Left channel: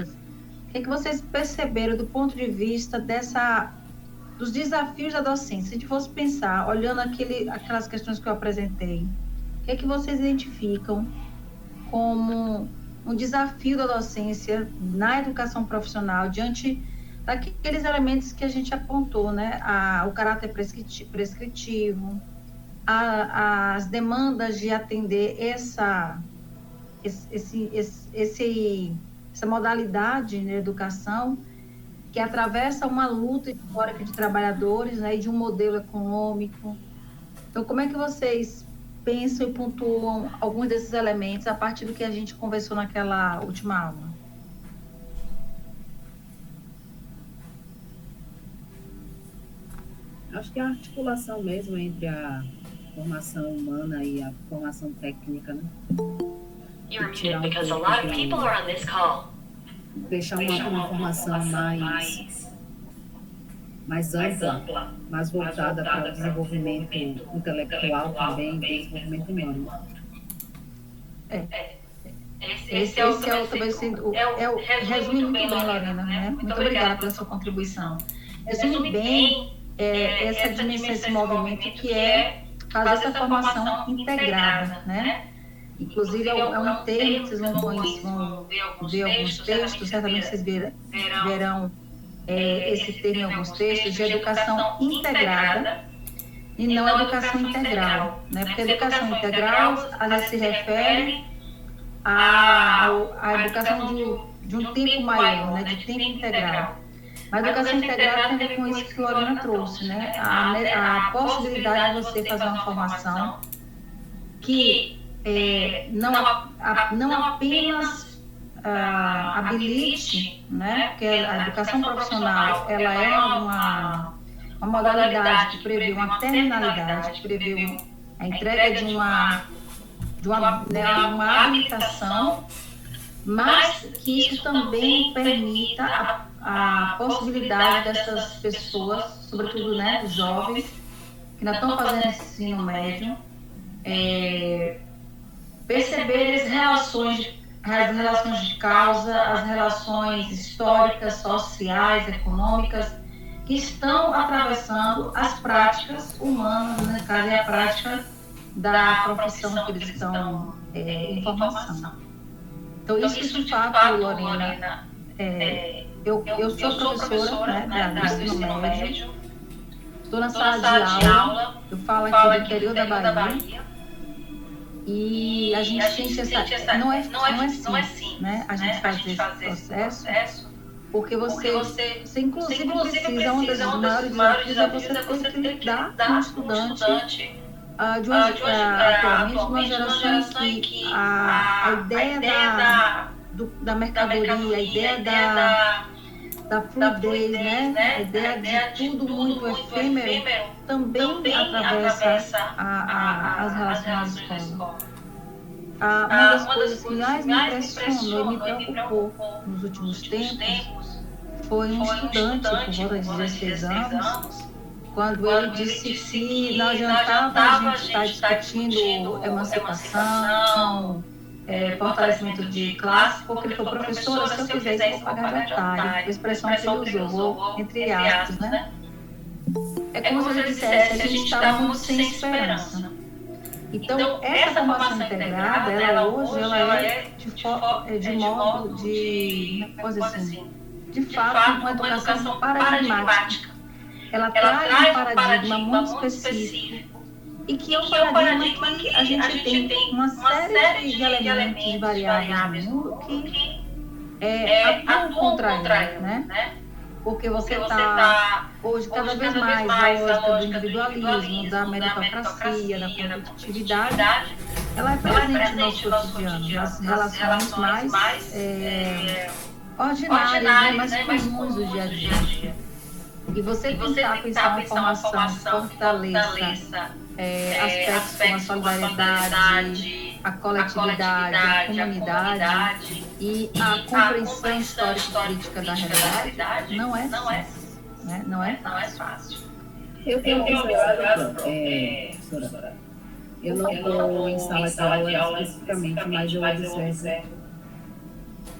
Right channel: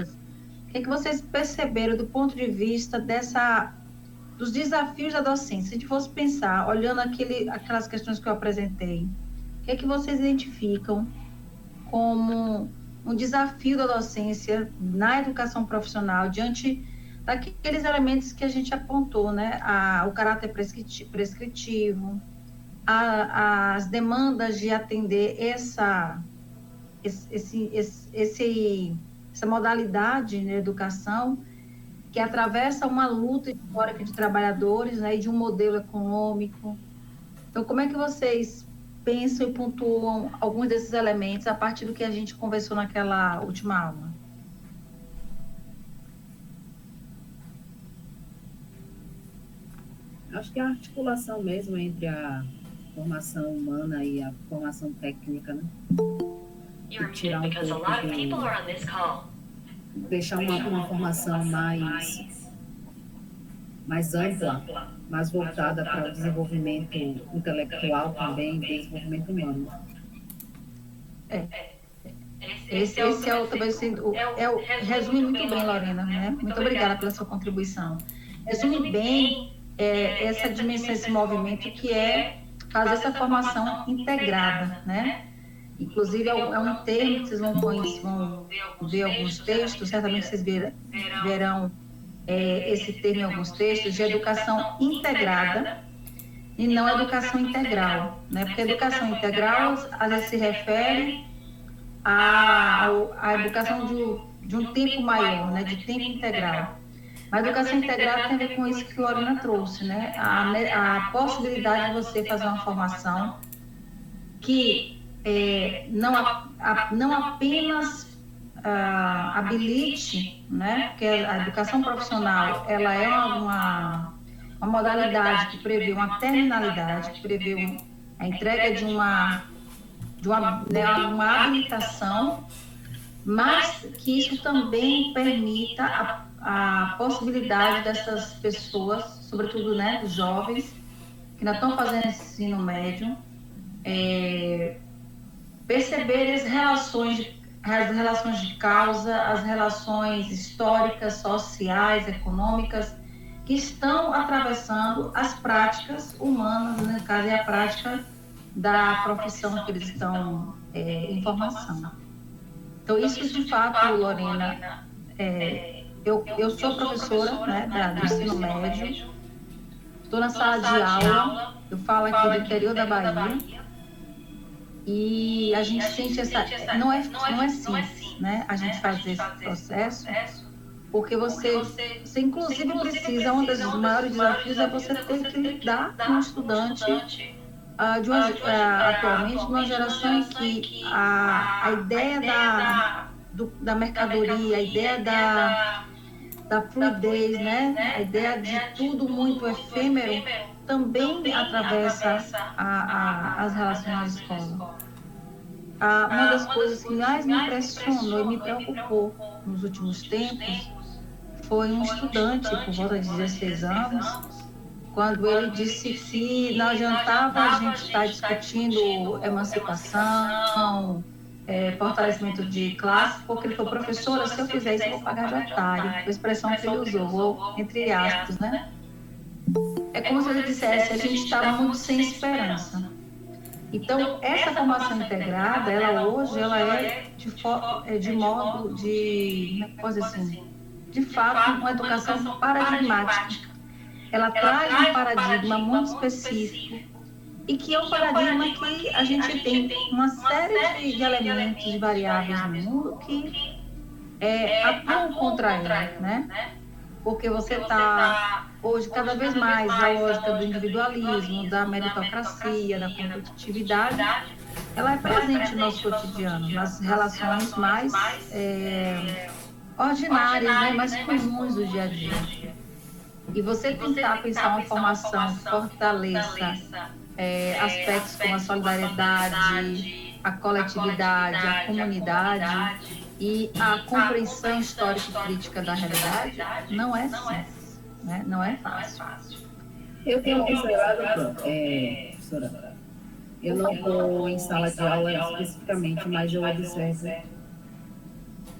O que é que vocês perceberam do ponto de vista dos desafios da docência? Se a gente fosse pensar, olhando aquelas questões que eu apresentei, o que é que vocês identificam como um desafio da docência na educação profissional diante daqueles elementos que a gente apontou, né? O caráter prescritivo, as demandas de atender essa modalidade de educação que atravessa uma luta histórica de trabalhadores, né, e de um modelo econômico. Então, como é que vocês pensam e pontuam alguns desses elementos a partir do que a gente conversou naquela última aula? Acho que a articulação mesmo entre a formação humana e a formação técnica, né? Tirar um pouco deixar uma formação mais ampla, mais voltada para o desenvolvimento intelectual também, desenvolvimento humano. Esse resume muito bem, Lorena, né? Muito obrigada pela sua contribuição. Resume bem essa dimensão, esse movimento que é fazer essa formação integrada, né? Inclusive, é um termo que vocês vão ver alguns textos, certamente vocês verão esse termo em alguns textos, de educação integrada e não educação integral, né? Porque a educação integral, às vezes, se refere à educação de um tempo maior, né? De tempo integral. Mas a educação integrada tem a ver com isso que a Lorena trouxe, né? A possibilidade de você fazer uma formação que não apenas habilite, né? Porque a educação profissional ela é uma modalidade que prevê uma terminalidade, que prevê a entrega de uma habilitação, mas que isso também permita a possibilidade dessas pessoas, sobretudo, né, dos jovens que ainda estão fazendo ensino médio, perceber as relações de causa, as relações históricas, sociais, econômicas, que estão atravessando as práticas humanas, no caso, é a prática da profissão que eles estão em formação. Então, isso de fato, Lorena, eu sou professora, né, do ensino médio, estou na sala de aula, eu falo aqui do interior da Bahia, e a gente sente não é simples, né, a gente fazer esse processo, porque você inclusive precisa, um dos maiores desafios é você ter que lidar com um estudante atualmente de uma geração em que a ideia da mercadoria, a ideia da fluidez, né, a ideia de tudo muito efêmero, também atravessa as relações na escola. Uma das coisas que mais me impressionou e me preocupou nos últimos tempos foi um estudante, por volta de 16 anos, quando ele disse que não adiantava a gente estar discutindo emancipação, fortalecimento de classe, porque ele falou: professora, se eu fizer isso, eu vou pagar de otário. Foi a expressão que ele usou, entre aspas, né? É como se ele dissesse: a gente estava muito sem esperança. Então, essa formação integrada, ela hoje, ela é de modo de, coisa assim, de fato, uma educação paradigmática. Ela traz um paradigma muito específico e que é um paradigma que a gente tem uma série de elementos, de variáveis no mundo que atuam contra ela, né? Porque você está, hoje, cada vez mais a lógica do individualismo, da meritocracia, da competitividade, ela é presente no nosso cotidiano, nas relações mais ordinárias, né, mais comuns do dia a dia. E você tentar pensar uma formação que fortaleça aspectos como a solidariedade, a coletividade, a comunidade e a compreensão histórica e política da realidade, não é simples, né? Não é fácil. Eu tenho observado, professora, eu não estou em sala de aula especificamente, mas eu observo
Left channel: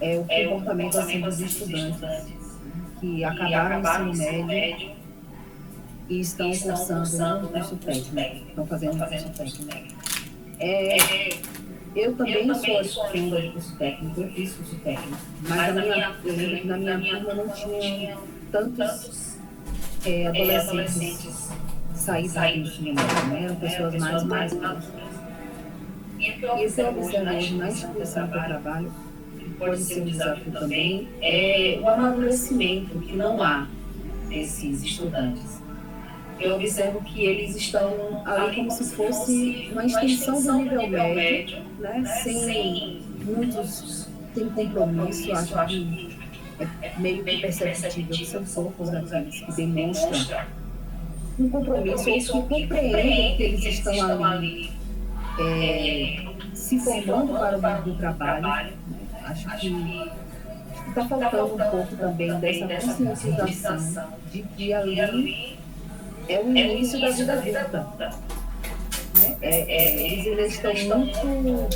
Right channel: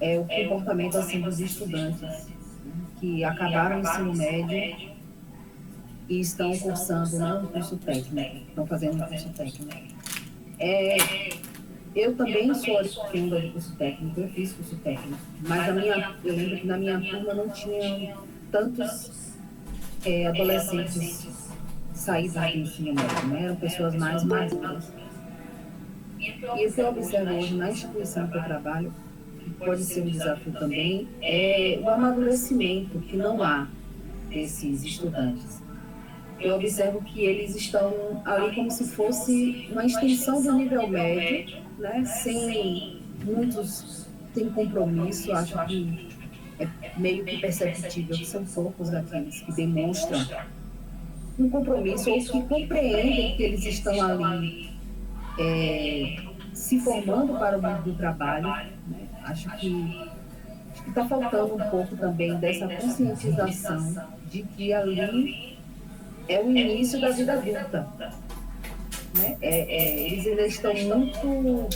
é o comportamento assim, dos estudantes que acabaram o ensino médio e estão cursando, né, um curso técnico, estão fazendo um curso técnico. Eu também sou oriunda do curso técnico, eu fiz curso técnico, mas eu lembro que na minha turma não tinha tantos adolescentes saídos do ensino médio, né? Eram pessoas mais maduras. E o que eu observo hoje na instituição que eu trabalho, que pode ser um desafio também, é o amadurecimento que não há desses estudantes. Eu observo que eles estão ali como se fosse uma extensão do nível médio, né? Sem compromisso. Acho que é meio que perceptível que são poucos daqueles que demonstram um compromisso ou que compreendem que eles estão ali se formando para o mundo do trabalho. Né? Acho que está faltando um pouco também dessa conscientização de que ali é o início da vida adulta. Né? Eles ainda estão muito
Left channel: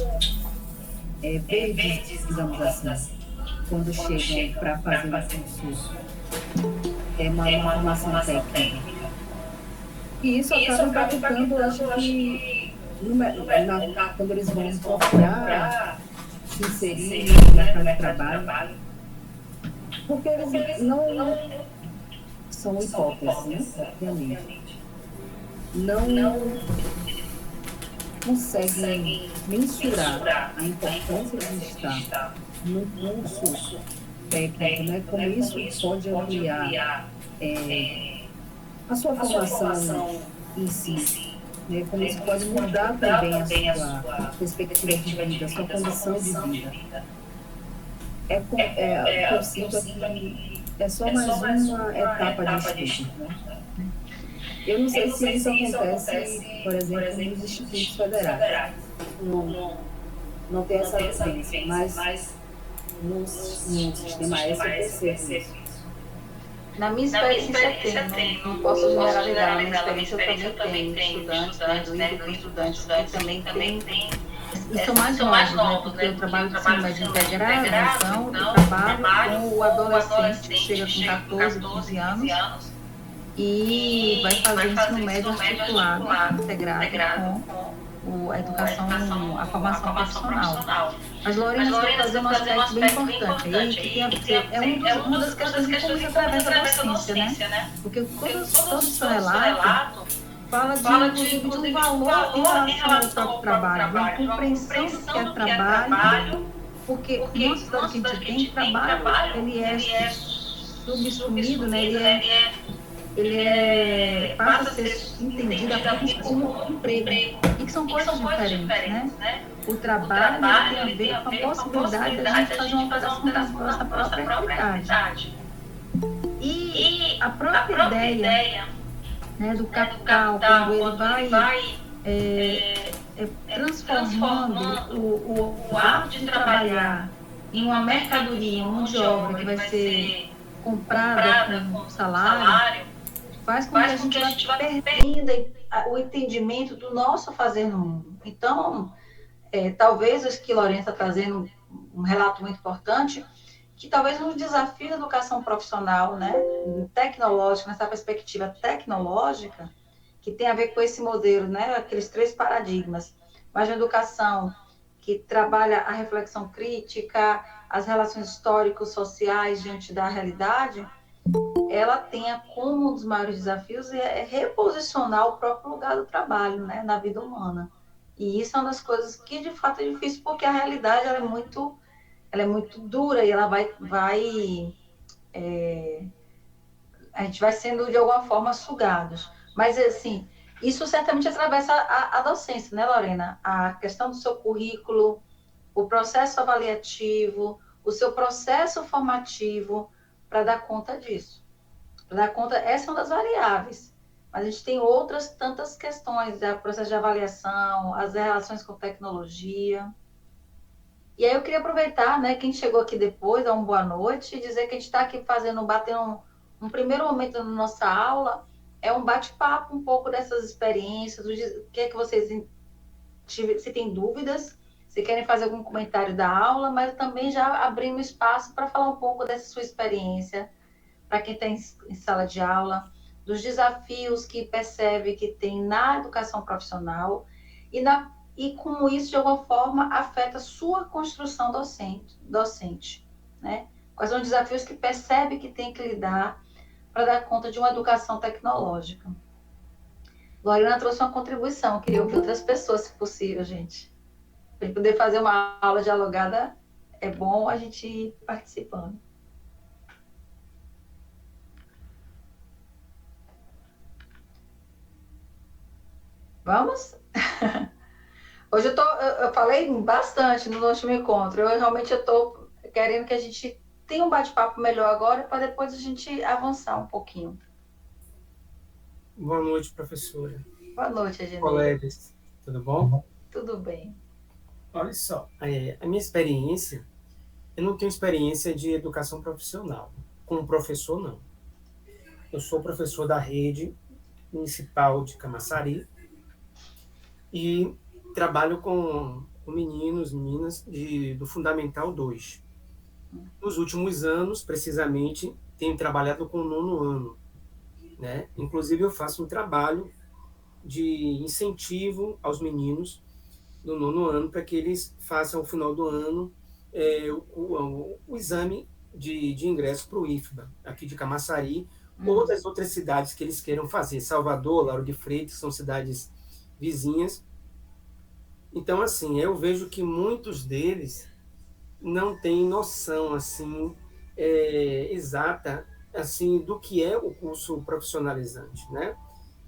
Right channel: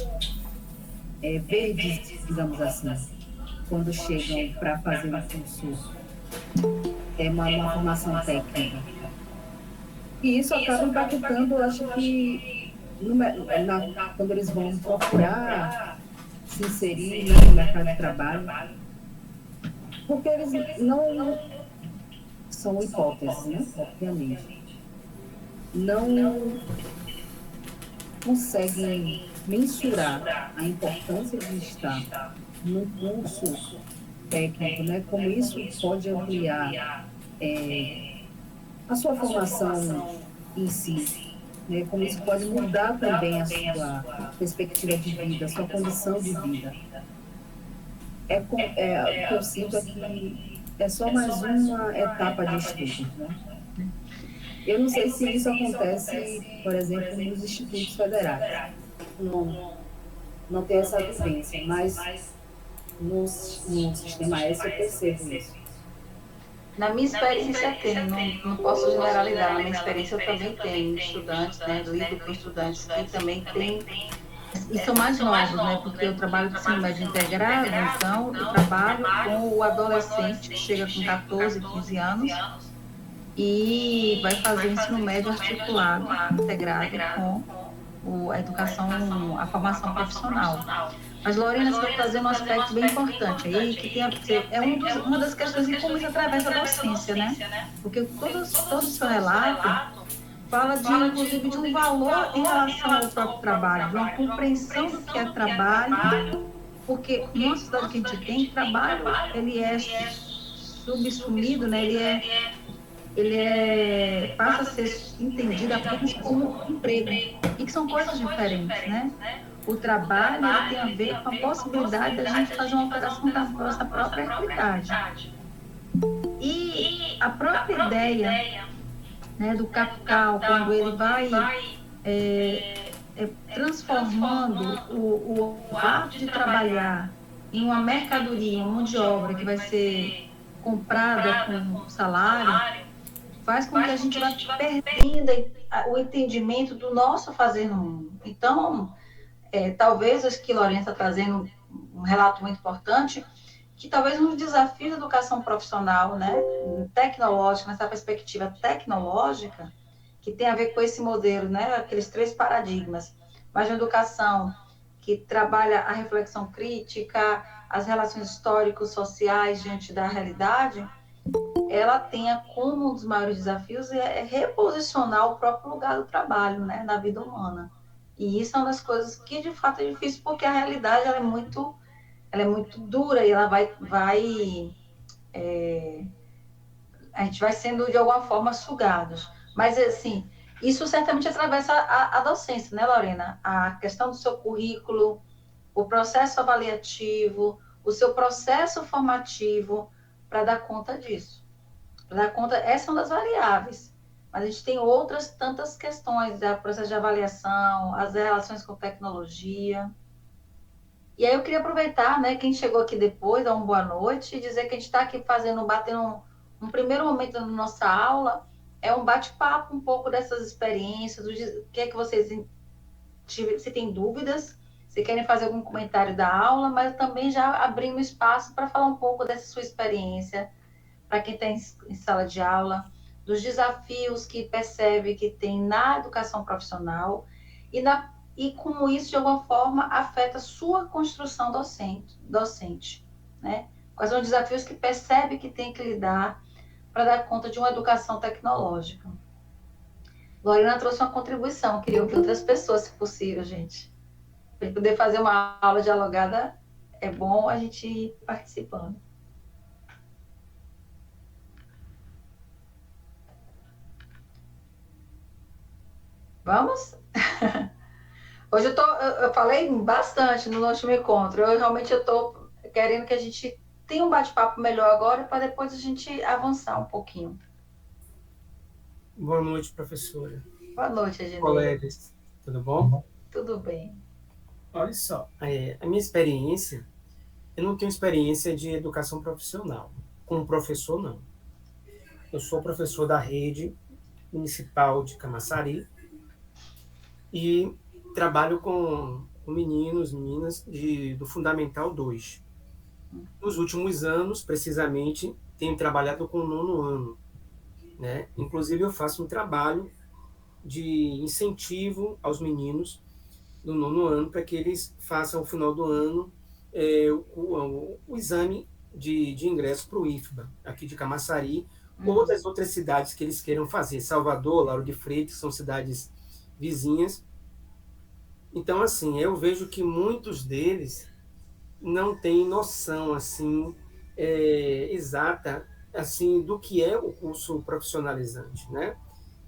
verdes, digamos assim, quando chegam para fazer um curso, uma formação técnica. E isso acaba impactando, acho que, quando eles vão procurar se inserir no mercado de trabalho, porque eles não são hipóteses, né? Obviamente. Não conseguem mensurar a importância de estar num curso técnico, né? Como isso pode ampliar a sua formação em si, né? Como isso pode mudar também a sua perspectiva de vida, a sua condição de vida. O que eu sinto é que é só mais uma etapa de estudo, né? Eu não sei se isso acontece, por exemplo, nos institutos federais. Não tenho essa vivência, mas no sistema S eu percebo isso. Na minha experiência tem, não posso generalizar, na minha experiência eu também tenho estudantes, né, do livro com estudantes que também tem, e são mais novos, né, porque eu trabalho com ensino médio integrado, então eu trabalho com o adolescente que chega com 14, 15 anos e vai fazer ensino médio articulado, integrado com a educação, a formação profissional. Mas, Lorena, você vai trazer um aspecto bem importante aí, que tem a ver, uma das questões que como isso atravessa a docência, né? Porque todo o seu relato fala, inclusive, de um valor em relação ao próprio trabalho, de uma compreensão do que é trabalho, porque numa sociedade que a gente tem, trabalho, ele é subsumido, né? Ele passa a ser entendido apenas como emprego, e que são coisas diferentes, né? O trabalho tem a ver com a possibilidade da gente fazer uma alteração da nossa própria realidade. E a própria ideia, né, do capital, quando ele vai transformando o ato de trabalhar em uma mercadoria, uma mão de obra que vai ser comprada com salário, faz com que a gente vá perdendo o entendimento do nosso fazer no mundo. Então, talvez acho que Lorena está trazendo um relato muito importante, que talvez um desafio da educação profissional, né, tecnológica, nessa perspectiva tecnológica, que tem a ver com esse modelo, né, aqueles 3 paradigmas, mas uma educação que trabalha a reflexão crítica, as relações históricos-sociais diante da realidade, ela tenha como um dos maiores desafios reposicionar o próprio lugar do trabalho, né, na vida humana. E isso é uma das coisas que, de fato, é difícil, porque a realidade ela é muito dura e ela a gente vai sendo, de alguma forma, sugados. Mas, assim, isso certamente atravessa a docência, né, Lorena? A questão do seu currículo, o processo avaliativo, o seu processo formativo, para dar conta disso. Para dar conta, essa é uma das variáveis. Mas a gente tem outras tantas questões, o processo de avaliação, as relações com tecnologia. E aí eu queria aproveitar, né, quem chegou aqui depois, dar uma boa noite, e dizer que a gente está aqui batendo um primeiro momento da nossa aula, é um bate-papo um pouco dessas experiências, o que é que vocês, se tem dúvidas, se querem fazer algum comentário da aula, mas também já abrindo espaço para falar um pouco dessa sua experiência, para quem está em sala de aula, dos desafios que percebe que tem na educação profissional e como isso, de alguma forma, afeta a sua construção docente, né? Quais são os desafios que percebe que tem que lidar para dar conta de uma educação tecnológica. Lorena trouxe uma contribuição, queria ouvir outras pessoas, se possível, gente. Para poder fazer uma aula dialogada, é bom a gente ir participando. Vamos? Hoje eu falei bastante no último encontro. Eu realmente estou querendo que a gente tenha um bate-papo melhor agora para depois a gente avançar um pouquinho. Boa noite, professora. Boa noite, Egenê. Colegas, tudo bom? Tudo bem. Olha só, a minha experiência, eu não tenho experiência de educação profissional. Como professor, não. Eu sou professor da rede municipal de Camaçari e trabalho com meninos, meninas do Fundamental 2. Nos últimos anos, precisamente, tenho trabalhado com o 9º ano, né? Inclusive, eu faço um trabalho de incentivo aos meninos do 9º ano para que eles façam, ao final do ano, o exame de ingresso para o IFBA, aqui de Camaçari, ou das outras cidades que eles queiram fazer. Salvador, Lauro de Freitas, são cidades vizinhas. Então, assim, eu vejo que muitos deles não têm noção, assim, exata, assim, do que é o curso profissionalizante, né?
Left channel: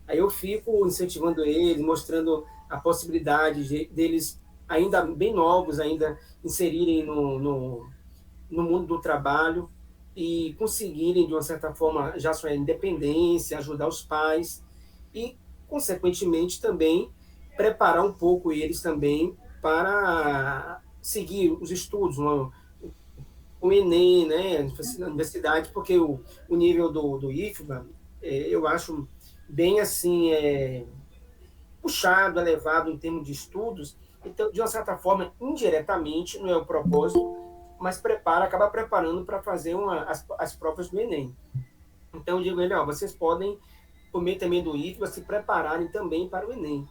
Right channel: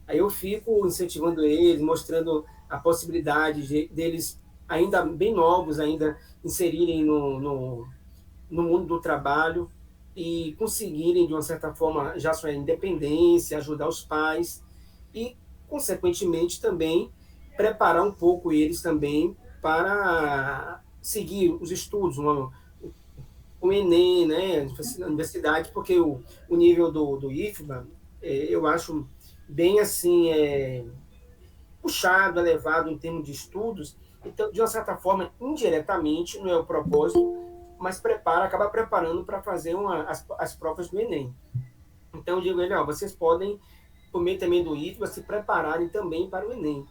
Aí eu fico incentivando eles, mostrando a possibilidade deles, ainda bem novos, ainda inserirem no mundo do trabalho e conseguirem, de uma certa forma, já sua independência, ajudar os pais e, consequentemente, também preparar um pouco eles também para seguir os estudos, o Enem, né, na universidade, porque o nível do IFBA, eu acho bem assim, puxado, elevado em termos de estudos, então, de uma certa forma, indiretamente, não é o propósito, mas acaba preparando para fazer as provas do Enem. Então, eu digo, vocês podem, por meio também do IFBA, se prepararem também para o Enem.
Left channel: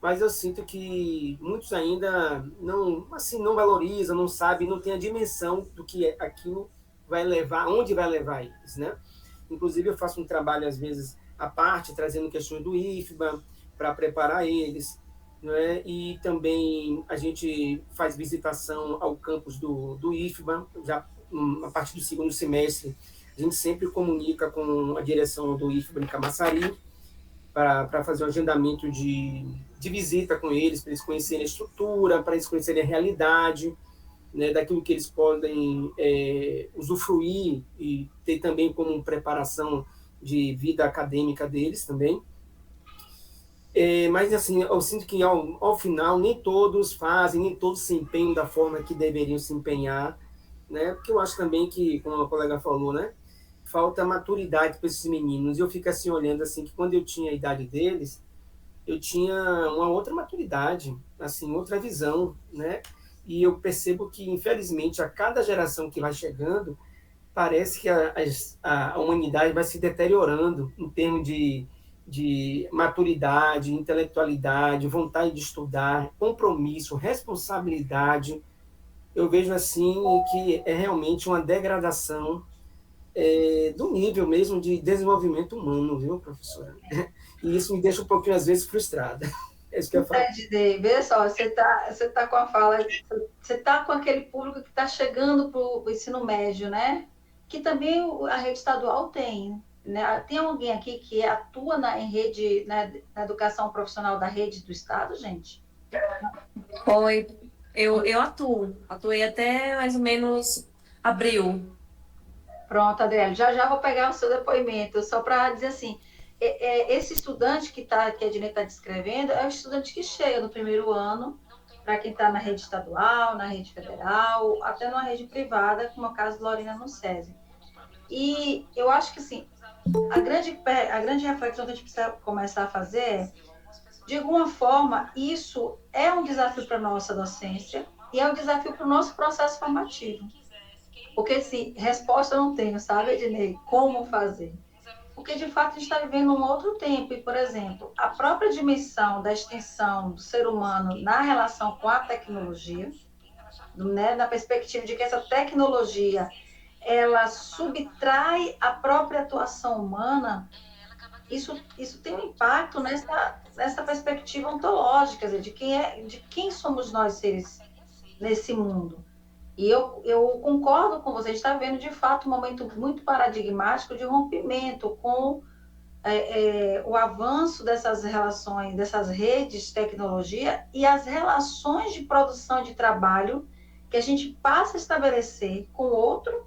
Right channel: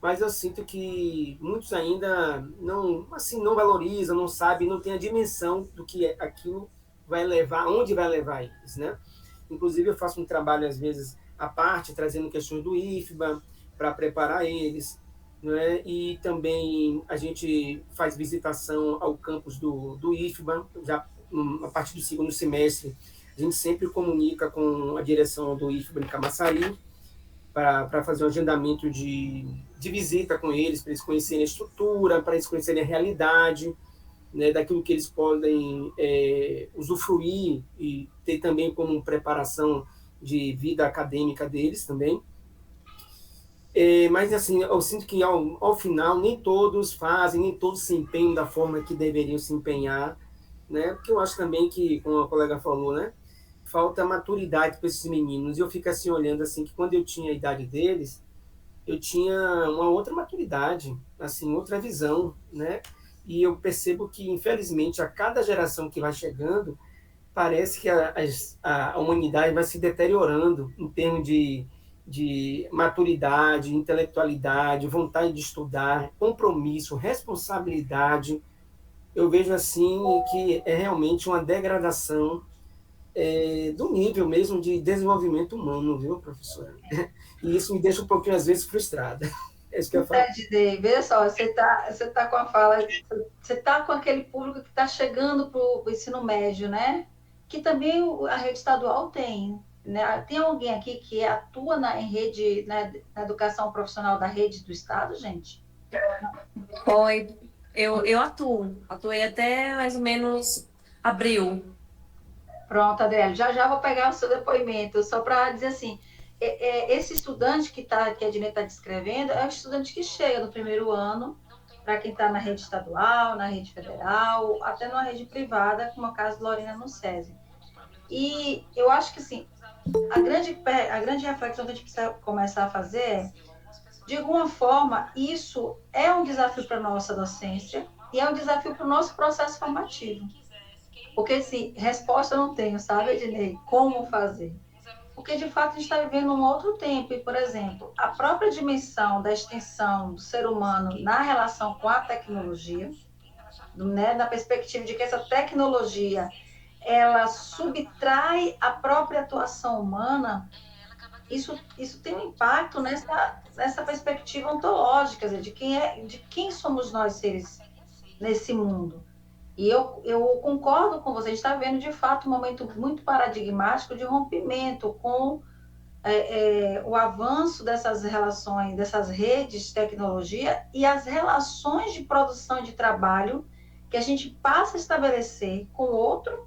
Mas eu sinto que muitos ainda não valorizam, não sabem, não têm a dimensão do que aquilo vai levar, onde vai levar eles, né? Inclusive, eu faço um trabalho, às vezes, à parte, trazendo questões do IFBA, para preparar eles, né? E também a gente faz visitação ao campus do IFBA, já a partir do 2º semestre, a gente sempre comunica com a direção do IFBA em Camaçari, para fazer um agendamento de visita com eles, para eles conhecerem a estrutura, para eles conhecerem a realidade, né, daquilo que eles podem usufruir e ter também como preparação de vida acadêmica deles também. Mas, assim, eu sinto que, ao final, nem todos fazem, nem todos se empenham da forma que deveriam se empenhar, né? Porque eu acho também que, como a colega falou, né, falta maturidade para esses meninos. E eu fico assim, olhando assim, que quando eu tinha a idade deles, eu tinha uma outra maturidade, assim, outra visão, né? E eu percebo que, infelizmente, a cada geração que vai chegando, parece que a humanidade vai se deteriorando em termos de maturidade, intelectualidade, vontade de estudar, compromisso, responsabilidade. Eu vejo assim que é realmente uma degradação do nível mesmo de desenvolvimento humano, viu, professora? E isso me deixa um pouquinho, às vezes, frustrada. É isso que eu falo. Vê só, você tá com a fala, você tá com aquele público que está chegando para o ensino médio, né? Que também a rede estadual tem. Né? Tem alguém aqui que atua em rede, na educação profissional da rede do Estado, gente? Oi, eu atuei até mais ou menos abril. Pronto, Adriana, já vou pegar o seu depoimento, só para dizer assim, esse estudante que a Ednei está descrevendo é o estudante que chega no primeiro ano, para quem está na rede estadual, na rede federal, até numa rede privada, como é o caso de Lorena no SESI. E eu acho que, assim, a grande reflexão que a gente precisa começar a fazer é, de alguma forma, isso é um desafio para a nossa docência e é um desafio para o nosso processo formativo. Porque, assim, resposta eu não tenho, sabe, Ednei? Como fazer? Porque, de fato, a gente está vivendo um outro tempo. E, por exemplo, a própria dimensão da extensão do ser humano na relação com a tecnologia, né, na perspectiva de que essa tecnologia ela subtrai a própria atuação humana, isso tem um impacto nessa perspectiva ontológica, quer dizer, de quem somos nós seres nesse mundo. E eu concordo com você, a gente está vendo, de fato, um momento muito paradigmático de rompimento com o avanço dessas relações, dessas redes de tecnologia e as relações de produção de trabalho que a gente passa a estabelecer com o outro,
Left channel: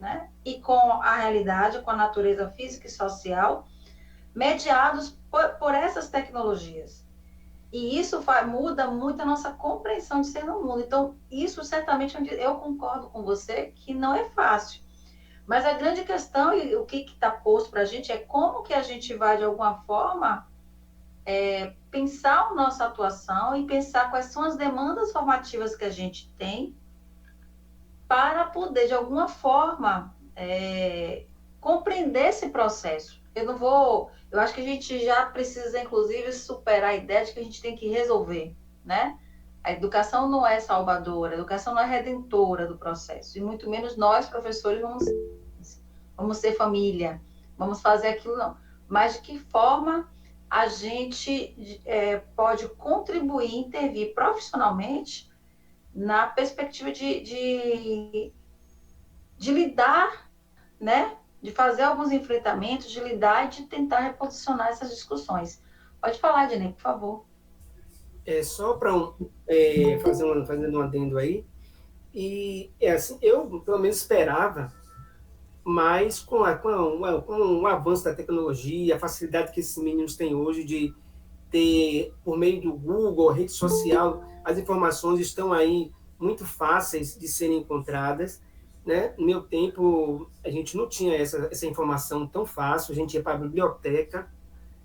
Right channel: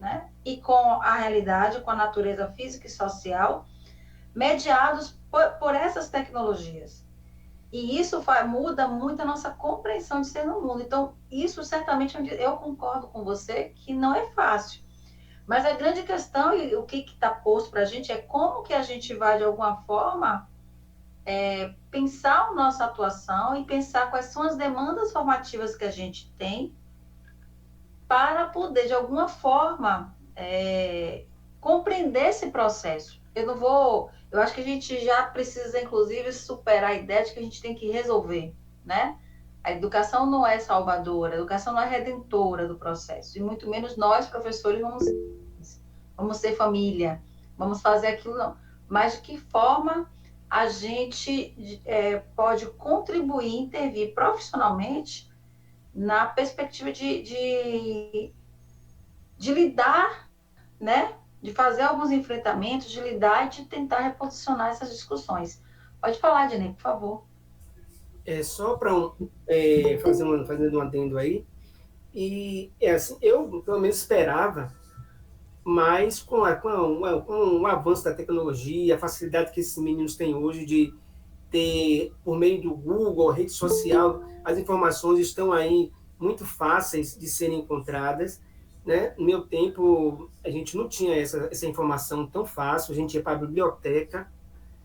né? E com a realidade, com a natureza física e social, mediados por essas tecnologias. E isso muda muito a nossa compreensão de ser no mundo. Então, isso certamente eu concordo com você que não é fácil. Mas a grande questão, e o que está posto para a gente, é como que a gente vai, de alguma forma, pensar a nossa atuação e pensar quais são as demandas formativas que a gente tem para poder, de alguma forma, compreender esse processo. Eu acho que a gente já precisa, inclusive, superar a ideia de que a gente tem que resolver, né? A educação não é salvadora, a educação não é redentora do processo, e muito menos nós, professores, vamos ser família, vamos fazer aquilo, não. Mas de que forma a gente pode contribuir, intervir profissionalmente na perspectiva de lidar, né? De fazer alguns enfrentamentos, de lidar e de tentar reposicionar essas discussões. Pode falar, Jenny, por favor. Só para fazendo um adendo aí, e assim, eu pelo menos esperava, mas com o avanço da tecnologia, a facilidade que esses meninos têm hoje de ter, por meio do Google, rede social, as informações estão aí muito fáceis de serem encontradas, né? No meu tempo, a gente não tinha essa informação tão fácil, a gente ia para a biblioteca,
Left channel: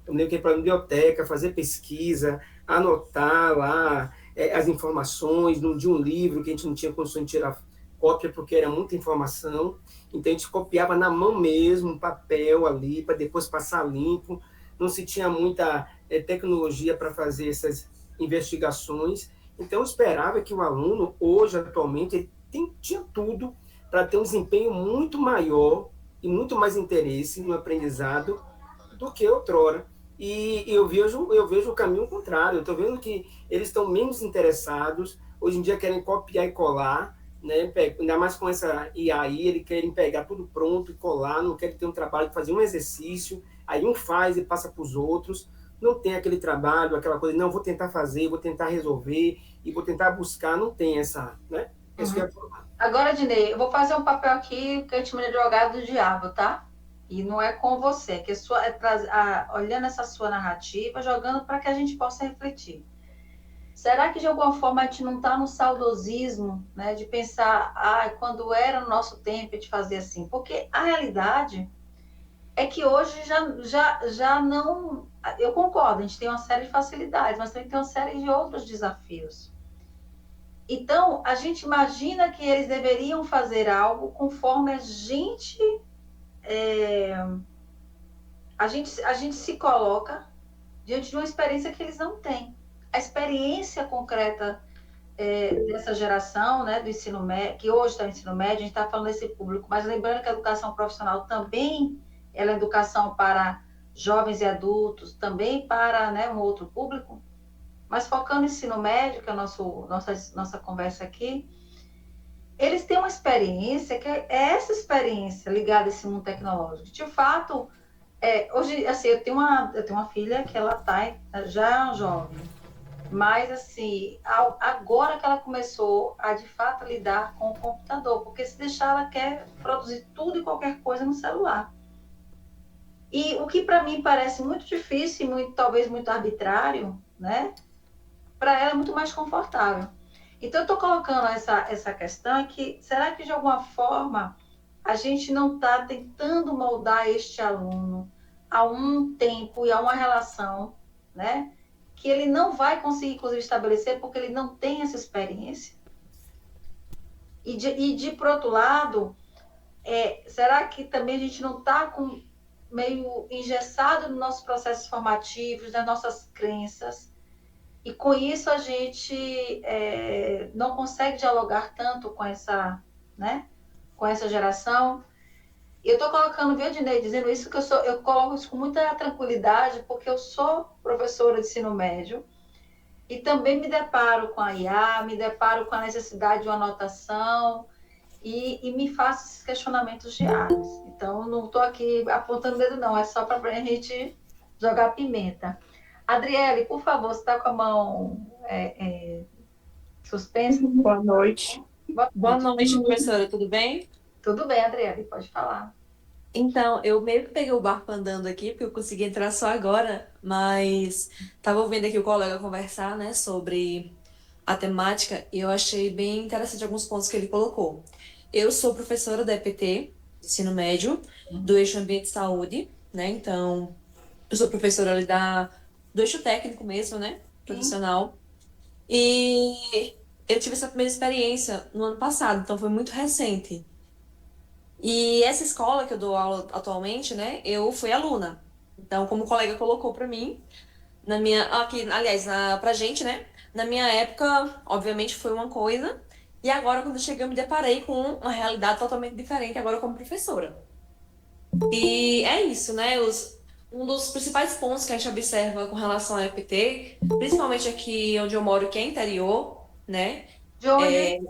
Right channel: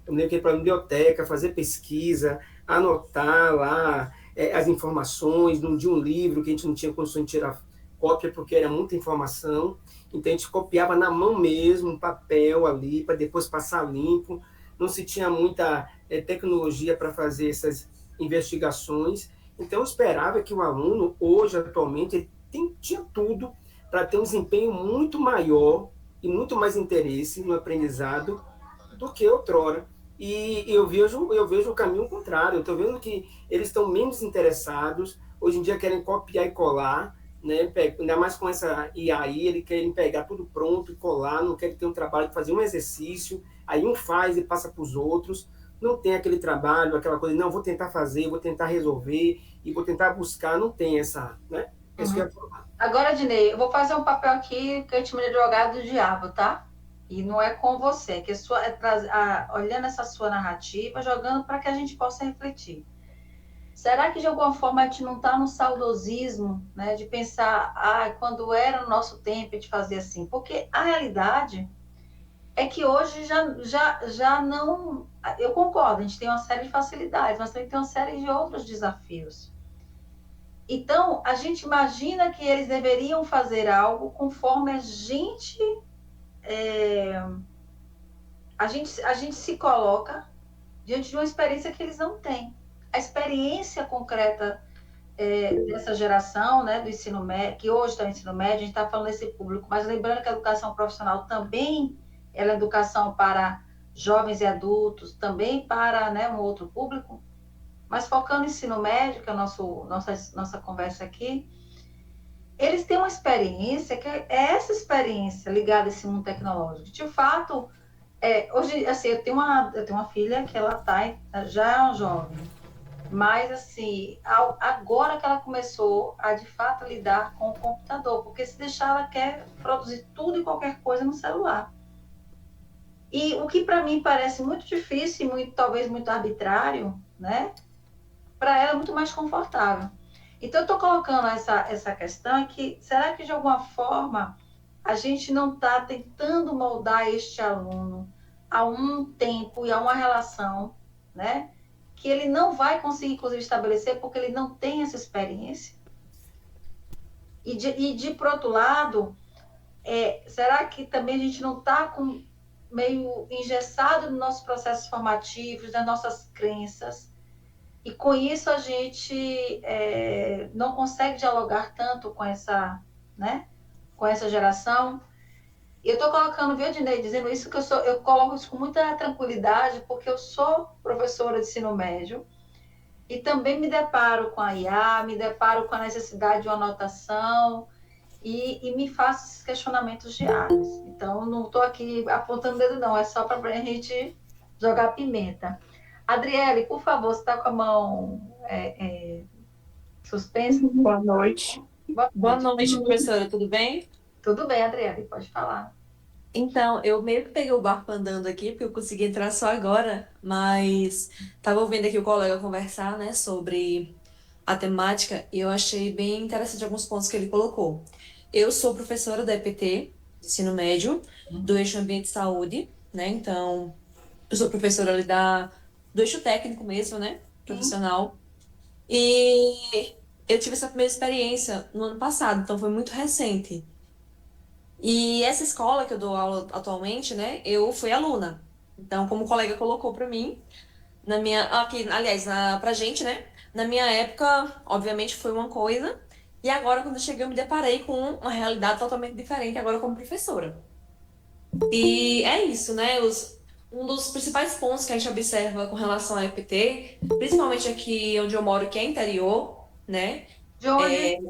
eu me lembro que ia para a biblioteca, fazer pesquisa, anotar lá as informações de um livro que a gente não tinha condições de tirar cópia porque era muita informação, então a gente copiava na mão mesmo, papel ali, para depois passar limpo, não se tinha muita tecnologia para fazer essas investigações, então eu esperava que o aluno, hoje, atualmente, ele tinha tudo para ter um desempenho muito maior e muito mais interesse no aprendizado do que outrora. E eu vejo o caminho contrário, eu estou vendo que eles estão menos interessados, hoje em dia querem copiar e colar, né? Ainda mais com essa IA aí, eles querem pegar tudo pronto e colar, não querem ter um trabalho, fazer um exercício, aí um faz e passa para os outros, não tem aquele trabalho, aquela coisa, não, vou tentar fazer, vou tentar resolver, e vou tentar buscar, não tem essa, né? Agora, Dinei, eu vou fazer um papel aqui que eu chamo de advogado do diabo, tá? E não é com você, que olhando essa sua narrativa, jogando para que a gente possa refletir. Será que de alguma forma a gente não está no saudosismo, né, de pensar, quando era o nosso tempo a gente fazia assim? Porque a realidade é que hoje já não. Eu concordo, a gente tem uma série de facilidades, mas também tem uma série de outros desafios. Então, a gente imagina que eles deveriam fazer algo conforme a gente se coloca diante de uma experiência que eles não têm. A experiência concreta dessa geração, né, do ensino médio, que hoje está no ensino médio, a gente está falando desse público, mas lembrando que a educação profissional também ela é educação para jovens e adultos, também para, né, um outro público, mas focando no ensino médio, que é a nossa conversa aqui, eles têm uma experiência que é essa experiência ligada a esse mundo tecnológico. De fato, hoje, assim, eu tenho uma filha que ela já é jovem, mas, assim, agora que ela começou a, de fato, lidar com o computador, porque se deixar, ela quer produzir tudo e qualquer coisa no celular. E o que, para mim, parece muito difícil e talvez muito arbitrário, né? Para ela é muito mais confortável. Então, eu estou colocando essa questão que, será que, de alguma forma, a gente não está tentando moldar este aluno a um tempo e a uma relação, né? que ele não vai conseguir, inclusive, estabelecer porque ele não tem essa experiência? Por outro lado, será que também a gente não está meio engessado nos nossos processos formativos, nas nossas crenças? E com isso a gente não consegue dialogar tanto com essa, né, com essa geração. Eu estou colocando, viu, Dinei, dizendo isso, que eu coloco isso com muita tranquilidade, porque eu sou professora de ensino médio e também me deparo com a IA, me deparo com a necessidade de uma anotação e me faço esses questionamentos diários. Então, não estou aqui apontando o dedo, não, é só para a gente jogar pimenta. Adriele, por favor, você está com a mão suspensa? Boa noite. Boa noite, professora, tudo bem? Tudo bem, Adriele, pode falar. Então, eu meio que peguei o barco andando aqui, porque eu consegui entrar só agora, mas estava ouvindo aqui o colega conversar, né, sobre a temática, e eu achei bem interessante alguns pontos que ele colocou. Eu sou professora da EPT, ensino médio, do eixo Ambiente e Saúde, né, então, eu sou professora ali do eixo técnico mesmo, né, profissional, e eu tive essa primeira experiência no ano passado, então foi muito recente. E essa escola que eu dou aula atualmente, né, eu fui aluna. Então, como o colega colocou para mim, aqui, aliás, pra gente, né, na minha época, obviamente foi uma coisa, e agora quando eu cheguei eu me deparei com uma realidade totalmente diferente agora como professora. E é isso, né, um dos principais pontos que a gente observa com relação à EPT, principalmente aqui onde eu moro, que é interior, né? De onde?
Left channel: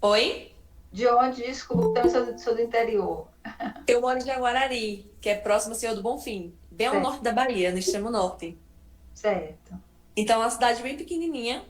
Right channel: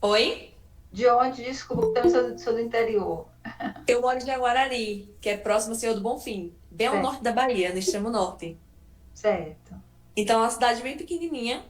Oi? De onde? Desculpa, que também sou do interior. Eu moro em Jaguarari, que é próximo ao Senhor do Bonfim, bem ao Certo. norte da Bahia, no extremo norte. Certo. Então, é uma cidade bem pequenininha.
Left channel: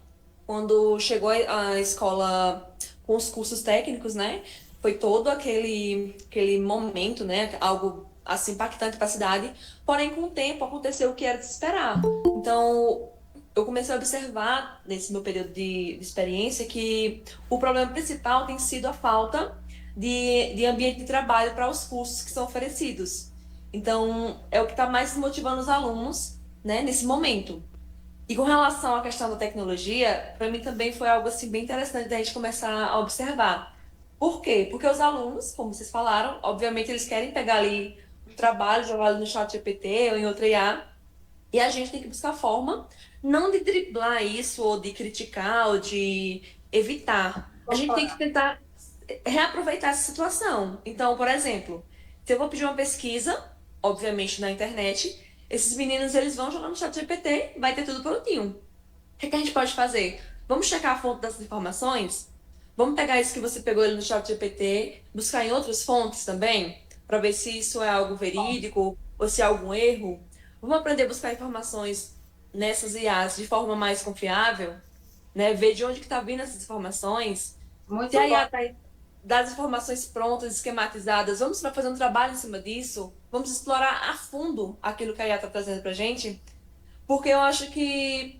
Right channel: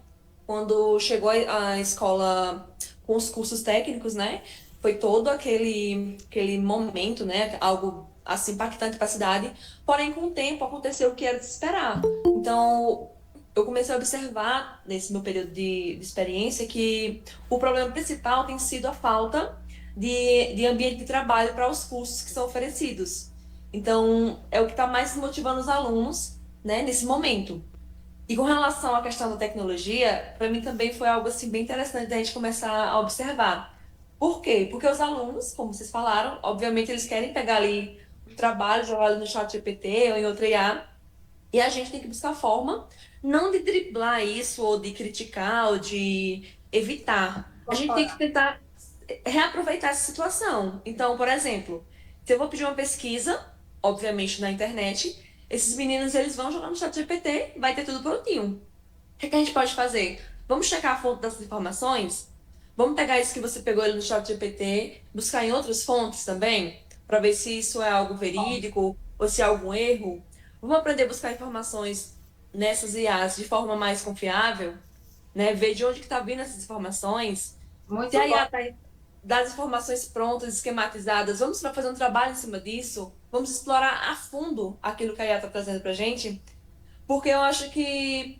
Quando chegou a escola com os cursos técnicos, né? Foi todo aquele momento, né? Algo assim impactante para a cidade. Porém, com o tempo aconteceu o que era de se esperar. Então, eu comecei a observar nesse meu período de experiência que o problema principal tem sido a falta de ambiente de trabalho para os cursos que são oferecidos. Então, é o que está mais motivando os alunos, né, nesse momento. E com relação à questão da tecnologia, para mim também foi algo assim bem interessante da gente começar a observar. Por quê? Porque os alunos, como vocês falaram, obviamente eles querem pegar ali o trabalho, jogar ali no chat GPT ou em outra IA, e a gente tem que buscar forma não de driblar isso ou de criticar ou de evitar. A gente tem que tentar reaproveitar essa situação. Então, por exemplo, se eu vou pedir uma pesquisa, obviamente na internet, esses meninos eles vão jogar no chat GPT, vai ter tudo prontinho. O que a gente pode fazer? Vamos checar a fonte dessas informações? Vamos pegar isso que você pegou ali no chat GPT, buscar em outras fontes também, para ver se isso é algo verídico ou se é algum erro. Vamos aprender a buscar informações nessas IAs de forma mais confiável, né? Ver de onde que está vindo essas informações. Muito Se a bom. IA está das informações prontas, esquematizadas, vamos fazer um trabalho em cima disso, vamos explorar a fundo aquilo que a IA está trazendo para a gente, porque eu acho que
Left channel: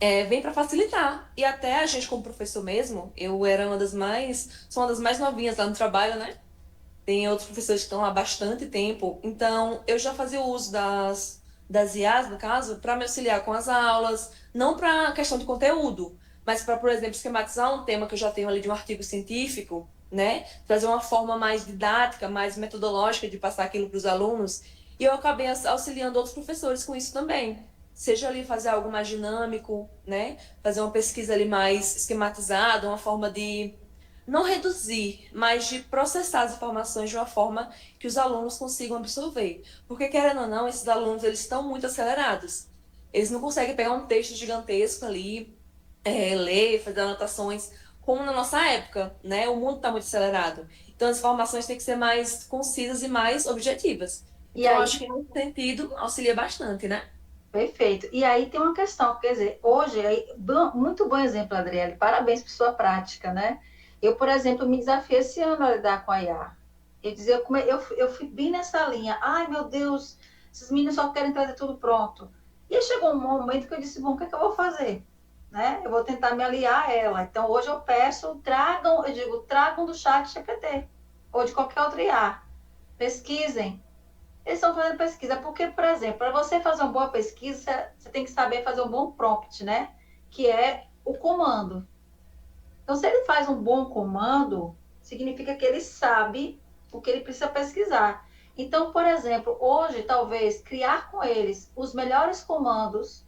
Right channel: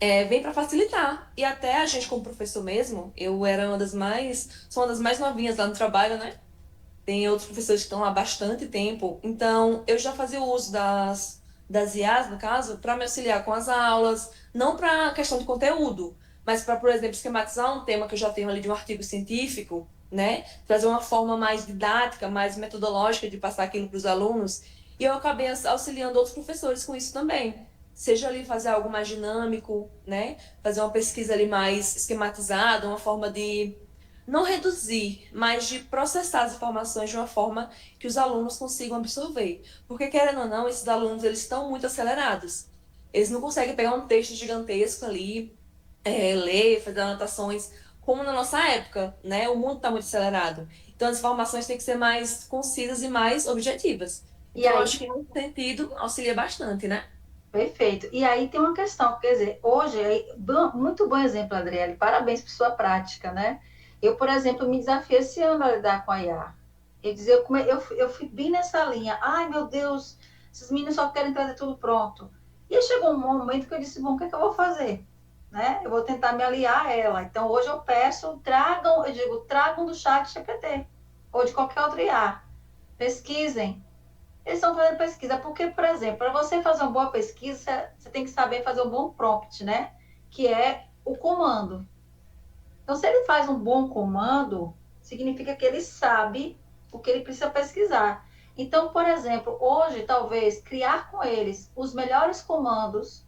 vem para facilitar. E até a gente, como professor mesmo, eu era sou uma das mais novinhas lá no trabalho, né? Tem outros professores que estão lá há bastante tempo, então eu já fazia uso das IAs, no caso, para me auxiliar com as aulas, não para questão de conteúdo, mas para, por exemplo, esquematizar um tema que eu já tenho ali de um artigo científico, né? Trazer uma forma mais didática, mais metodológica de passar aquilo para os alunos. E eu acabei auxiliando outros professores com isso também. Seja ali fazer algo mais dinâmico, né? Fazer uma pesquisa ali mais esquematizada, uma forma de não reduzir, mas de processar as informações de uma forma que os alunos consigam absorver. Porque, querendo ou não, esses alunos eles estão muito acelerados. Eles não conseguem pegar um texto gigantesco ali, ler, fazer anotações, como na nossa época, né? O mundo está muito acelerado. Então, as informações têm que ser mais concisas e mais objetivas. E Então, eu aí, acho que, nesse sentido, auxilia bastante, né? perfeito. E aí tem uma questão, quer dizer, hoje, muito bom exemplo, Adriele, parabéns por sua prática, né? Eu, por exemplo, me desafiei esse ano a lidar com a IA. Eu fui bem nessa linha. Ai, meu Deus, esses meninos só querem trazer tudo pronto. E aí chegou um momento que eu disse, bom, o que é que eu vou fazer? Né? Eu vou tentar me aliar a ela. Então, hoje eu peço, tragam do chat GPT ou de qualquer outro IA. Pesquisem, Eles estão fazendo pesquisa, porque, por exemplo, para você fazer uma boa pesquisa, você tem que saber fazer um bom prompt, né? Que é o comando. Então, se ele faz um bom comando, significa que ele sabe o que ele precisa pesquisar. Então, por exemplo, hoje, talvez, criar com eles os melhores comandos,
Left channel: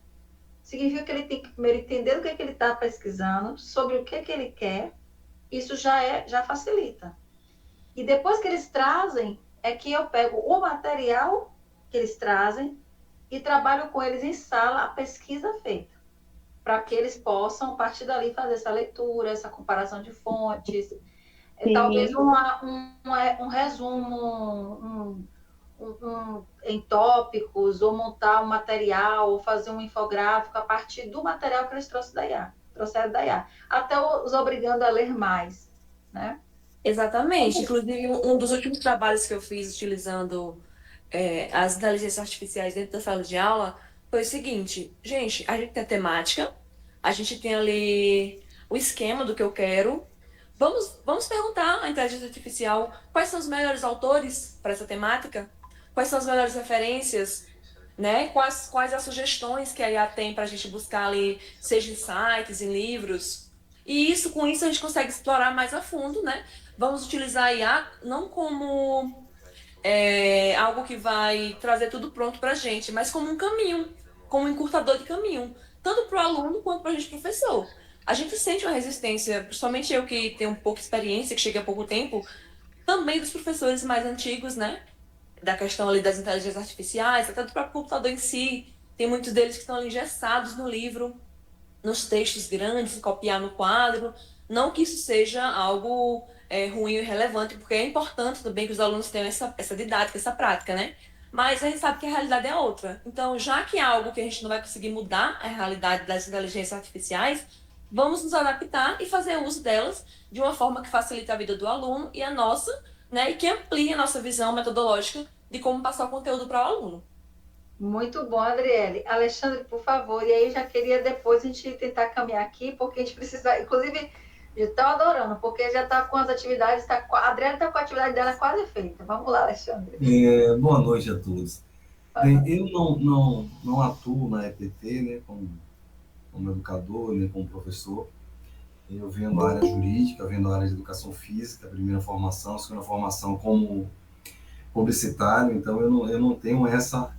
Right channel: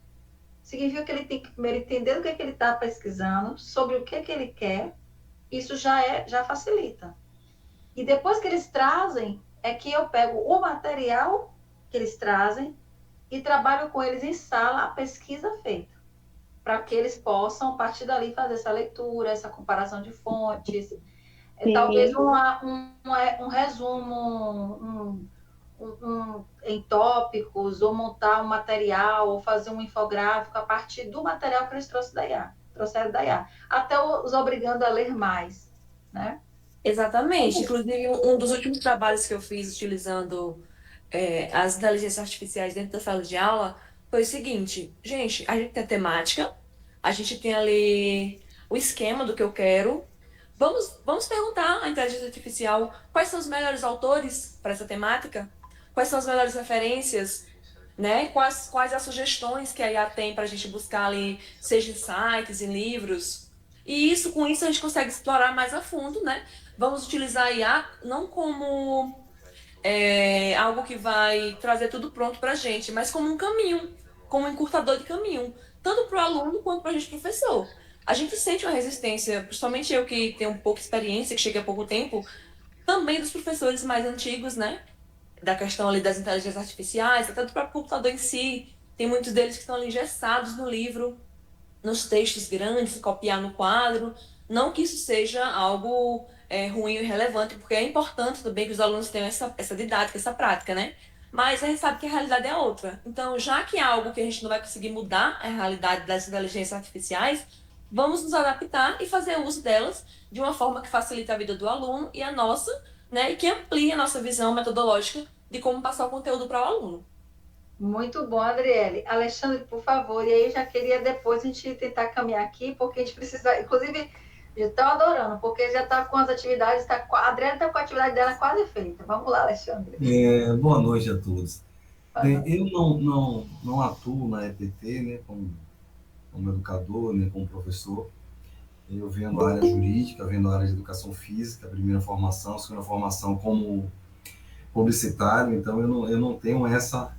significa que ele tem que primeiro entender o que ele está pesquisando, sobre o que ele quer, isso já facilita. E depois que eles trazem, é que eu pego o material que eles trazem e trabalho com eles em sala a pesquisa feita, para que eles possam, a partir dali, fazer essa leitura, essa comparação de fontes, talvez um resumo, em tópicos, ou montar um material, ou fazer um infográfico a partir do material que eles trouxeram da IA, até os obrigando a ler mais, né? Exatamente. Inclusive, um dos últimos trabalhos que eu fiz utilizando as inteligências artificiais dentro da sala de aula foi o seguinte, gente, a gente tem a temática, a gente tem ali o esquema do que eu quero. Vamos perguntar à inteligência artificial quais são os melhores autores para essa temática, quais são as melhores referências, né? Quais as sugestões que a IA tem para a gente buscar ali, seja em sites, em livros. E com isso a gente consegue explorar mais a fundo, né? Vamos utilizar a IA não como algo que vai trazer tudo pronto para a gente, mas como um caminho, como um encurtador de caminho, tanto para o aluno quanto para a gente, professor. A gente sente uma resistência, principalmente eu que tenho um pouca experiência, que cheguei há pouco tempo, também dos professores mais antigos, né? Da questão ali das inteligências artificiais, até do próprio computador em si. Tem muitos deles que estão ali engessados no livro, nos textos grandes, copiar no quadro. Não que isso seja algo ruim e irrelevante, porque é importante também que os alunos tenham essa didática, essa prática, né? Mas a gente sabe que a realidade é outra. Então, já que é algo que a gente não vai conseguir mudar a realidade das inteligências artificiais, vamos nos adaptar e fazer uso delas de uma forma que facilite a vida do aluno e a nossa, né? E que amplie a nossa visão metodológica de como passar o conteúdo para o aluno. Muito bom, Adriele. Alexandre, por favor, e aí já queria depois a gente tentar caminhar aqui, porque a gente precisa, inclusive, eu estou adorando, porque já está com as atividades, a Adriele está com a atividade dela quase feita. Vamos lá, Alexandre. Boa noite a todos. Bem, eu não atuo na EPT, né, como educador, né, como professor. Eu venho da área jurídica, venho da área de educação física, primeira formação, segunda formação como publicitário, então eu não tenho essa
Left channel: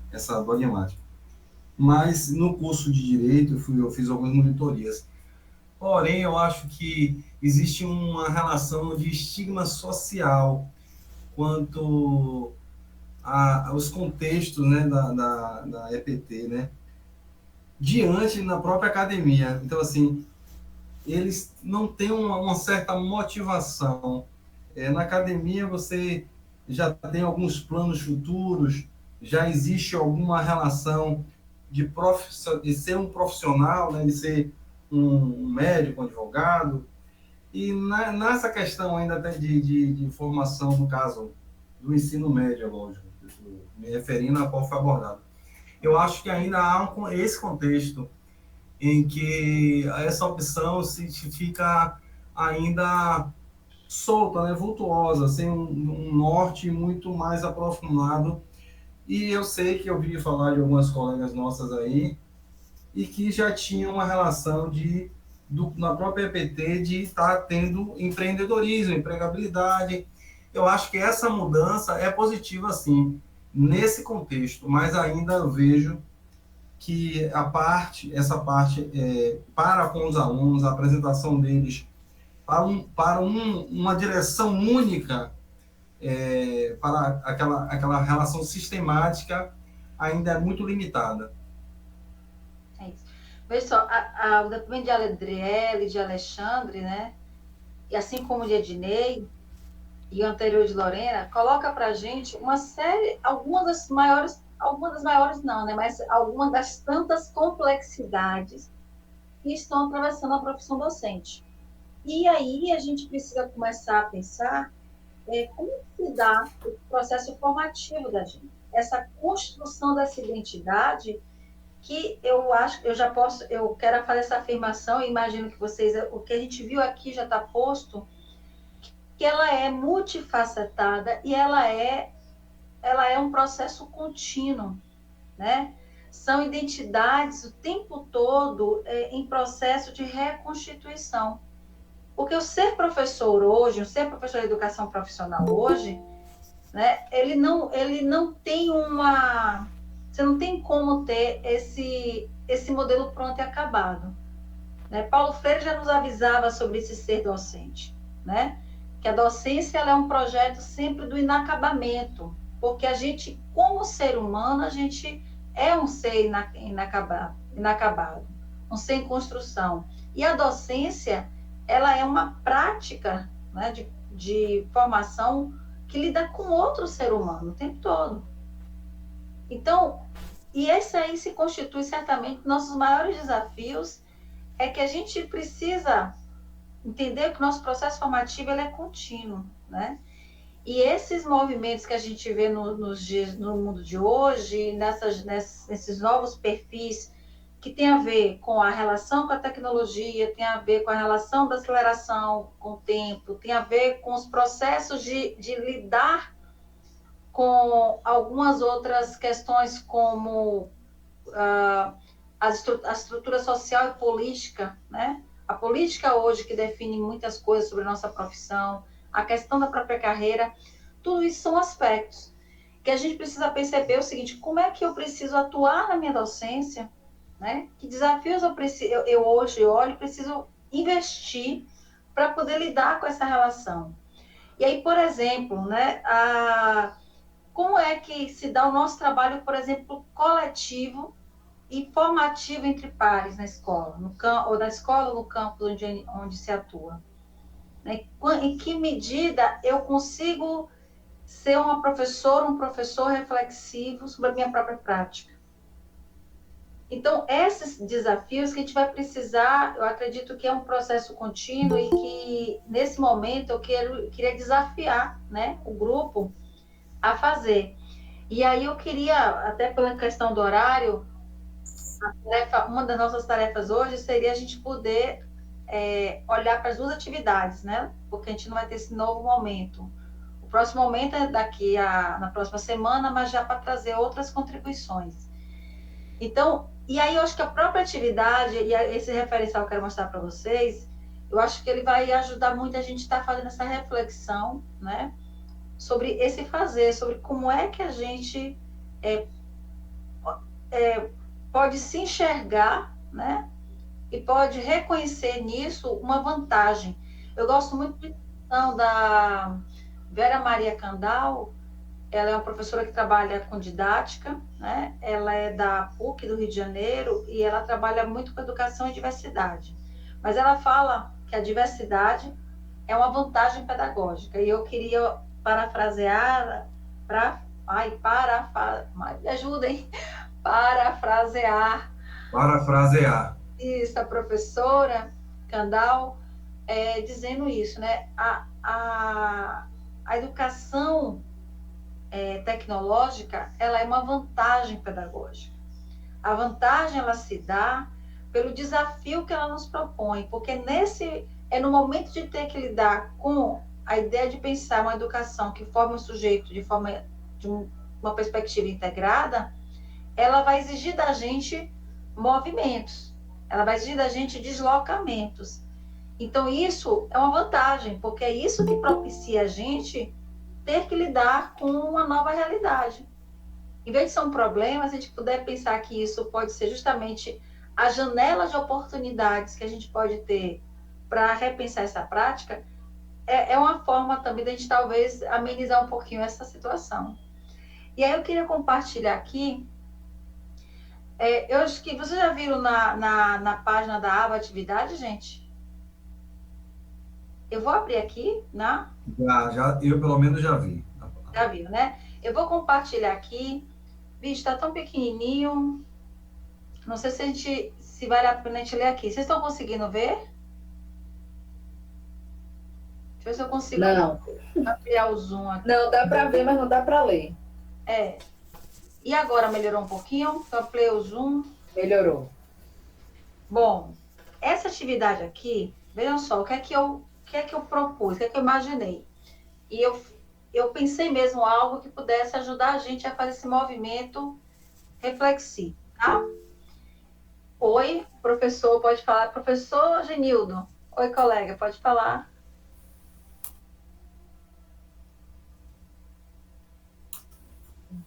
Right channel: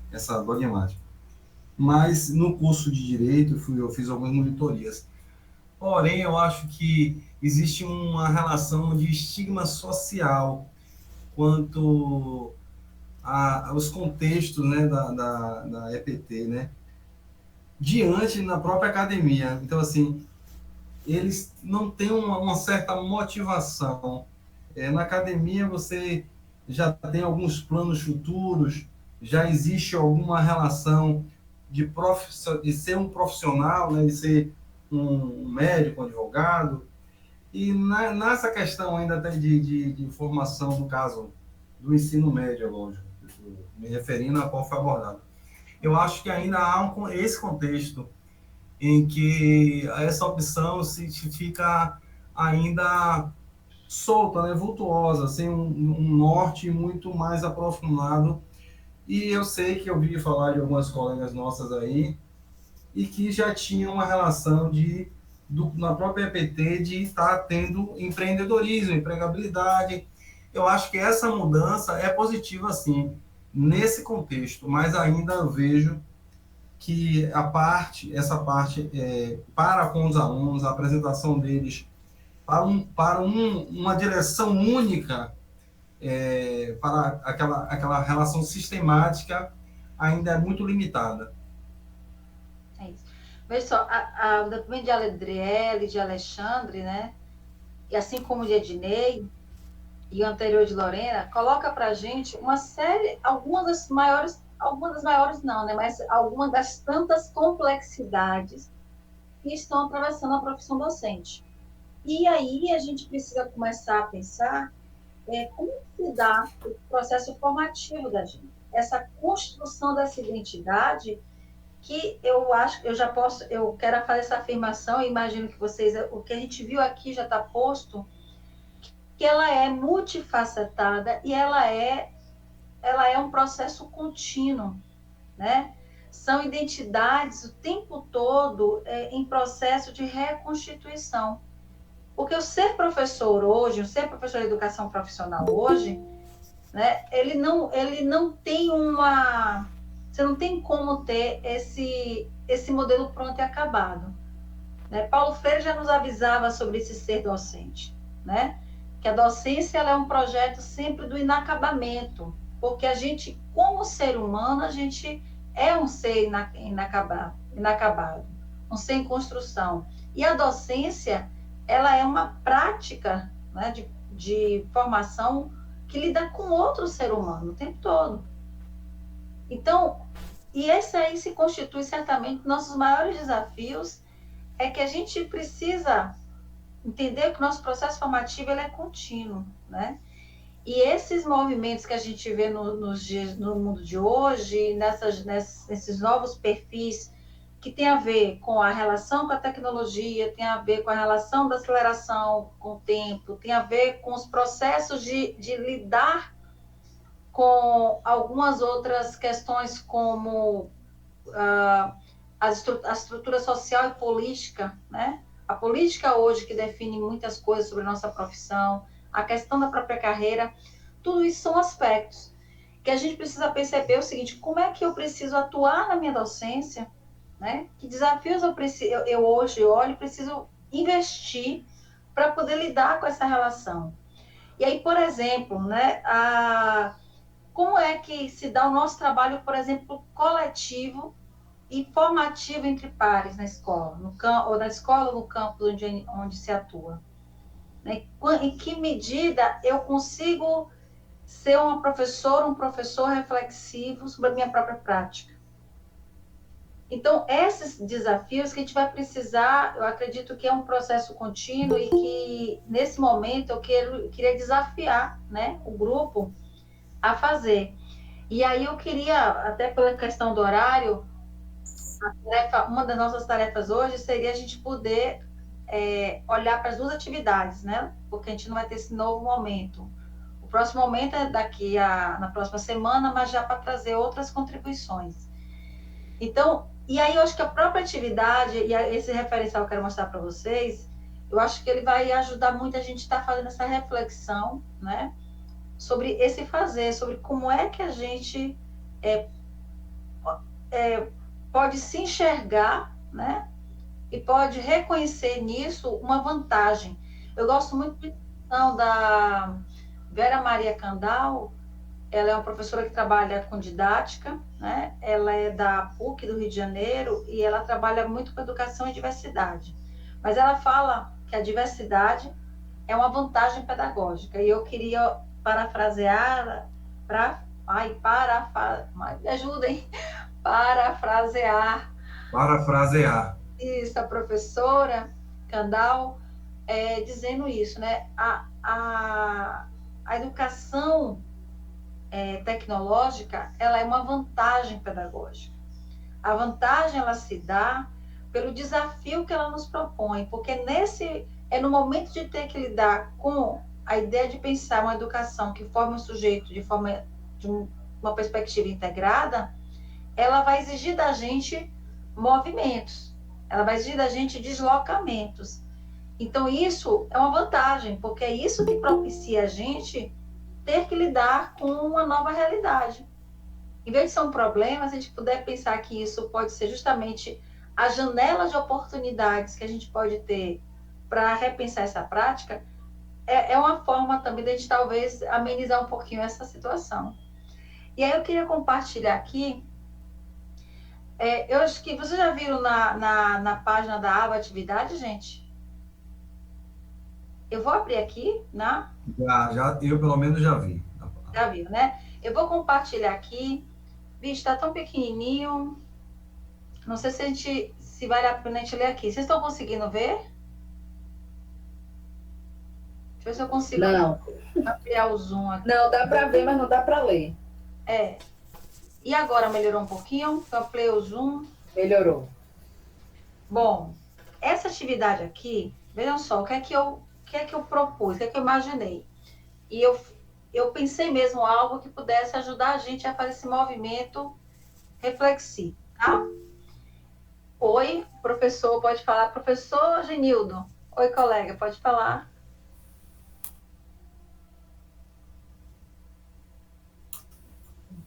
dogmática. Mas no curso de Direito eu fiz algumas monitorias. Porém, eu acho que existe uma relação de estigma social quanto aos contextos, né, da EPT, né, diante na própria academia. Então, assim, eles não têm uma certa motivação. Na academia você já tem alguns planos futuros, já existe alguma relação de ser um profissional, né, de ser um médico, um advogado. E nessa questão ainda de formação, no caso do ensino médio, lógico, me referindo a qual foi abordado. Eu acho que ainda há esse contexto em que essa opção se fica ainda solta, né, vultuosa, sem um norte muito mais aprofundado. E eu sei que eu ouvi falar de algumas colegas nossas aí, e que já tinham uma relação na própria EPT de estar tendo empreendedorismo, empregabilidade. Eu acho que essa mudança é positiva, sim, nesse contexto, mas ainda eu vejo que essa parte para com os alunos, a apresentação deles para uma direção única, para aquela relação sistemática, ainda é muito limitada. É isso. Veja só, o documento de Adriele, de Alexandre, né? E assim como o de Ednei e o anterior de Lorena, coloca para a gente uma série, algumas das maiores não, né? Mas algumas das tantas complexidades que estão atravessando a profissão docente. E aí a gente precisa começar a pensar como se dá o processo formativo da gente. Essa construção dessa identidade que eu acho, eu quero fazer essa afirmação, e imagino que vocês, o que a gente viu aqui já está posto, que ela é multifacetada e ela ela é um processo contínuo, né? São identidades o tempo todo em processo de reconstituição. Porque o ser professor hoje, o ser professor de educação profissional hoje, né, ele não tem uma... Você não tem como ter esse modelo pronto e acabado. Né? Paulo Freire já nos avisava sobre esse ser docente, né? Que a docência ela é um projeto sempre do inacabamento, porque a gente, como ser humano, a gente é um ser inacabado, um ser em construção. E a docência, ela é uma prática, né, de formação que lida com outro ser humano o tempo todo. Então, e esse aí se constitui certamente nossos maiores desafios, é que a gente precisa entender que o nosso processo formativo ele é contínuo, né? E esses movimentos que a gente vê no mundo de hoje, nesses novos perfis que tem a ver com a relação com a tecnologia, tem a ver com a relação da aceleração com o tempo, tem a ver com os processos de lidar com algumas outras questões como a estrutura social e política, né? A política hoje que define muitas coisas sobre a nossa profissão, a questão da própria carreira, tudo isso são aspectos que a gente precisa perceber o seguinte: como é que eu preciso atuar na minha docência, né? Que desafios eu hoje olho e preciso investir para poder lidar com essa relação. E aí, por exemplo, né, como é que se dá o nosso trabalho, por exemplo, coletivo e formativo entre pares na escola, ou na escola ou no campo onde se atua? Né? Em que medida eu consigo ser uma professora, um professor reflexivo sobre a minha própria prática? Então, esses desafios que a gente vai precisar, eu acredito que é um processo contínuo e que, nesse momento, eu queria desafiar, né, o grupo a fazer. E aí eu queria, até pela questão do horário, uma das nossas tarefas hoje seria a gente poder olhar para as duas atividades, né? Porque a gente não vai ter esse novo momento. O próximo momento é na próxima semana, mas já para trazer outras contribuições. Então, e aí eu acho que a própria atividade, e esse referencial que eu quero mostrar para vocês, eu acho que ele vai ajudar muito a gente a estar fazendo essa reflexão, né? Sobre esse fazer, sobre como é que a gente pode se enxergar, né? E pode reconhecer nisso uma vantagem. Eu gosto muito da Vera Maria Candal. Ela é uma professora que trabalha com didática, né? Ela é da PUC do Rio de Janeiro e ela trabalha muito com educação e diversidade. Mas ela fala que a diversidade é uma vantagem pedagógica. E eu queria parafrasear, me ajudem, parafrasear. Isso, a professora Candal dizendo isso, né? A educação tecnológica, ela é uma vantagem pedagógica. A vantagem, ela se dá pelo desafio que ela nos propõe, porque no momento de ter que lidar com a ideia de pensar uma educação que forme um sujeito de uma perspectiva integrada, ela vai exigir da gente movimentos, ela vai exigir da gente deslocamentos. Então, isso é uma vantagem, porque é isso que propicia a gente ter que lidar com uma nova realidade. Em vez de ser um problema, se a gente puder pensar que isso pode ser justamente a janela de oportunidades que a gente pode ter para repensar essa prática, é uma forma também de a gente talvez amenizar um pouquinho essa situação. E aí eu queria compartilhar aqui, eu acho que vocês já viram na página da aba atividade, gente? Eu vou abrir aqui, né? Já, eu pelo menos já vi. Já viu, né? Eu vou compartilhar aqui. Vixe, tá tão pequenininho. Não sei se vale a pena a gente ler aqui. Vocês estão conseguindo ver? Deixa eu ver se eu consigo ampliar o zoom aqui. Não, dá para ver, mas não dá para ler. E agora melhorou um pouquinho? Eu ampliei o zoom. Melhorou. Bom, essa atividade aqui, vejam só, o que é que eu propus, o que é que eu imaginei. E eu pensei mesmo algo que pudesse ajudar a gente a fazer esse movimento reflexivo, tá? Oi, professor, pode falar. Professor Genildo. Oi, colega, pode falar.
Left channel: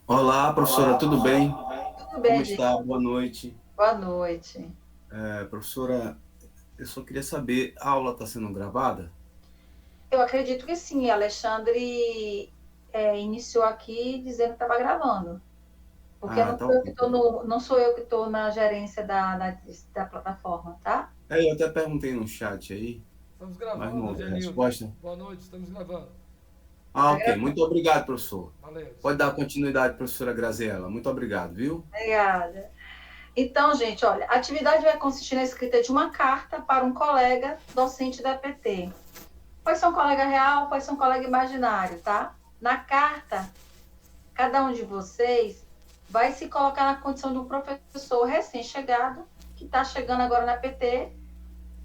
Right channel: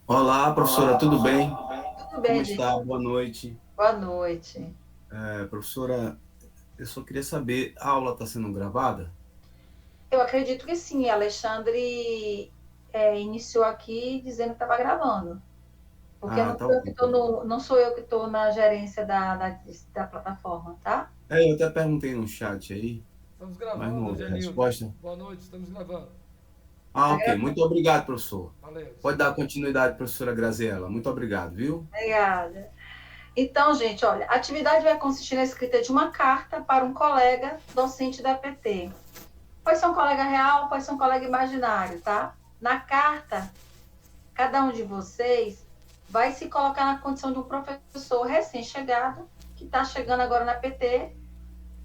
Olá, professora, tudo bem? Tudo Como bem, está? gente? Boa noite. Boa noite. Professora, eu só queria saber, a aula está sendo gravada? Eu acredito que sim. Alexandre iniciou aqui dizendo que estava gravando. Porque Ah, não tá sou eu que ok. estou não sou eu que estou na gerência da plataforma, tá? Eu até perguntei no chat aí, Estamos mas não gravando, houve Genildo. resposta. Boa noite, estamos gravando. Ah, Tá ok. gravando. Muito obrigado, professor. Valeu. Pode dar continuidade, professora Graziela. Muito obrigado, viu? Obrigada. Então, gente, olha, a atividade vai consistir na escrita de uma carta para um colega docente da EPT. Pode ser um colega real, pode ser um colega imaginário, tá? Na carta, cada um de vocês vai se colocar na condição de um professor recém-chegado, que está chegando agora na EPT,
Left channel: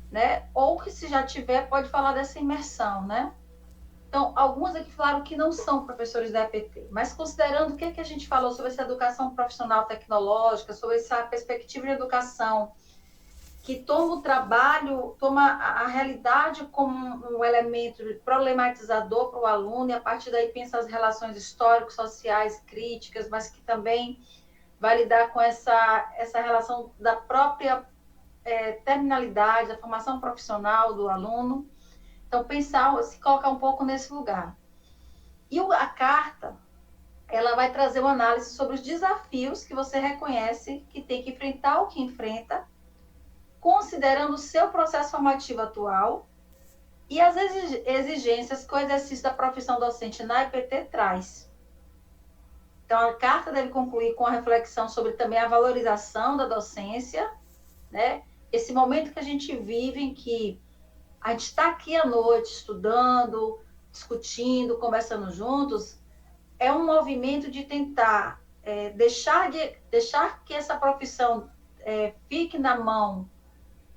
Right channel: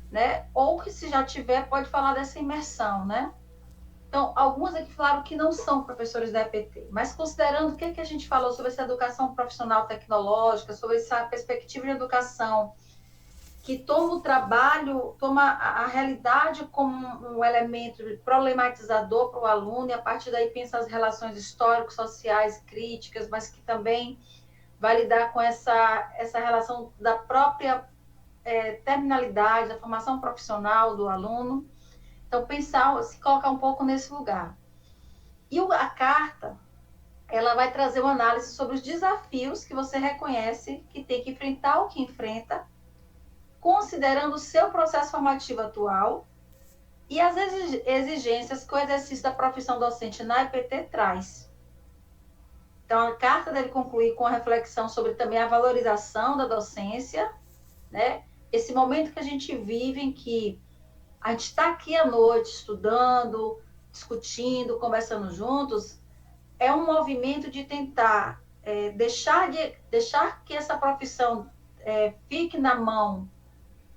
né? Ou que se já tiver, pode falar dessa imersão, né? Então, alguns aqui falaram que não são professores da EPT, mas considerando o que a gente falou sobre essa educação profissional tecnológica, sobre essa perspectiva de educação que toma o trabalho, toma a realidade como um elemento problematizador para o aluno, e a partir daí pensa as relações históricas, sociais, críticas, mas que também vai lidar com essa relação da própria terminalidade, da formação profissional do aluno. Então, pensar, se colocar um pouco nesse lugar. E a carta, ela vai trazer uma análise sobre os desafios que você reconhece que tem que enfrentar ou que enfrenta, considerando o seu processo formativo atual e as exigências que o exercício da profissão docente na EPT traz. Então, a carta deve concluir com a reflexão sobre também a valorização da docência, né? Esse momento que a gente vive em que a gente está aqui à noite estudando, discutindo, conversando juntos, é um movimento de tentar deixar que essa profissão fique na mão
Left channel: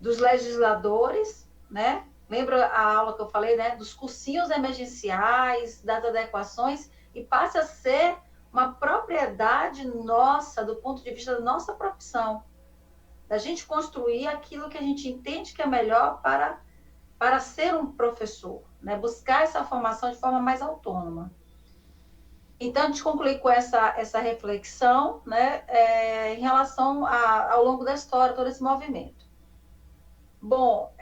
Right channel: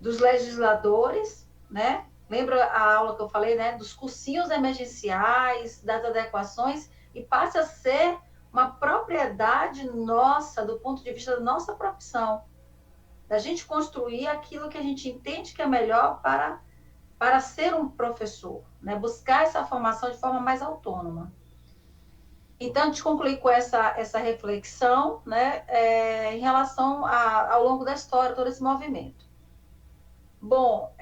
dos legisladores, né? Lembra a aula que eu falei, né? Dos cursinhos emergenciais, das adequações, e passe a ser uma propriedade nossa, do ponto de vista da nossa profissão, da gente construir aquilo que a gente entende que é melhor para ser um professor, né? Buscar essa formação de forma mais autônoma. Então, a gente conclui com essa reflexão, né? Em relação ao longo da história, todo esse movimento. Bom,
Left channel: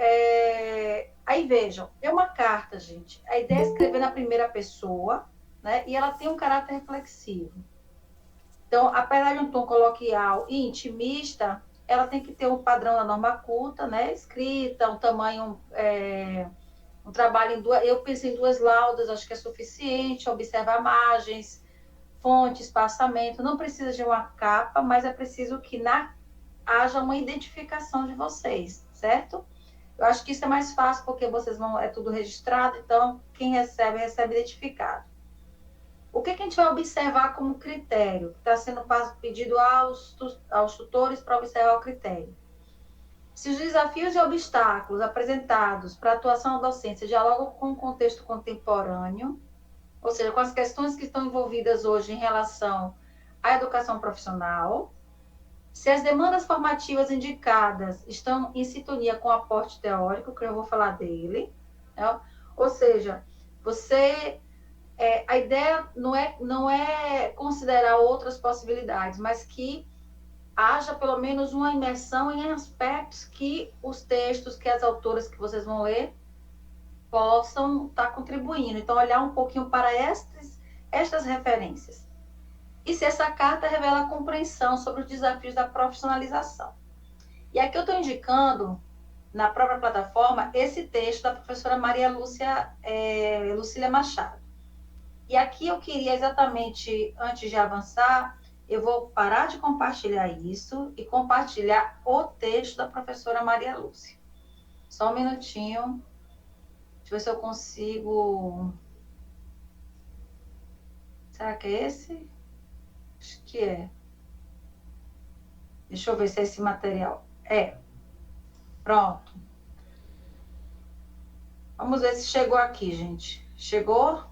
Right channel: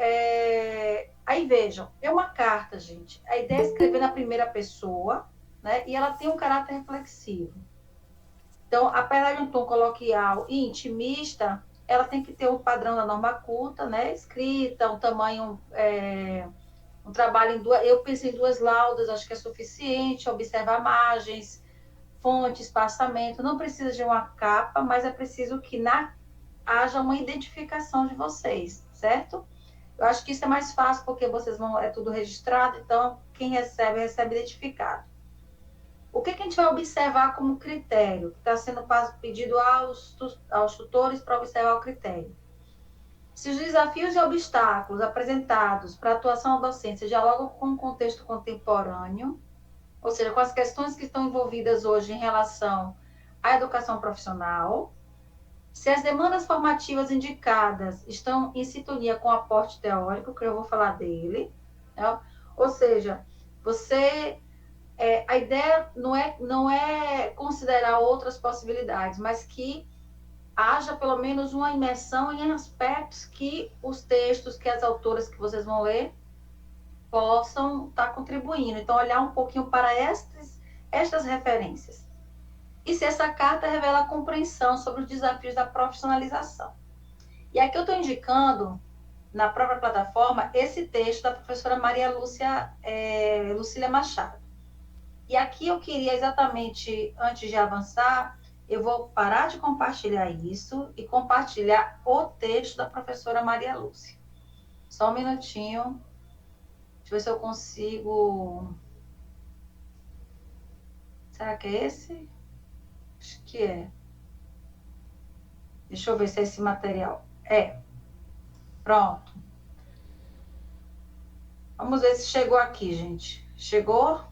aí vejam, é uma carta, gente. A ideia é escrever na primeira pessoa, né? E ela tem um caráter reflexivo. Então, apesar de um tom coloquial e intimista, ela tem que ter um padrão da norma culta, né? Escrita, um tamanho, um trabalho em duas. Eu pensei em 2 laudas, acho que é suficiente. Observar margens, fonte, espaçamento. Não precisa de uma capa, mas é preciso que haja uma identificação de vocês, certo? Eu acho que isso é mais fácil porque vocês é tudo registrado, então quem recebe identificado. O que a gente vai observar como critério? Que está sendo pedido aos tutores para observar o critério. Se os desafios e obstáculos apresentados para a atuação da docência dialogam com o contexto contemporâneo, ou seja, com as questões que estão envolvidas hoje em relação à educação profissional, se as demandas formativas indicadas estão em sintonia com o aporte teórico, que eu vou falar dele, né? Ou seja, a ideia não é considerar outras possibilidades, mas que haja pelo menos uma imersão em aspectos que os textos, que as autoras que vocês vão ler, possam estar contribuindo. Então, olhar um pouquinho para estas referências. E se essa carta revela compreensão sobre os desafios da profissionalização. E aqui eu estou indicando, na própria plataforma, esse texto da professora Maria Lucília Machado. E aqui eu queria exatamente, antes de avançar, eu vou parar de compartilhar isso e compartilhar o texto da professora Maria Lúcia. Só um minutinho. Deixa eu ver se eu consigo... Será que é esse? Acho que é. Deixa eu ver se é esse material. Pronto. Vamos ver se chegou aqui, gente. Chegou?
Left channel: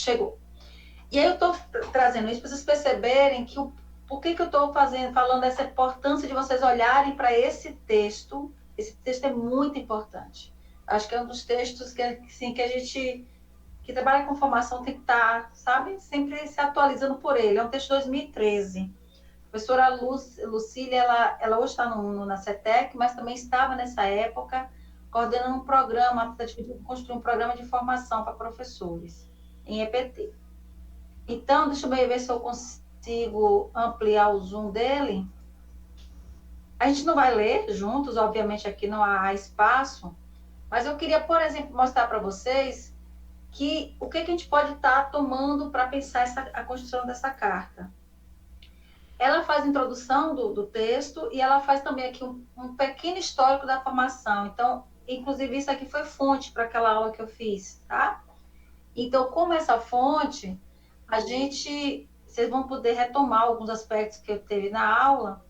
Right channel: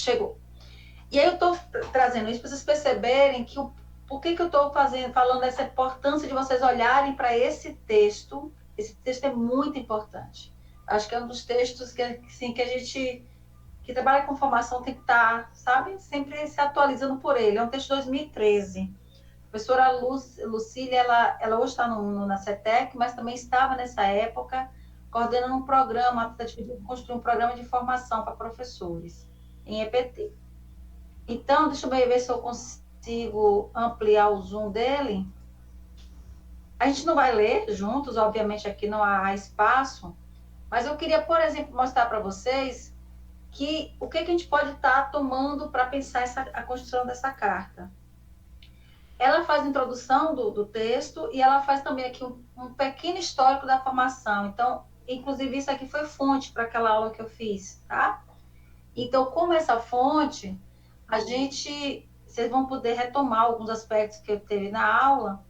chegou. E aí eu estou trazendo isso para vocês perceberem que por que eu estou falando dessa importância de vocês olharem para esse texto. Esse texto é muito importante. Acho que é um dos textos que, assim, que a gente que trabalha com formação tem que estar, sabe, sempre se atualizando por ele. É um texto de 2013. A professora Lucília, ela hoje está na CETEC, mas também estava nessa época coordenando um programa, a tentativa de construir um programa de formação para professores em EPT. Então, deixa eu ver se eu consigo ampliar o zoom dele. A gente não vai ler juntos, obviamente aqui não há espaço, mas eu queria, por exemplo, mostrar para vocês que o que a gente pode estar tomando para pensar a construção dessa carta. Ela faz a introdução do texto e ela faz também aqui um pequeno histórico da formação. Então, inclusive, isso aqui foi fonte para aquela aula que eu fiz, tá? Então, como essa fonte, vocês vão poder retomar alguns aspectos que eu teve na aula.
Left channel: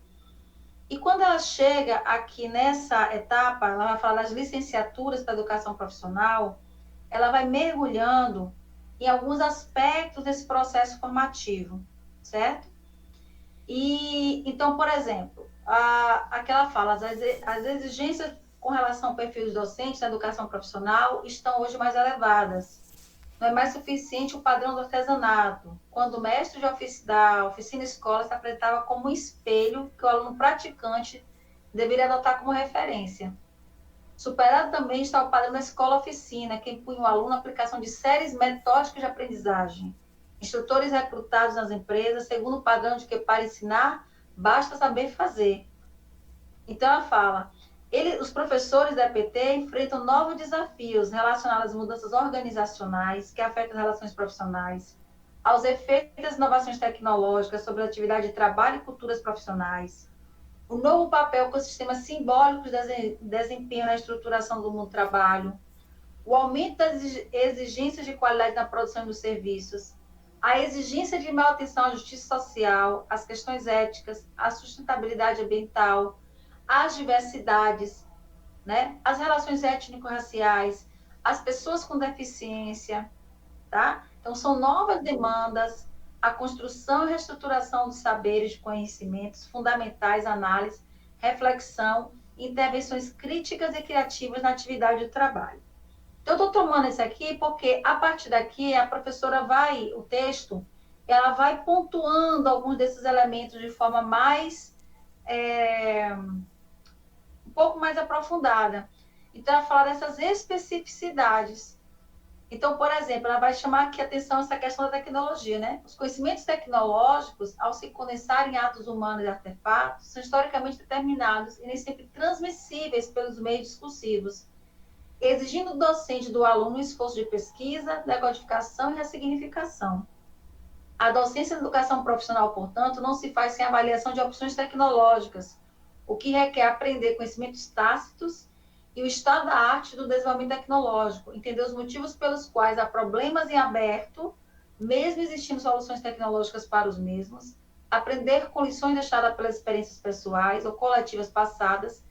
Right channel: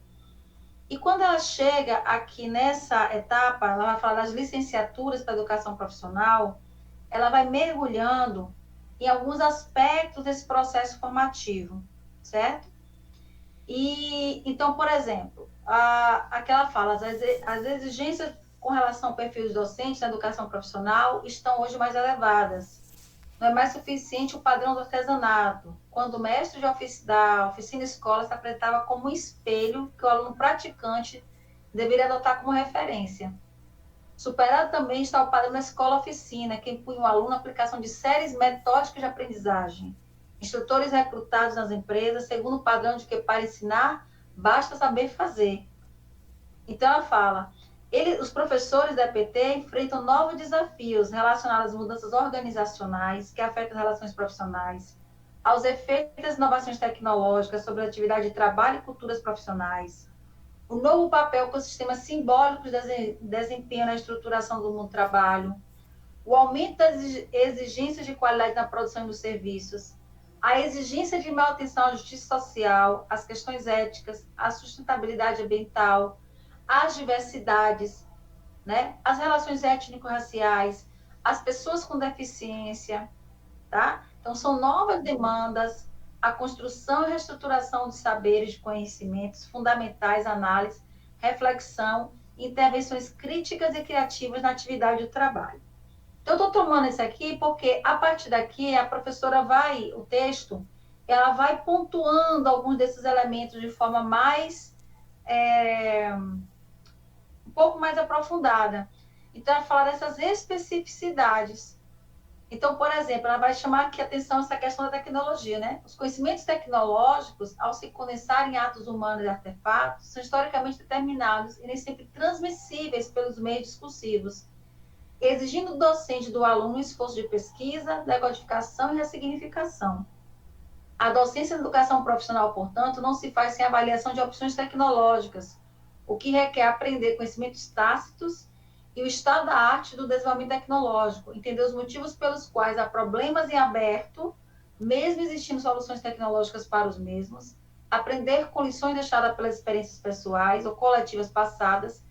E quando ela chega aqui nessa etapa, ela vai falar das licenciaturas para educação profissional, ela vai mergulhando em alguns aspectos desse processo formativo, certo? E, então, por exemplo, aquela fala, as exigências com relação ao perfil dos docentes na educação profissional estão hoje mais elevadas. Não é mais suficiente o padrão do artesanato, quando o mestre da oficina escola se apresentava como um espelho que o aluno praticante deveria adotar como referência. Superado também está o padrão da escola-oficina, que impunha o aluno a aplicação de séries metódicas de aprendizagem. Instrutores recrutados nas empresas, segundo o padrão de que para ensinar, basta saber fazer. Então, ela fala, os professores da EPT enfrentam novos desafios relacionados às mudanças organizacionais que afetam as relações profissionais, aos efeitos das inovações tecnológicas sobre a atividade de trabalho e culturas profissionais, o novo papel que os sistemas simbólicos desempenham na estruturação do mundo do trabalho, o aumento das exigências de qualidade na produção dos serviços, a exigência de manutenção à justiça social, as questões éticas, a sustentabilidade ambiental, as diversidades, né? As relações étnico-raciais, as pessoas com deficiência, tá? Então, são novas demandas, a construção e reestruturação dos saberes, de conhecimentos fundamentais, análise, reflexão, intervenções críticas e criativas na atividade do trabalho. Então, eu estou tomando isso aqui porque, a partir daqui, a professora o texto, ela vai pontuando alguns desses elementos de forma mais, um pouco mais aprofundada. Então, ela fala dessas especificidades. Então, por exemplo, ela vai chamar aqui a atenção essa questão da tecnologia, né? Os conhecimentos tecnológicos, ao se condensarem em atos humanos e artefatos, são historicamente determinados e nem sempre transmissíveis pelos meios discursivos, exigindo do docente e do aluno um esforço de pesquisa, decodificação e ressignificação. A docência da educação profissional, portanto, não se faz sem avaliação de opções tecnológicas, o que requer aprender conhecimentos tácitos e o estado da arte do desenvolvimento tecnológico, entender os motivos pelos quais há problemas em aberto, mesmo existindo soluções tecnológicas para os mesmos, aprender com lições deixadas pelas experiências pessoais ou coletivas passadas,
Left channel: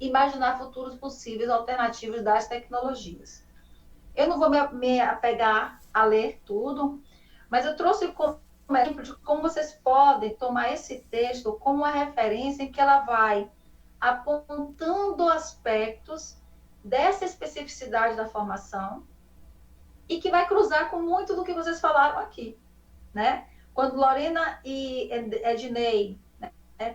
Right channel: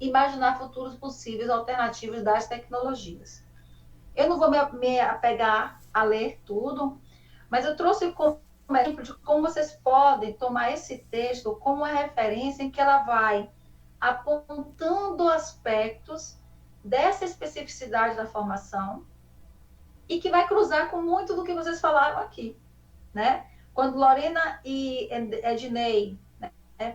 imaginar futuros possíveis alternativos das tecnologias. Eu não vou me apegar a ler tudo, mas eu trouxe como exemplo de como vocês podem tomar esse texto como uma referência em que ela vai apontando aspectos dessa especificidade da formação e que vai cruzar com muito do que vocês falaram aqui, né? Quando Lorena e Ednei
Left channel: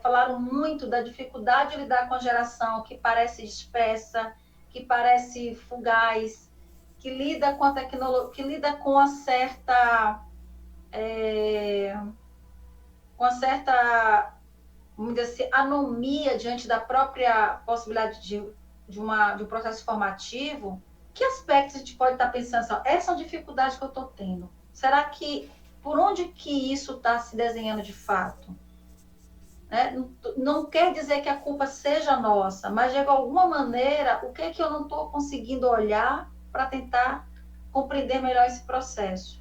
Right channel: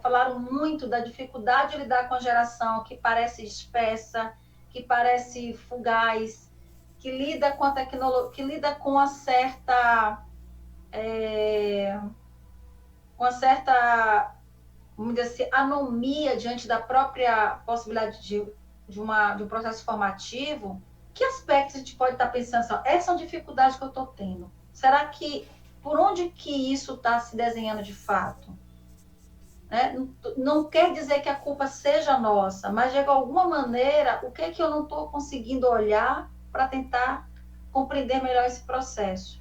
falaram muito da dificuldade de lidar com a geração que parece espessa, que parece fugaz, que lida com a tecnologia, que lida com uma certa vamos dizer assim, anomia diante da própria possibilidade de um processo formativo. Que aspectos a gente pode estar pensando assim, essas são dificuldades que eu estou tendo? Será que, por onde que isso está se desenhando de fato? Né? Não quer dizer que a culpa seja nossa, mas de alguma maneira, o que é que eu não estou conseguindo olhar para tentar compreender melhor esse processo?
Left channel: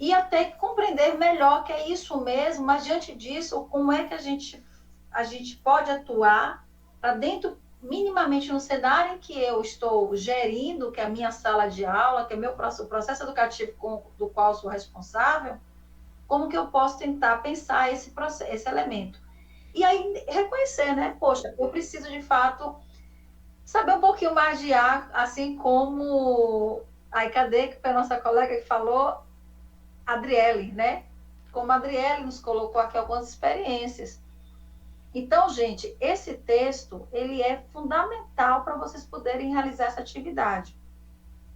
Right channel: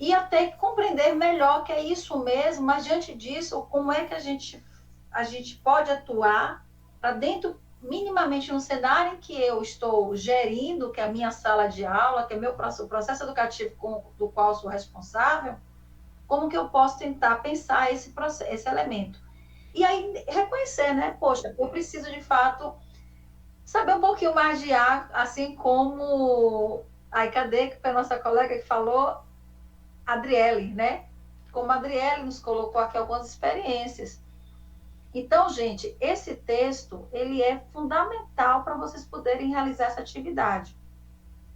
E até compreender melhor que é isso mesmo, mas diante disso, como é que a gente pode atuar para dentro minimamente no cenário em que eu estou gerindo, que é a minha sala de aula, que é o processo educativo do qual sou responsável, como que eu posso tentar pensar esse elemento. E aí reconhecer, né? Poxa, eu preciso de fato saber um pouquinho mais de ar, assim como... Aí, cadê que foi a nossa colega que falou? Adriele, né? Como a Adriele nos colocou aqui algumas experiências. Então, gente, esse texto, ele é fundamental para vocês poderem realizar essa atividade,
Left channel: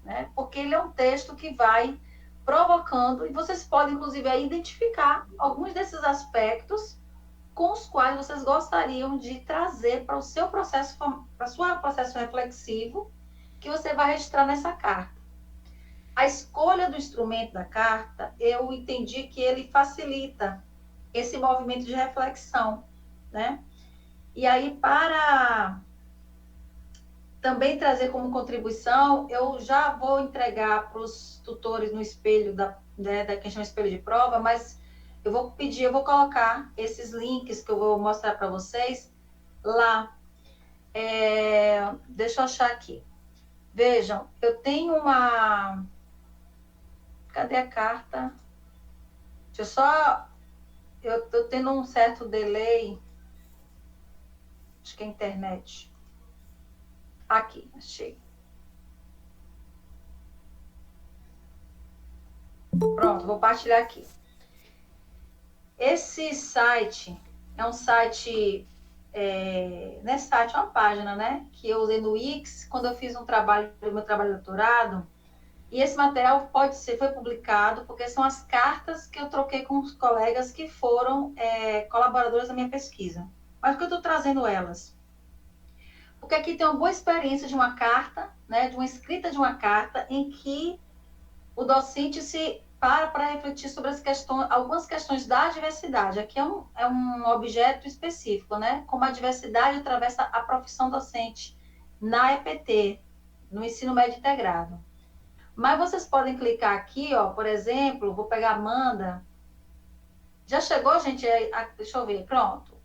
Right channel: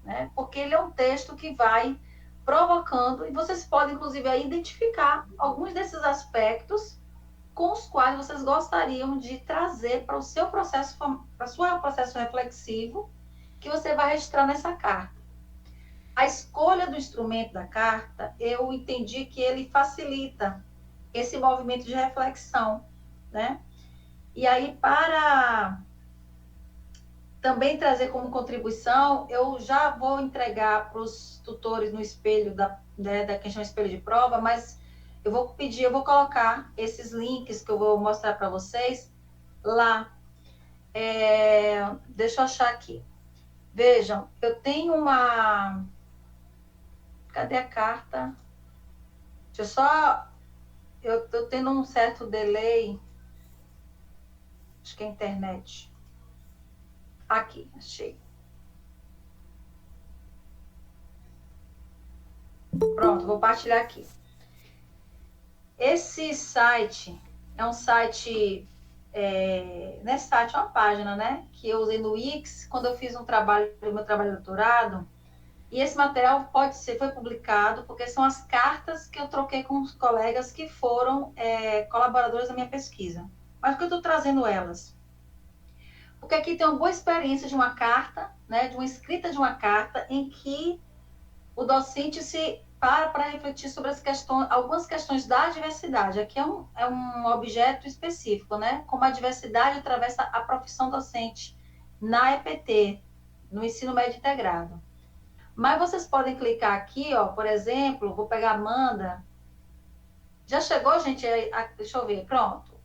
né? Porque ele é um texto que vai provocando, e vocês podem, inclusive, aí, identificar alguns desses aspectos com os quais vocês gostariam de trazer para o seu processo, para o seu processo reflexivo, que você vai registrar nessa carta. A escolha do instrumento da carta, eu entendi que ele facilita esse movimento de reflexão, né? E aí, para também trazer como contribuição, eu já vou entregar para os tutores no espelho da questão espelho de prova, mas eu vou pedir, eu vou colocar esses links que eu vou mostrar para vocês lá. Deixa eu achar aqui. Vejam, eu tenho uma... Cadê a carta? Deixa eu só... Eu estou tendo um certo delay. Acho que é a internet. Aqui, achei. Pronto, vou partilhar aqui. Esse site é um site... nesse site é uma página, né? Que eu usei no Wix quando eu fiz meu trabalho de doutorado. E esse material foi publicado porque são as cartas que eu troquei com os colegas que foram colaboradores da minha pesquisa. Mas por que eu estou trazendo elas? Porque aqui tem uma boa experiência de uma carta, né, de uma escrita de uma carta, em que o docente se para refletir sobre algumas questões da diversidade. Aqui é um objeto específico, né? Como a diversidade atravessa a profissão docente na EPT, no ensino médio integrado. Mas vocês podem clicar aqui, ó, por exemplo, vou pegar a Amanda. Já chegou, gente? Deixa eu ver, pronto.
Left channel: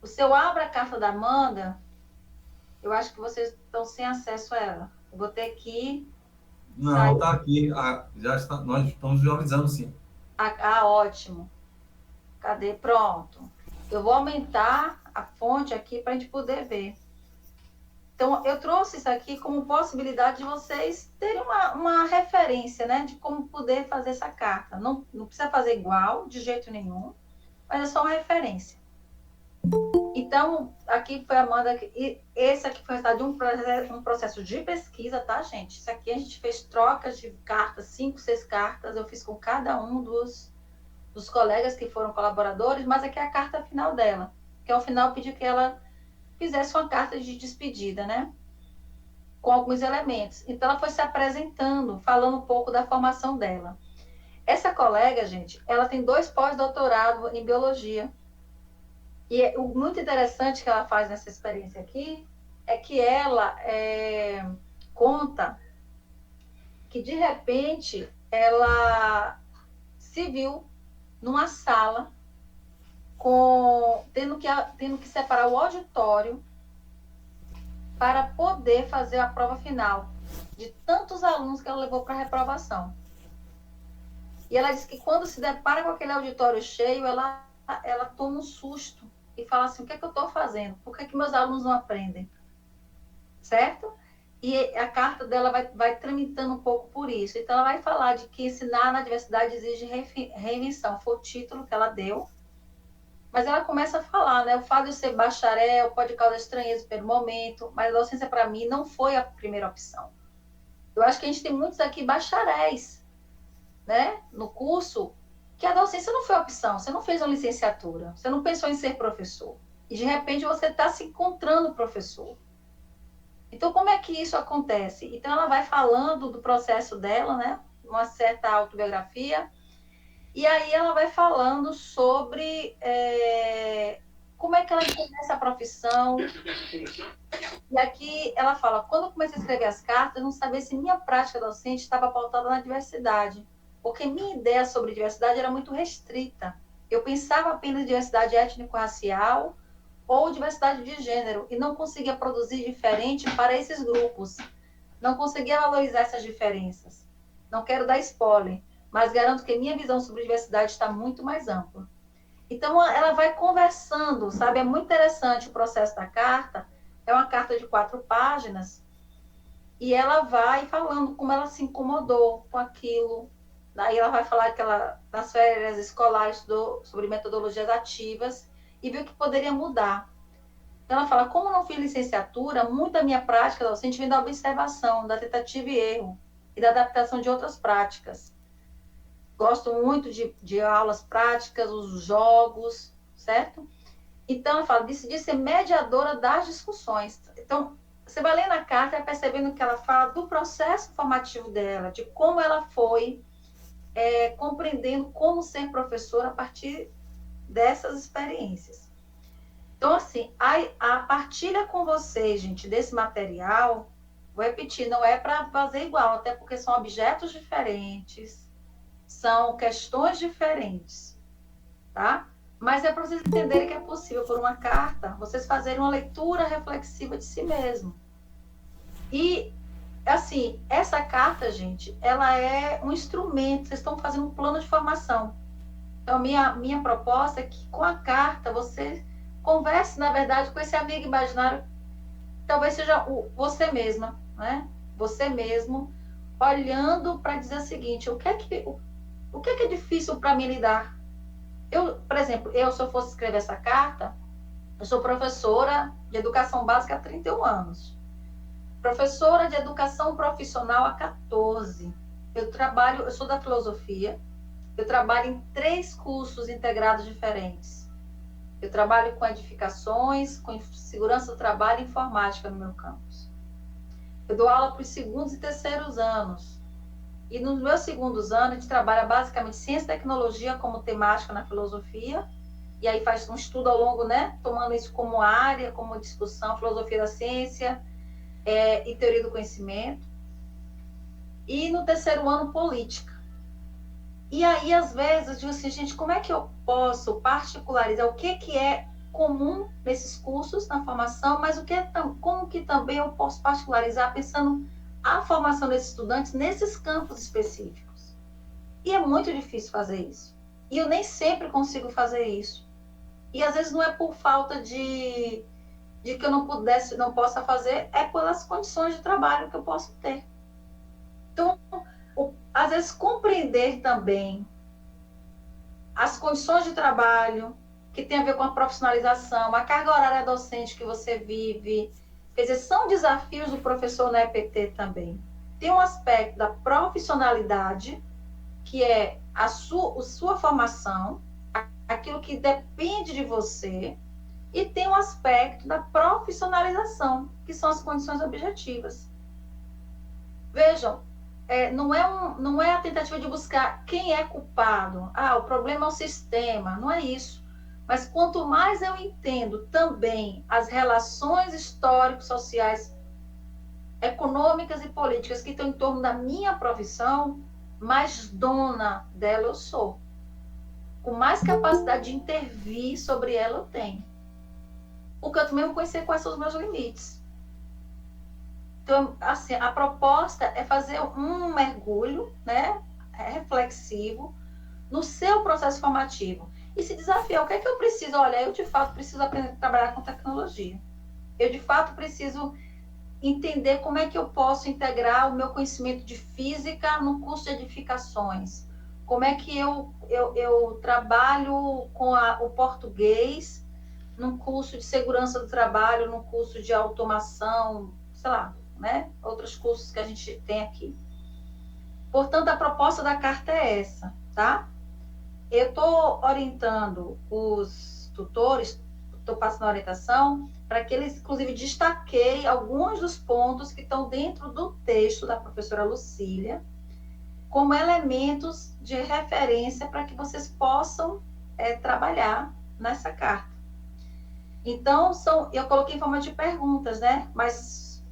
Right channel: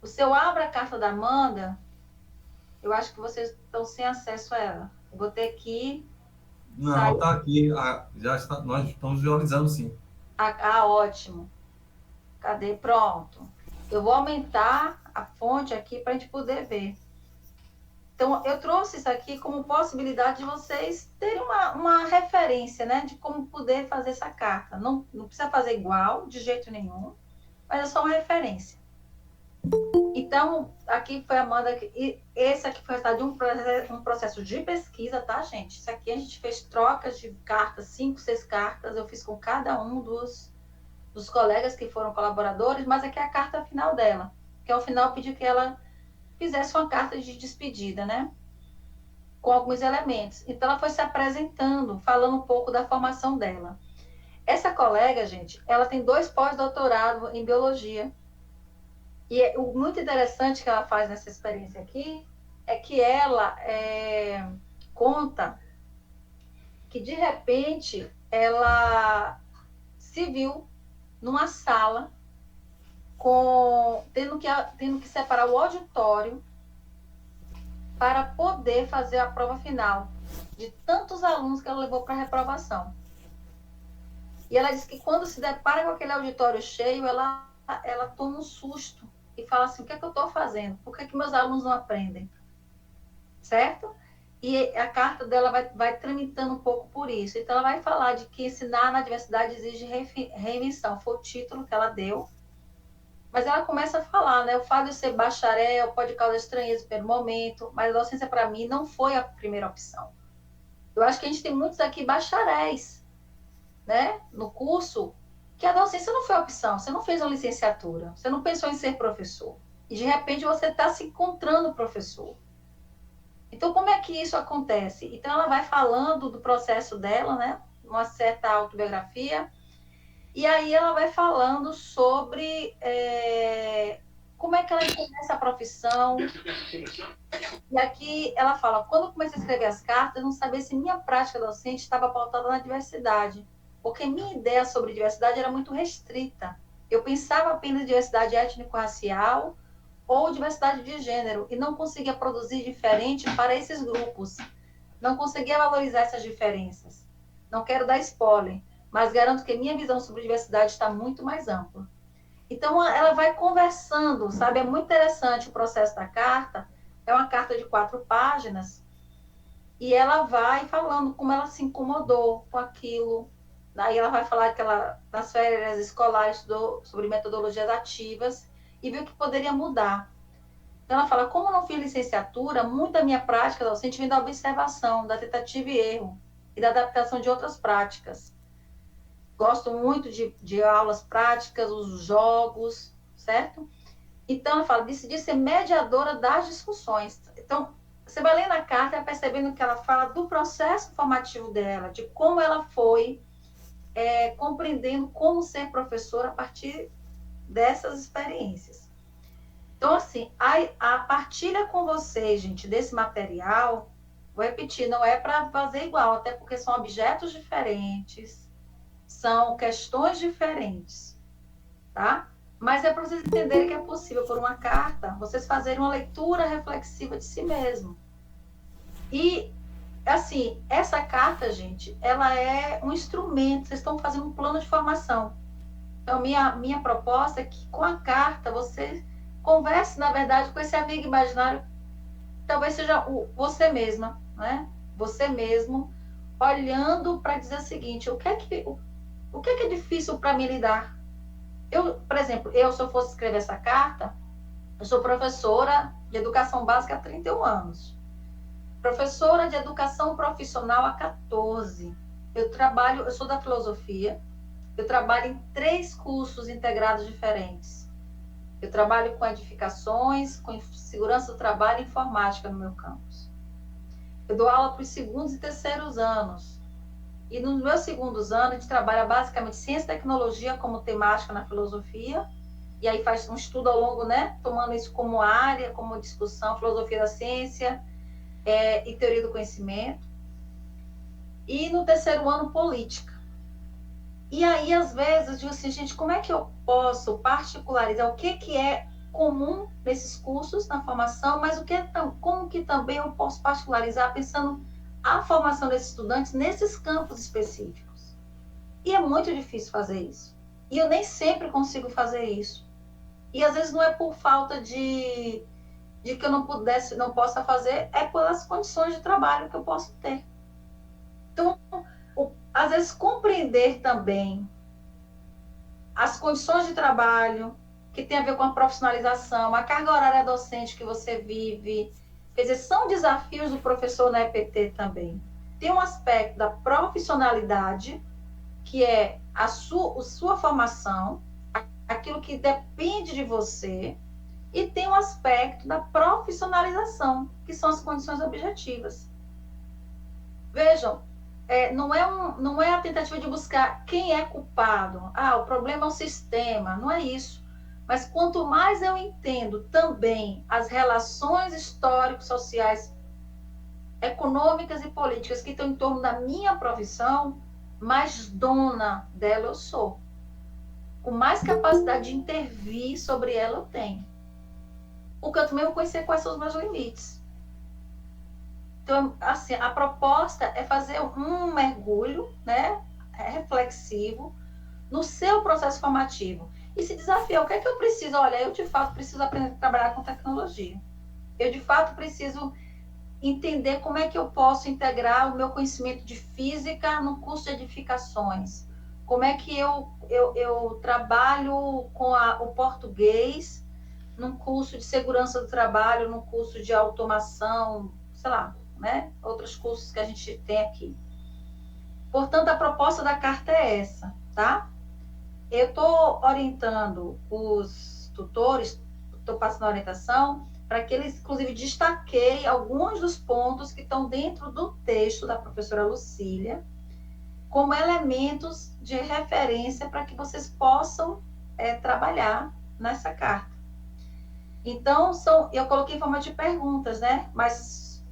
O seu abre a carta da Amanda, eu acho que vocês estão sem acesso a ela. Eu vou ter que... Não, está aqui. Já está, nós estamos visualizando, sim. Ótimo. Cadê? Pronto. Eu vou aumentar a fonte aqui para a gente poder ver. Então, eu trouxe isso aqui como possibilidade de vocês terem uma referência, né? De como poder fazer essa carta. Não precisa fazer igual, de jeito nenhum, mas é só uma referência. Então, aqui foi a Amanda, e esse aqui foi o resultado de um processo de pesquisa, tá, gente? Isso aqui a gente fez trocas de cartas, 5, 6 cartas, eu fiz com cada um dos colegas que foram colaboradores, mas aqui é a carta final dela, que ao final pediu que ela fizesse uma carta de despedida, né? Com alguns elementos. Então, ela foi se apresentando, falando um pouco da formação dela. Essa colega, gente, ela tem 2 pós-doutorado em biologia. E o muito interessante que ela faz nessa experiência aqui é que ela conta que, de repente, ela se viu numa sala tendo que separar o auditório para poder fazer a prova final de tantos alunos que ela levou para a reprovação. E ela disse que quando se depara com aquele auditório cheio, ela toma um susto e fala assim, o que é que eu estou fazendo? Por que meus alunos não aprendem? Certo? E a carta dela vai tramitando um pouco por isso. Então, ela vai falar de que ensinar na diversidade exige reinvenção. Foi o título que ela deu. Mas ela começa a falar, né? O fato de eu ser bacharel pode causar estranheza pelo momento, mas a docência, para mim, não foi a primeira opção. Eu acho que a gente tem muitos aqui bacharéis, né? No curso, que a docência não foi a opção. Você não fez uma licenciatura, você não pensou em ser professor. E, de repente, você está se encontrando professor. Então, como é que isso acontece? Então, ela vai falando do processo dela, né? Uma certa autobiografia. E aí ela vai falando sobre como é que ela entende essa profissão. E aqui ela fala, quando eu comecei a escrever as cartas, eu não sabia se minha prática docente estava pautada na diversidade. Porque minha ideia sobre diversidade era muito restrita. Eu pensava apenas em diversidade étnico-racial ou diversidade de gênero, e não conseguia produzir diferente para esses grupos. Não conseguia valorizar essas diferenças. Não quero dar spoiler, mas garanto que minha visão sobre diversidade está muito mais ampla. Então, ela vai conversando, sabe? É muito interessante o processo da carta. É uma carta de 4 páginas, e ela vai falando como ela se incomodou com aquilo. Daí ela vai falar que ela, nas férias escolares, estudou sobre metodologias ativas e viu que poderia mudar. Então ela fala, como não fiz licenciatura, muito da minha prática docente vem da observação, da tentativa e erro e da adaptação de outras práticas. Gosto muito de aulas práticas, os jogos, certo? Então ela fala, decidi ser mediadora das discussões. Então, você vai lendo a carta e percebendo que ela fala do processo formativo dela, de como ela foi compreendendo como ser professora a partir dessas experiências. Então, assim, a partilha com vocês, gente, desse material, vou repetir, não é para fazer igual, até porque são objetos diferentes, são questões diferentes, tá? Mas é para vocês entenderem que é possível, por uma carta, vocês fazerem uma leitura reflexiva de si mesmo. E, assim, essa carta, gente, ela é um instrumento, vocês estão fazendo um plano de formação. Então, minha proposta é que, com a carta, você converse, na verdade, com esse amigo imaginário, talvez seja você mesma, né? Você mesmo, olhando para dizer o seguinte, o que é difícil para mim lidar? Por exemplo, se eu fosse escrever essa carta, eu sou professora de educação básica há 31 anos. Professora de educação profissional há 14. Eu sou da filosofia, eu trabalho em 3 cursos integrados diferentes. Eu trabalho com edificações, com segurança do trabalho e informática no meu campus. Eu dou aula para os segundos e terceiros anos. E nos meus segundos anos, a gente trabalha basicamente ciência e tecnologia como temática na filosofia, e aí faz um estudo ao longo, né? Tomando isso como área, como discussão, filosofia da ciência e teoria do conhecimento. E no terceiro ano, política. E aí, às vezes, eu digo assim, gente, como é que eu posso particularizar o que é comum nesses cursos, na formação, mas como que também eu posso particularizar pensando a formação desses estudantes nesses campos específicos. E é muito difícil fazer isso. E eu nem sempre consigo fazer isso. E às vezes não é por falta de que eu não possa fazer, é pelas condições de trabalho que eu posso ter. Então, às vezes, compreender também as condições de trabalho, que tem a ver com a profissionalização, a carga horária docente que você vive, quer dizer, são desafios do professor na EPT também. Tem um aspecto da profissionalidade, que é a sua formação, aquilo que depende de você, e tem um aspecto da profissionalização, que são as condições objetivas. Vejam, não é a tentativa de buscar quem é culpado. O problema é o sistema, não é isso. Mas quanto mais eu entendo também as relações históricas, sociais, econômicas e políticas que estão em torno da minha profissão, mais dona dela eu sou. Com mais capacidade de intervir sobre ela eu tenho. Porque eu também vou conhecer quais são os meus limites. Então, assim, a proposta é fazer um mergulho, né, reflexivo no seu processo formativo. E se desafiar, o que é que eu preciso? Olha, eu de fato preciso aprender a trabalhar com tecnologia. Eu de fato preciso entender como é que eu posso integrar o meu conhecimento de física no curso de edificações. Como é que eu trabalho com o português num curso de segurança do trabalho, num curso de automação, sei lá, né? Outros cursos que a gente tem aqui. Portanto, a proposta da carta é essa, tá? Eu estou orientando os tutores, estou passando a orientação para que eles, inclusive, destaqueiem alguns dos pontos que estão dentro do texto da professora Lucília como elementos de referência para que vocês possam trabalhar nessa carta. Então, eu coloquei em forma de perguntas, né? Mas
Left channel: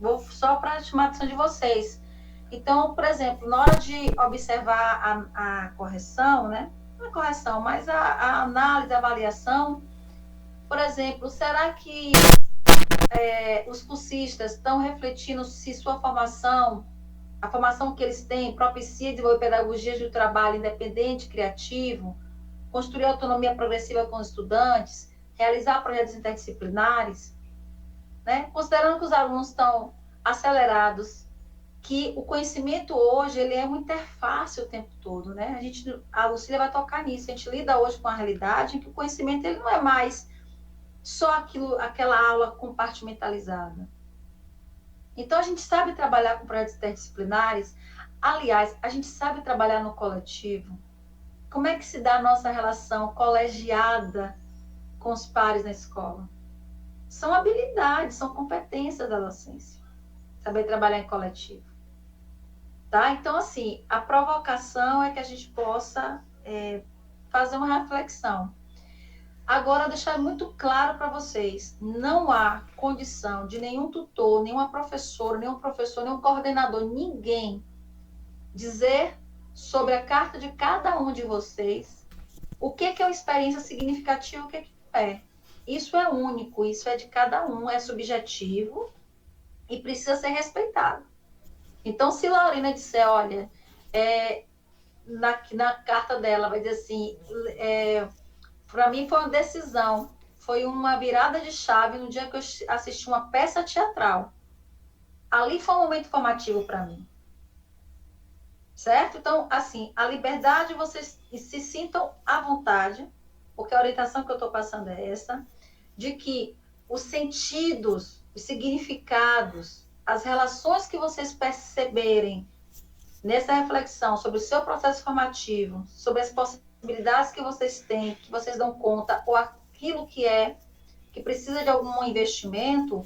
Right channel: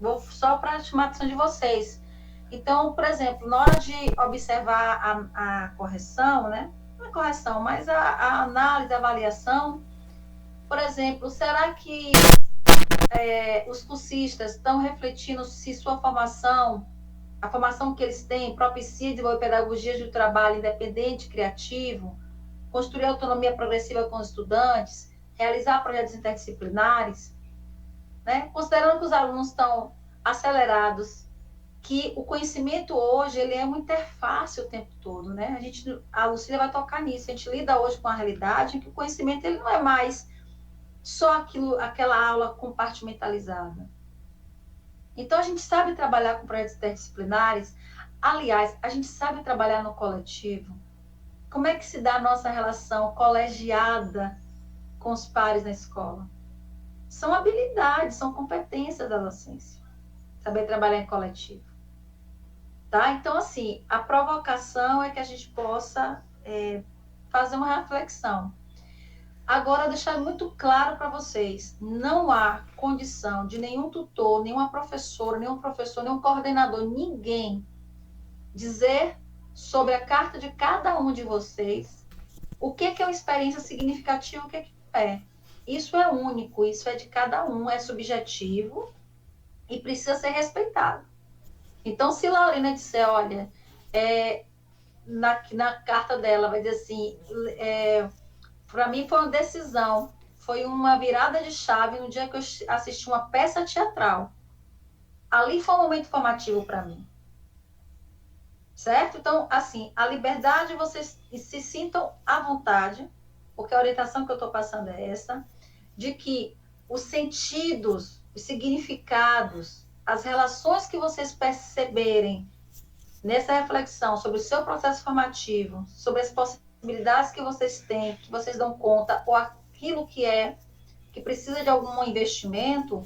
vou só para chamar a atenção de vocês. Então, por exemplo, na hora de observar a correção, né? Não a correção, mas a análise, a avaliação, Por exemplo, será que os cursistas estão refletindo se sua formação, a formação que eles têm, propicia desenvolver pedagogias de trabalho independente, criativo, construir autonomia progressiva com os estudantes, realizar projetos interdisciplinares, né? Considerando que os alunos estão acelerados, que o conhecimento hoje ele é uma interface o tempo todo, né? A Lucília vai tocar nisso. A gente lida hoje com a realidade em que o conhecimento ele não é mais só aquela aula compartimentalizada. Então a gente sabe trabalhar com projetos interdisciplinares. Aliás, a gente sabe trabalhar no coletivo. Como é que se dá a nossa relação colegiada com os pares na escola? São habilidades, são competências da docência. Saber trabalhar em coletivo. Tá? Então, assim, a provocação é que a gente possa fazer uma reflexão. Agora, deixar muito claro para vocês, não há condição de nenhum tutor, nenhuma professora, nenhum professor, nenhum coordenador, ninguém dizer sobre a carta de cada um de vocês o que é uma experiência significativa, o que é. Isso é único, isso é de cada um, é subjetivo e precisa ser respeitado. Então, se Lorena disser, olha, na carta dela, vai dizer assim, para mim foi uma decisão, foi uma virada de chave no dia que eu assisti uma peça teatral. Ali foi um momento formativo para mim. Certo? Então, assim, a liberdade, vocês se sintam à vontade, porque a orientação que eu estou passando é essa, de que os sentidos, os significados, as relações que vocês perceberem nessa reflexão sobre o seu processo formativo, sobre as possibilidades que vocês têm, que vocês dão conta, ou aquilo que precisa de algum investimento,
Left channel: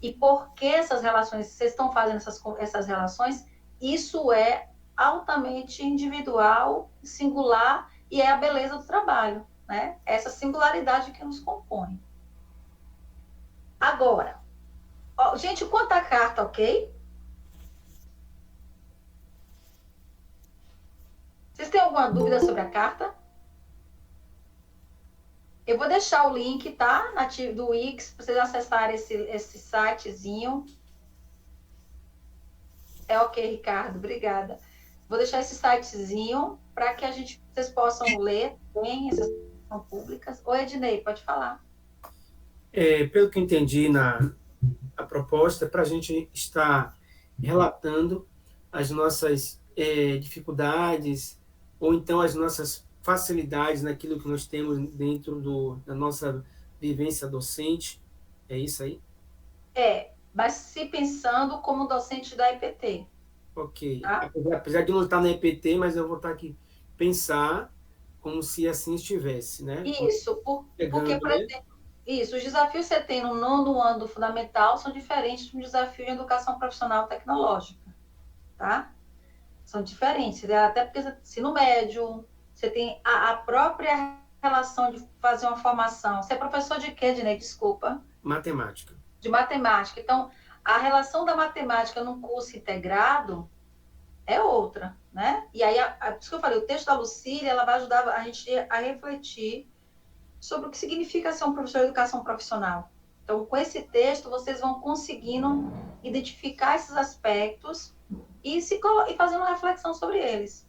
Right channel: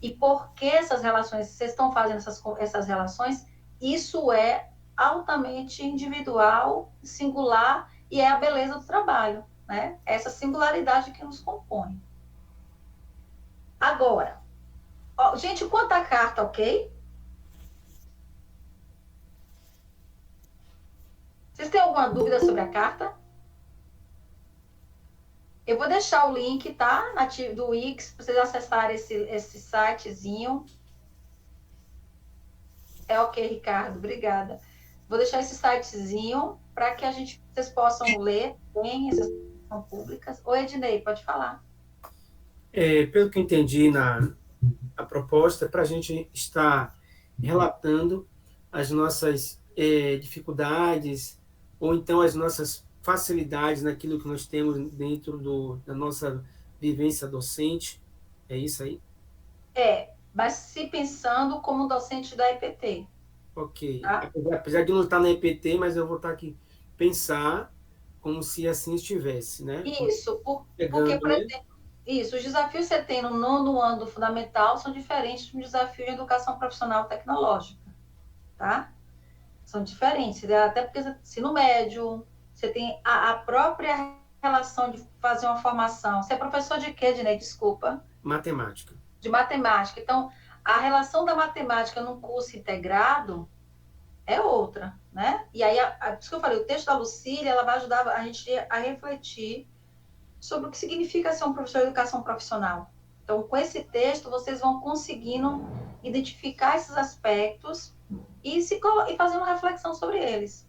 e por que essas relações, vocês estão fazendo essas relações, isso é altamente individual, singular, e é a beleza do trabalho, né? Essa singularidade que nos compõe. Agora, gente, quanto à carta, ok? Vocês têm alguma dúvida sobre a carta? Eu vou deixar o link, tá? Do Wix, para vocês acessarem esse sitezinho. É ok, Ricardo, obrigada. Vou deixar esse sitezinho para que vocês possam ler bem, essas são públicas. Oi, Ednei, pode falar. Pelo que eu entendi a proposta, para a gente estar relatando as nossas dificuldades ou então as nossas facilidades naquilo que nós temos dentro da nossa vivência docente. É isso aí? Mas se pensando como docente da EPT. Ok. Tá? Apesar de não estar na EPT, mas eu vou estar aqui pensar como se assim estivesse, né? Isso, porque, por exemplo, os desafios que você tem no 9º ano do fundamental são diferentes de um desafio de educação profissional tecnológica, tá? São diferentes, até porque ensino médio, você tem a própria relação de fazer uma formação. Você é professor de quê, Dinei? Desculpa. Matemática. De matemática. Então, a relação da matemática num curso integrado é outra, né? E aí, por isso que eu falei, o texto da Lucília, ela vai ajudar a gente a refletir sobre o que significa ser um professor de educação profissional. Então, com esse texto, vocês vão conseguindo identificar esses aspectos e fazer uma reflexão sobre eles.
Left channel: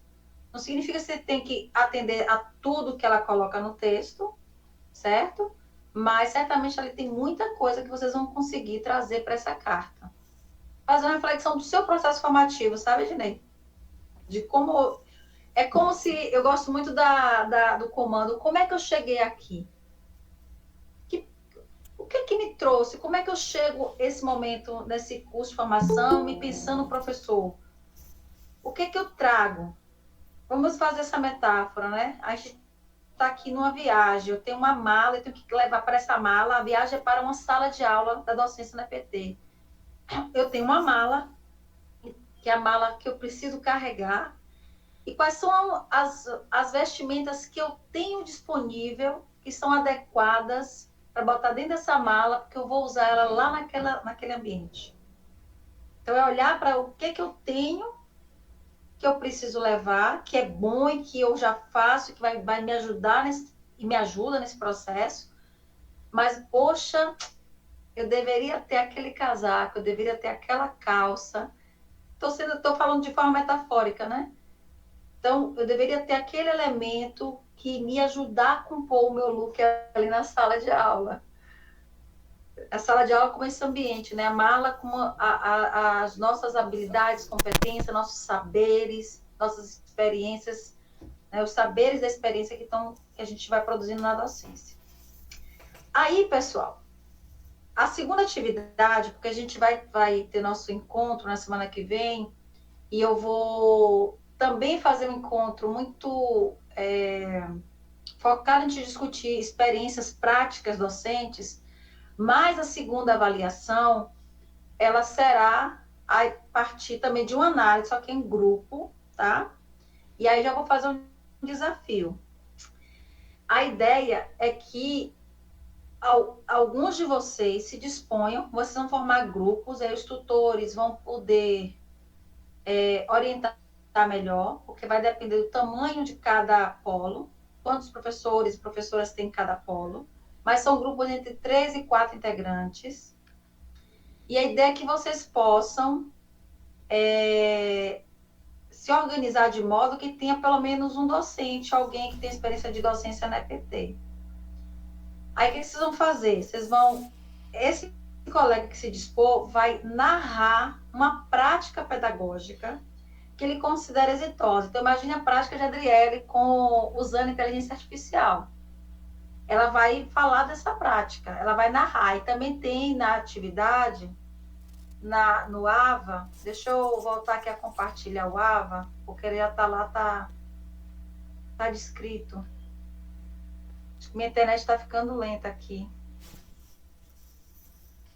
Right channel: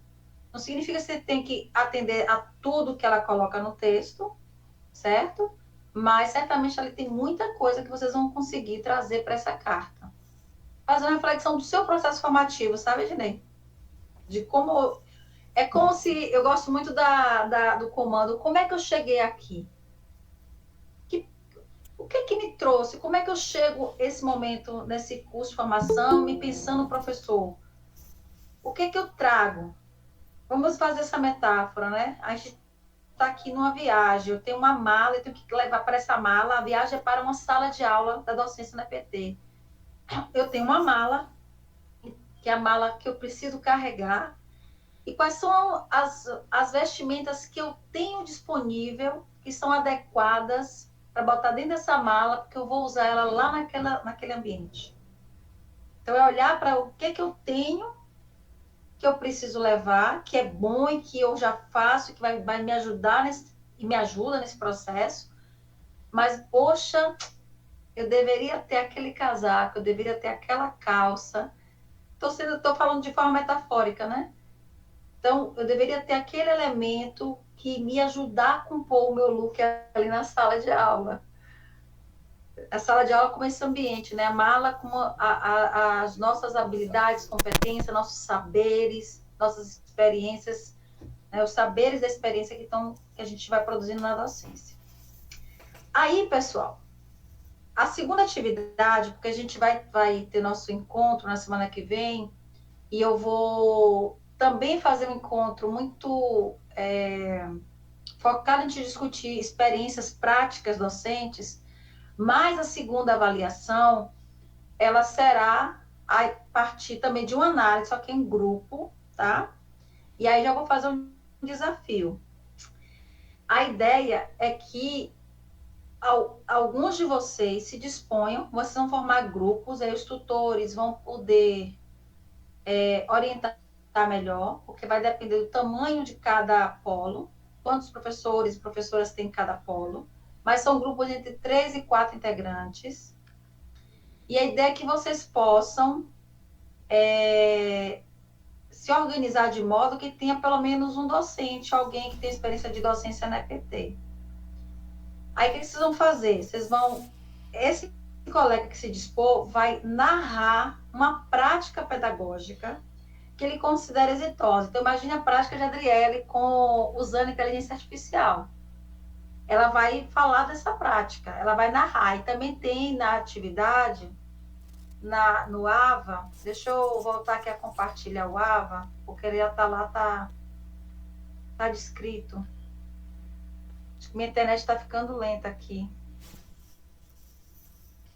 Não significa que você tem que atender a tudo que ela coloca no texto, certo? Mas, certamente, ali tem muita coisa que vocês vão conseguir trazer para essa carta. Fazer uma reflexão do seu processo formativo, sabe, Ednei? De como... É como se... Eu gosto muito do comando. Como é que eu cheguei aqui? O que me trouxe? Como é que eu chego esse momento, nesse curso de formação, me pensando professor? O que eu trago? Vamos fazer essa metáfora, né? A gente está aqui numa viagem, eu tenho uma mala, eu tenho que levar para essa mala, a viagem é para uma sala de aula da docência na PT. Eu tenho uma mala, que é a mala que eu preciso carregar, e quais são as vestimentas que eu tenho disponível, que são adequadas para botar dentro dessa mala, porque eu vou usar ela lá naquele ambiente. Então, é olhar para o que eu tenho, que eu preciso levar, que é bom e que eu já faço, que vai me ajudar e me ajuda nesse processo, mas, poxa, eu deveria ter aquele casaco, eu deveria ter aquela calça. Estou falando de forma metafórica, né? Então, eu deveria ter aquele elemento que me ajudar a compor o meu look ali na sala de aula. A sala de aula como esse ambiente, né? A mala com as nossas habilidades, competências, nossos saberes, nossas experiências, né? Os saberes da experiência que a gente vai produzindo na docência. Aí, pessoal, a segunda atividade, porque a gente vai ter nosso encontro na semana que vem, e eu vou também fazer um encontro muito focado em discutir experiências práticas docentes, mas a segunda avaliação, ela será a partir também de uma análise, só que em grupo, tá? E aí já vou fazer um desafio. A ideia é que alguns de vocês se disponham, vocês vão formar grupos, aí os tutores vão poder orientar melhor, porque vai depender do tamanho de cada polo, quantos professores e professoras tem em cada polo, mas são grupos entre 3 e 4 integrantes. E a ideia é que vocês possam se organizar de modo que tenha pelo menos um docente, alguém que tenha experiência de docência na EPT. Aí o que vocês vão fazer? Esse colega que se dispor vai narrar uma prática pedagógica que ele considera exitosa. Então, imagine a prática de Adriele usando inteligência artificial. Ela vai falar dessa prática, ela vai narrar. E também tem na atividade, no AVA, deixa eu voltar aqui a compartilhar o AVA, porque ele já está lá, tá descrito. Acho que minha internet está ficando lenta aqui.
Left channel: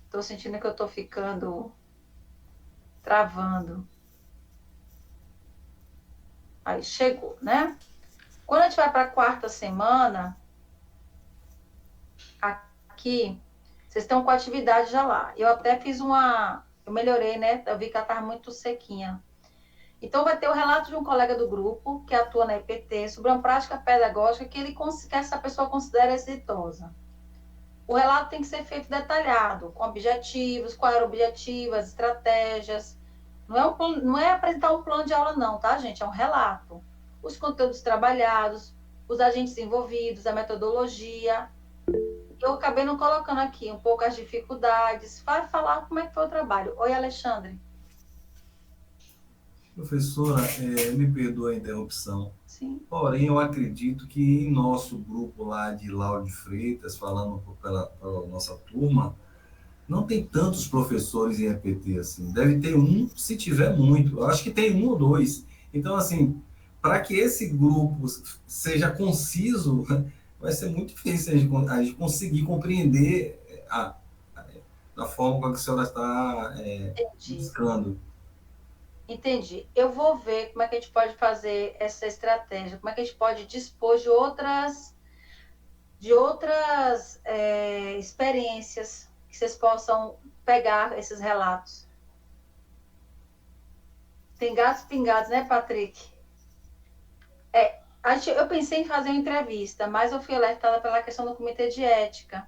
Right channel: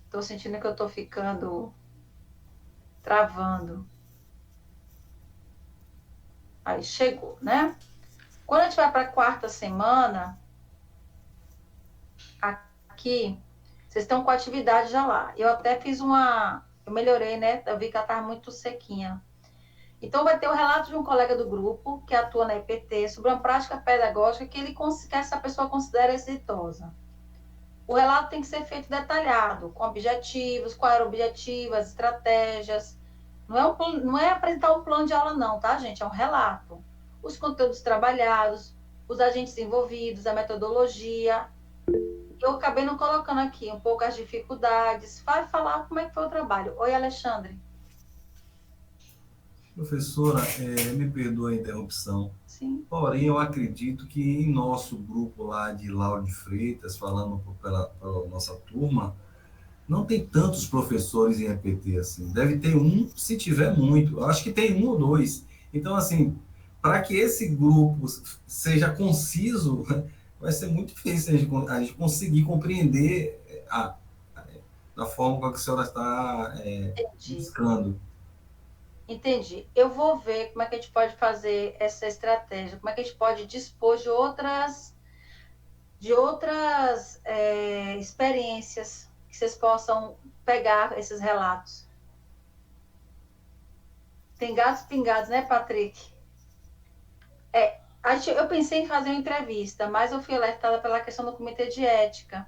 Estou sentindo que eu estou ficando travando. Aí chegou, né? Quando a gente vai para a quarta semana, aqui, vocês estão com a atividade já lá. Eu até fiz eu melhorei, né? Eu vi que ela estava muito sequinha. Então, vai ter o relato de um colega do grupo que atua na IPT sobre uma prática pedagógica que essa pessoa considera exitosa. O relato tem que ser feito detalhado, com objetivos, qual era o objetivo, as estratégias. Não é apresentar um plano de aula, não, tá, gente? É um relato. Os conteúdos trabalhados, os agentes envolvidos, a metodologia. Eu acabei não colocando aqui um pouco as dificuldades. Vai falar como é que foi o trabalho. Oi, Alexandre. Professora, me perdoa a interrupção. Sim. Porém, eu acredito que em nosso grupo lá de Lauro de Freitas, falando pela nossa turma, não tem tantos professores em EPT assim. Deve ter um, se tiver muito. Eu acho que tem um ou dois. Então, assim, para que esse grupo seja conciso, vai ser muito difícil a gente conseguir compreender da forma com que a senhora está buscando. Entendi. Eu vou ver como é que a gente pode fazer essa estratégia, como é que a gente pode dispor de outras experiências que vocês possam pegar esses relatos. Tem gatos pingados, né, Patrick? Eu pensei em fazer uma entrevista, mas eu fui alertada pela questão do comitê de ética,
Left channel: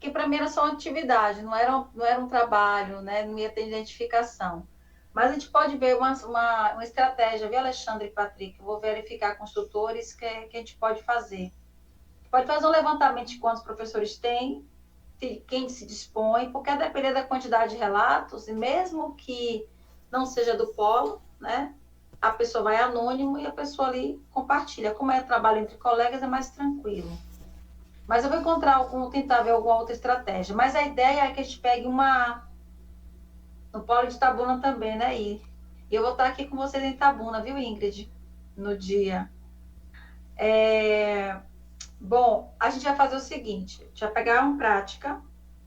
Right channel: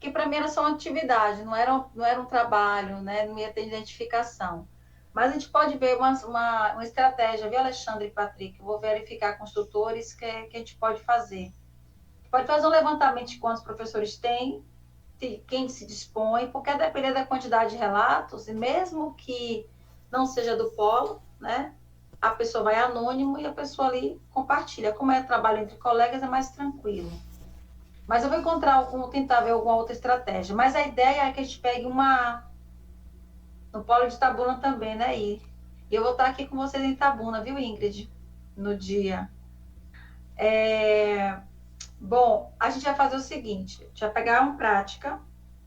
que para mim era só uma atividade, não era um trabalho, né, não ia ter identificação. Mas a gente pode ver uma estratégia, viu, Alexandre e Patrick? Eu vou verificar com os tutores que a gente pode fazer. Pode fazer um levantamento de quantos professores tem, quem se dispõe, porque a depender da quantidade de relatos, e mesmo que não seja do polo, né, a pessoa vai anônimo e a pessoa ali compartilha. Como é trabalho entre colegas, é mais tranquilo. Mas eu vou tentar ver alguma outra estratégia. Mas a ideia é que a gente pegue no polo de Itabuna também, né? E eu vou estar aqui com vocês em Itabuna, viu, Ingrid? No dia. Bom, a gente vai fazer o seguinte, a gente vai pegar uma prática,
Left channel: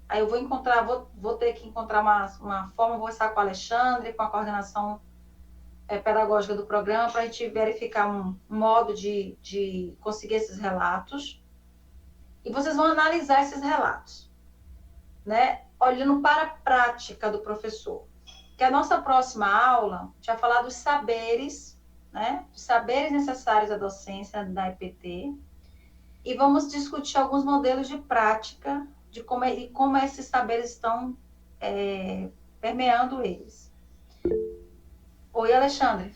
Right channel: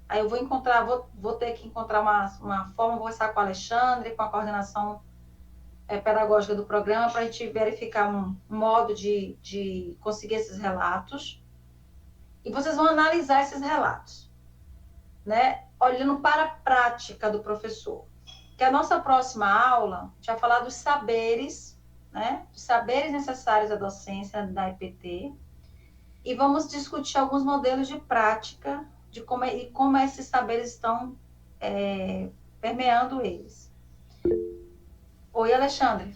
aí eu vou ter que encontrar uma forma, vou estar com o Alexandre, com a coordenação pedagógica do programa, para a gente verificar um modo de conseguir esses relatos. E vocês vão analisar esses relatos, né? Olhando para a prática do professor. Que a nossa próxima aula, a gente vai falar dos saberes, né? Dos saberes necessários à docência da EPT. E vamos discutir alguns modelos de prática de como esses saberes estão permeando eles. Oi, Alexandre.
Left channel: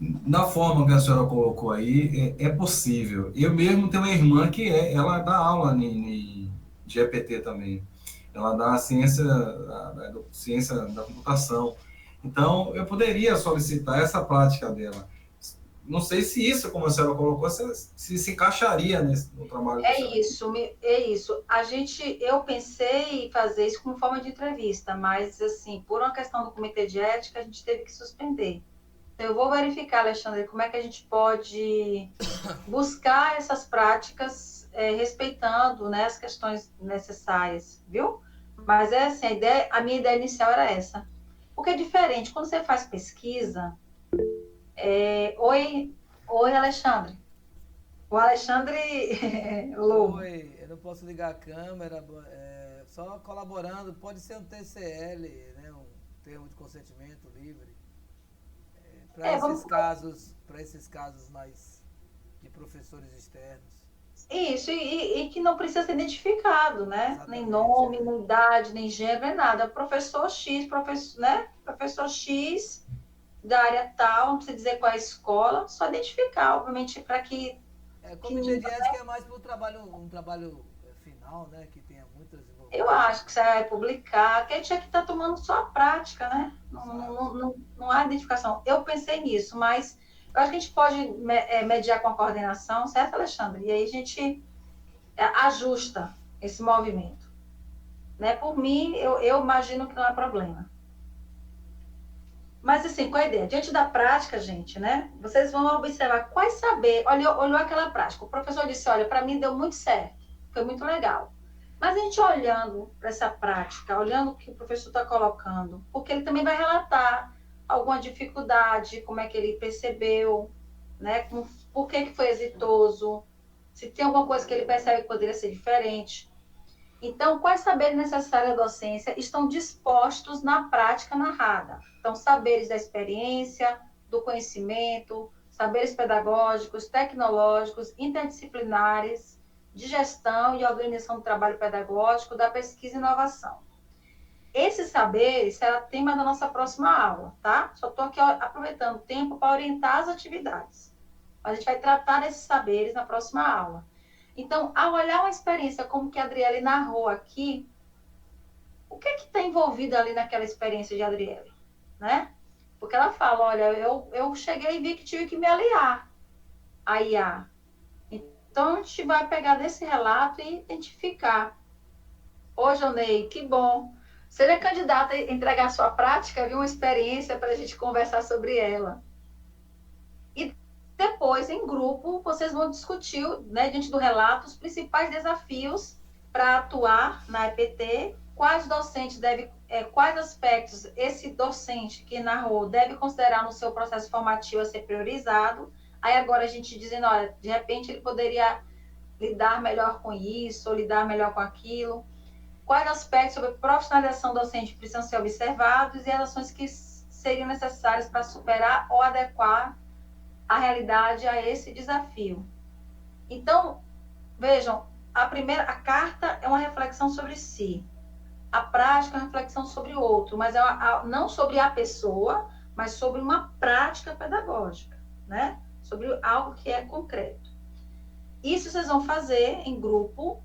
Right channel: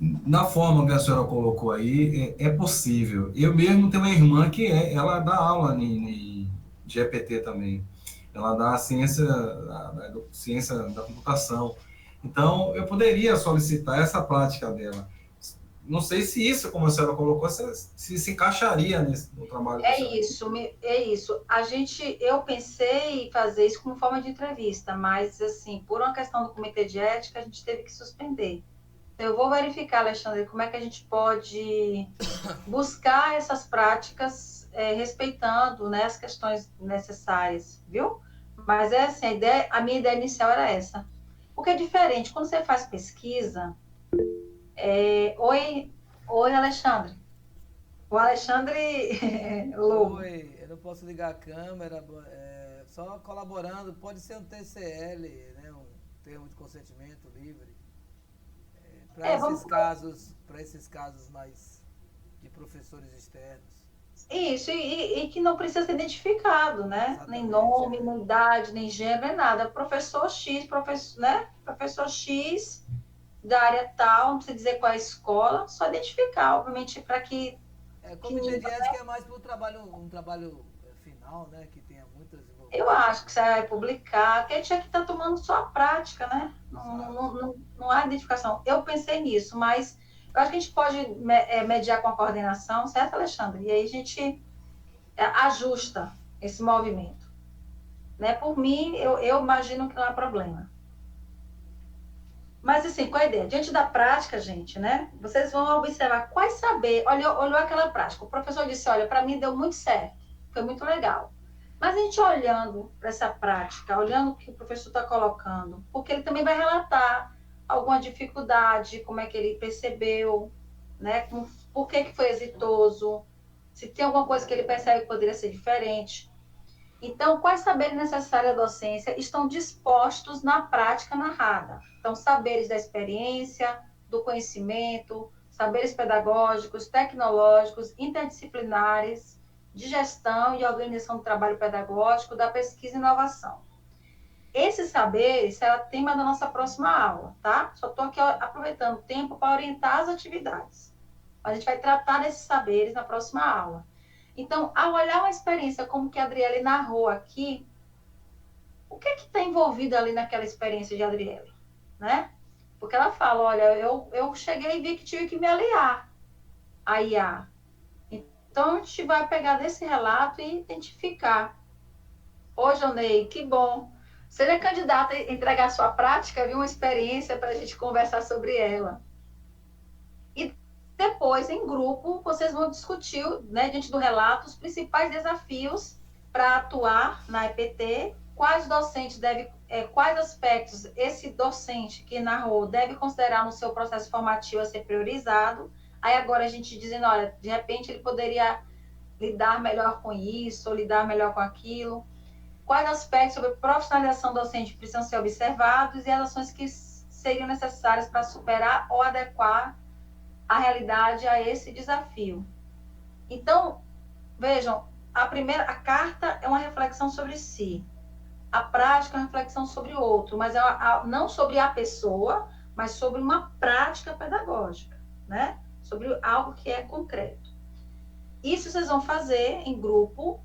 Na forma que a senhora colocou aí, é possível. Eu mesmo tenho uma irmã que ela dá aula de EPT também. Ela dá ciência da computação. Então, eu poderia solicitar essa prática dela. Não sei se isso, como a senhora colocou, se encaixaria no trabalho. É isso. Eu pensei em fazer isso como forma de entrevista, mas, assim, por uma questão do comitê de ética, a gente teve que suspender. Eu vou verificar, Alexandre, como é que a gente pode buscar essas práticas respeitando, né, as questões necessárias, viu? Mas assim, a minha ideia inicial era essa. Porque é diferente, quando você faz pesquisa... Oi, Alexandre. O Alexandre... Oi, eu não posso ligar a câmera, só colaborando, pode ser um TCL, né, um termo de consentimento livre. Para esses casos mais de professores externos. Isso, e que não precisa ser identificado, né? Exatamente, nem nome, nem idade, nem gênero, nem nada. Professor X, né? Professor X da área tal, não precisa dizer qual é a escola, só identificar, obviamente, para que... Comitê de ética é mais para um trabalho final, né? Que tenha muitas envolvências. Eu acho que você vai publicar, que a gente aqui está tomando só a prática, né? Não há identificação. Eu pensei nisso, mas eu acho que a gente pode mediar com a coordenação, certo, Alexandre? E aí a gente ajusta esse movimento. Né? Por mim, eu imagino que não é problema. Mas, assim, qual é a ideia? Diante da prática, gente, né? Vocês vão observar quais saberes... Olhou aquela prática. O professor disse, olha, para mim deu muito certo. Foi muito legal. Mas a gente olhando para essa prática, olhando o que o professor está colocando, porque ele também vai relatar alguma dificuldade, como é que ele percebeu, né? Por que foi exitoso, se tem alguma coisa que ele percebe que poderia ser diferente. Então, quais saberes necessários à docência estão dispostos na prática narrada? Então, saberes da experiência, do conhecimento, saberes pedagógicos, tecnológicos, interdisciplinares, de gestão e organização do trabalho pedagógico, da pesquisa e inovação. Esses saberes será tema da nossa próxima aula, tá? Só estou aqui aproveitando o tempo para orientar as atividades. A gente vai tratar desses saberes na próxima aula. Então, ao olhar uma experiência como que a Adriele narrou aqui, o que está envolvido ali naquela experiência de Adriele, né? Porque ela fala, olha, eu cheguei e vi que tive que me aliar à IA. Então, a gente vai pegar desse relato e identificar. Ô, Jonei, que bom. Seria candidata a entregar sua prática, viu? Uma experiência para a gente conversar sobre ela. E depois, em grupo, vocês vão discutir, né, diante do relato, os principais desafios para atuar na EPT, quais aspectos esse docente que narrou deve considerar no seu processo formativo a ser priorizado. Aí agora a gente dizendo, olha, de repente ele poderia lidar melhor com isso, ou lidar melhor com aquilo. Quais aspectos sobre profissionalização docente precisam ser observados e as ações que seriam necessárias para superar ou adequar a realidade a esse desafio. Então, vejam, a carta é uma reflexão sobre si. A prática é uma reflexão sobre o outro, mas não sobre a pessoa, mas sobre uma prática pedagógica, né? Sobre algo que é concreto. Isso vocês vão fazer em grupo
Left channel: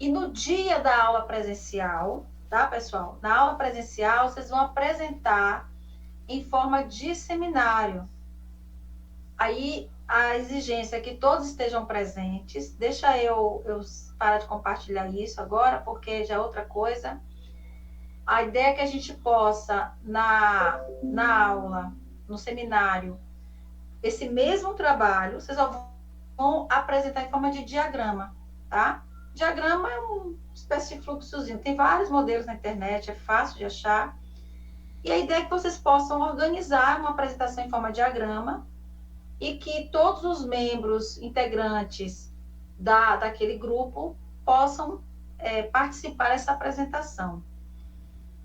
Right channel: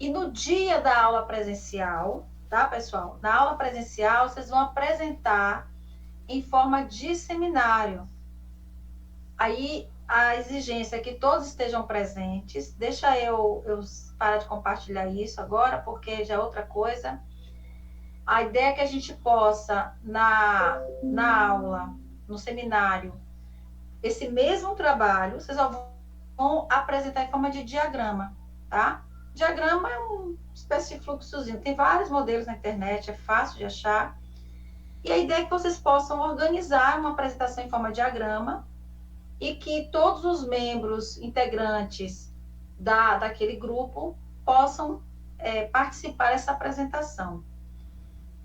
e no dia da aula presencial, tá, pessoal? Na aula presencial, vocês vão apresentar em forma de seminário. Aí, a exigência é que todos estejam presentes. Deixa eu parar de compartilhar isso agora, porque já é outra coisa. A ideia é que a gente possa, na aula, no seminário, esse mesmo trabalho, vocês vão apresentar em forma de diagrama, tá? Diagrama é uma espécie de fluxozinho. Tem vários modelos na internet, é fácil de achar. E a ideia é que vocês possam organizar uma apresentação em forma de diagrama e que todos os membros integrantes daquele grupo possam participar dessa apresentação.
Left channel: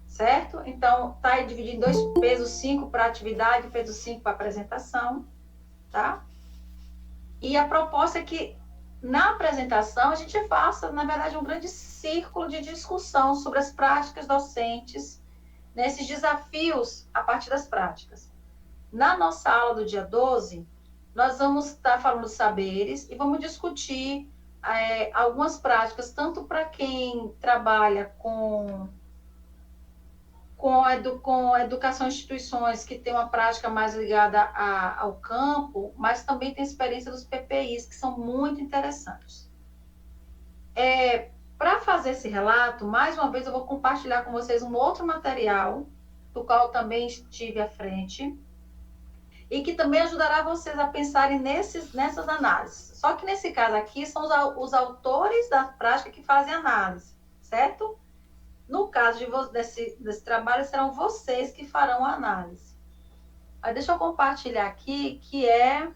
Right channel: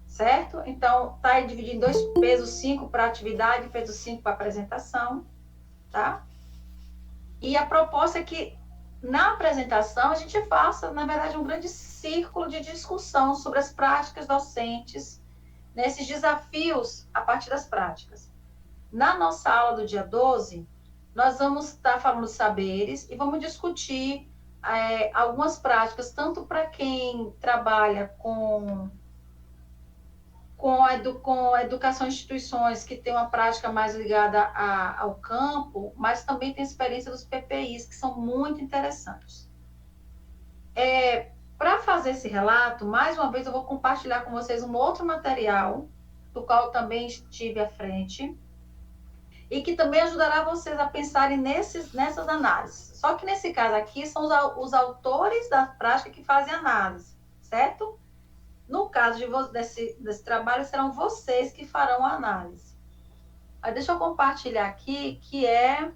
Certo? Então, está aí dividido em 2 pesos 5 para atividade, peso 5 para apresentação, tá? E a proposta é que na apresentação, a gente faça, na verdade, um grande círculo de discussão sobre as práticas docentes, nesses desafios a partir das práticas. Na nossa aula do dia 12, nós vamos estar falando de saberes e vamos discutir algumas práticas, tanto para quem trabalha com a educação em instituições que tem uma prática mais ligada ao campo, mas também tem experiência dos PPIs, que são muito interessantes. Para fazer esse relato, mais uma vez eu vou compartilhar com vocês um outro material, do qual eu também estive à frente, e que também ajudará vocês a pensarem nessas análises. Só que nesse caso aqui, são os autores da prática que fazem análise, certo? No caso desse trabalho, serão vocês que farão a análise. Mas deixa eu compartilhar aqui, que é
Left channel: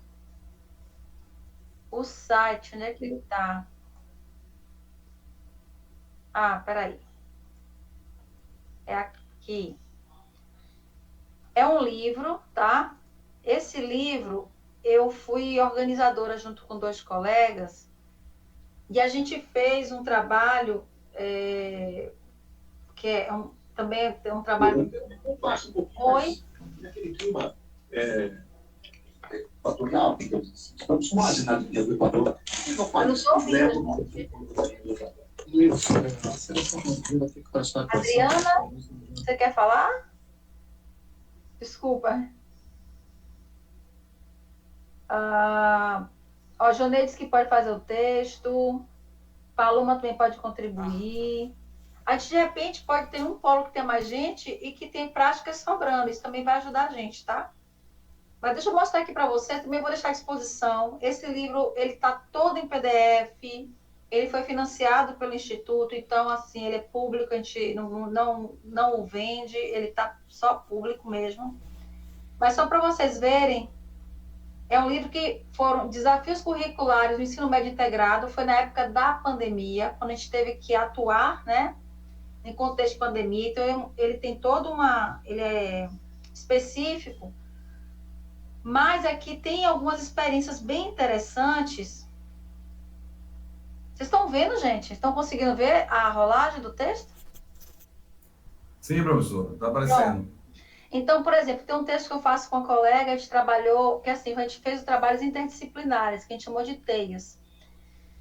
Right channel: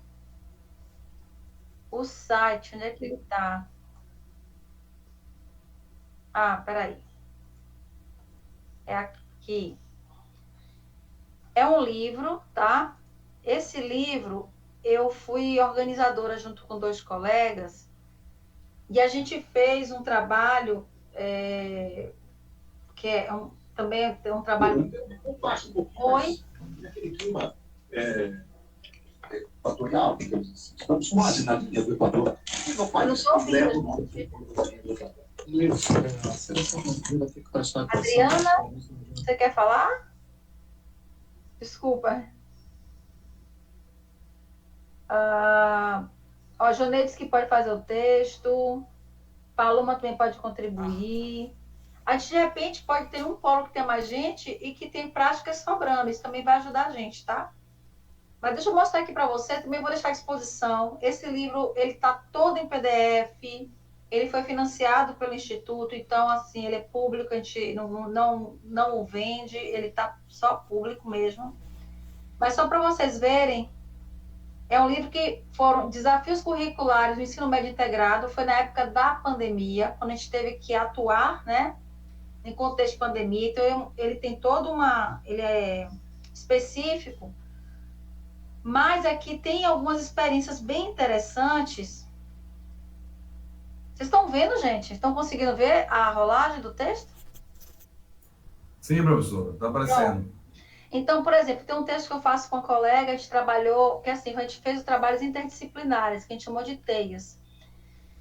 o site, onde é que ele está? Ah, peraí. É aqui. É um livro, tá? Esse livro, eu fui organizadora junto com 2 colegas, e a gente fez um trabalho que também é um trabalho... Oi? Naquele clima equatorial, estamos quase na linha do Equador. Eu não sou ouvindo. Adriana, você quer falar? Desculpa. A Jonê disse que pode fazer o texto. Paloma também pode contribuir. A gente, de repente, pode ter um polo que tem mais gente e que tem práticas sobrando. Isso também vai ajudar a gente, tá? Mas deixa eu mostrar aqui para você. Também vou deixar à disposição. Esse livro, ele está todo em PDF. Ele foi financiado pelo Instituto. Então, assim, ele é público. A gente não o vende. Ele está só público mesmo. Mas só para vocês verem, é um livro que foram desafios curriculares do ensino médio integrado. Foi na época da pandemia, quando a gente teve que atuar, né? Em contexto de pandemia, então ele tem ele é específico, mas aqui tem algumas experiências bem interessantes. Vocês estão vendo, gente? Estão conseguindo ver a rolagem do texto? Sim, professor, está aparecendo. Pronto. Então, por exemplo, tem um texto que eu faço com a colega, a gente trabalhou, que assim, a gente fez os trabalhos interdisciplinares, que a gente chamou de teias.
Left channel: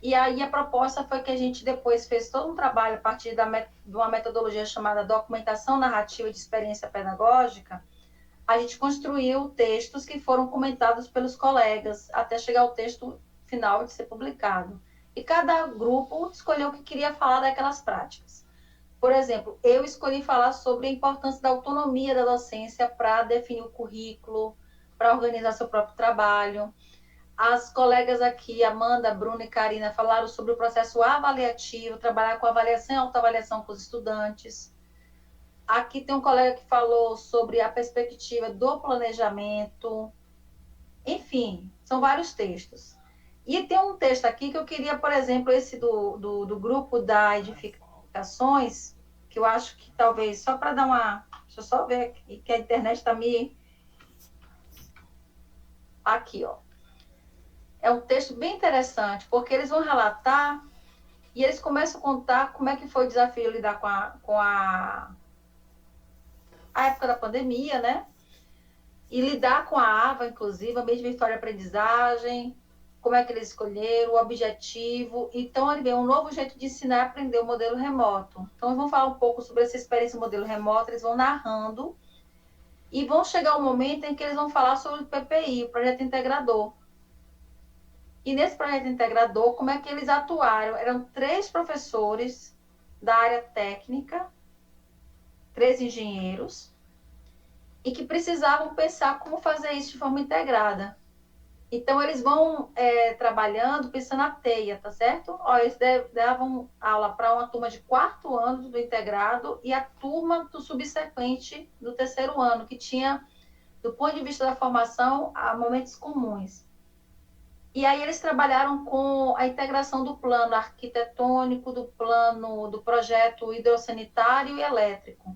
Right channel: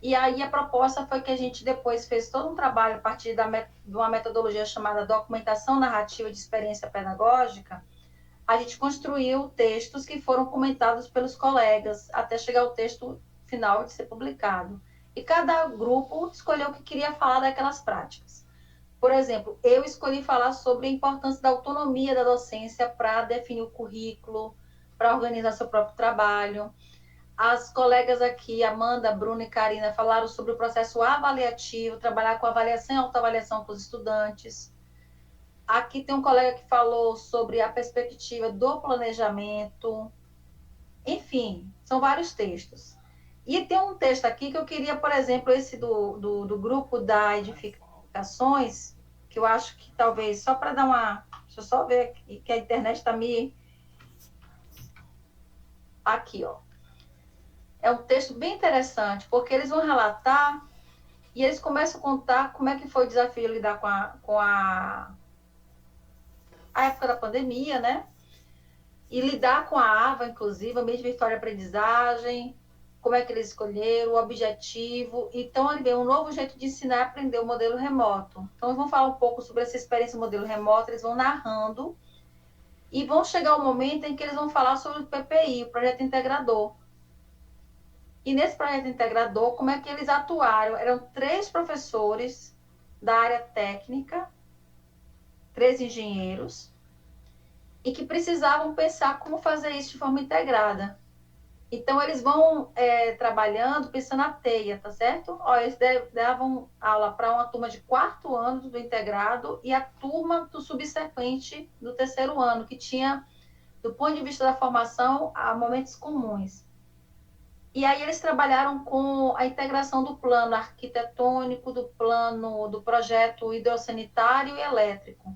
E aí a proposta foi que a gente depois fez todo um trabalho a partir de uma metodologia chamada documentação narrativa de experiência pedagógica. A gente construiu textos que foram comentados pelos colegas até chegar ao texto final de ser publicado. E cada grupo escolheu o que queria falar daquelas práticas. Por exemplo, eu escolhi falar sobre a importância da autonomia da docência para definir o currículo, para organizar seu próprio trabalho. As colegas aqui, Amanda, Bruna e Karina, falaram sobre o processo avaliativo, trabalhar com avaliação e autoavaliação com os estudantes. Aqui tem um colega que falou sobre a perspectiva do planejamento. Enfim, são vários textos. E tem um texto aqui que eu queria, por exemplo, esse do grupo da Edificações, que eu acho que talvez, só para dar uma... Deixa eu só ver aqui, que a internet está me... Aqui, ó. É um texto bem interessante, porque eles vão relatar e eles começam a contar como é que foi o desafio lidar com a época da pandemia, né? E lidar com a AVA, inclusive, a mesma história de aprendizagem, como é que eles escolheram, o objetivo. Então, ali vem um novo jeito de ensinar e aprender o modelo remoto. Então, eles vão falar um pouco sobre essa experiência do modelo remoto, eles vão narrando e vão chegar um momento em que eles vão falar sobre o PPI, o Projeto Integrador. E nesse projeto integrador, como é que eles atuaram? Eram 3 professores da área técnica, 3 engenheiros, e que precisavam pensar como fazer isso de forma integrada. Então, eles vão trabalhando, pensando na teia, tá certo? Ó, eles davam aula para uma turma de 4º ano do integrado e a turma do subsequente do 3º ano, que tinha, do ponto de vista da formação, momentos comuns. E aí eles trabalharam com a integração do plano arquitetônico, do projeto hidrossanitário e elétrico.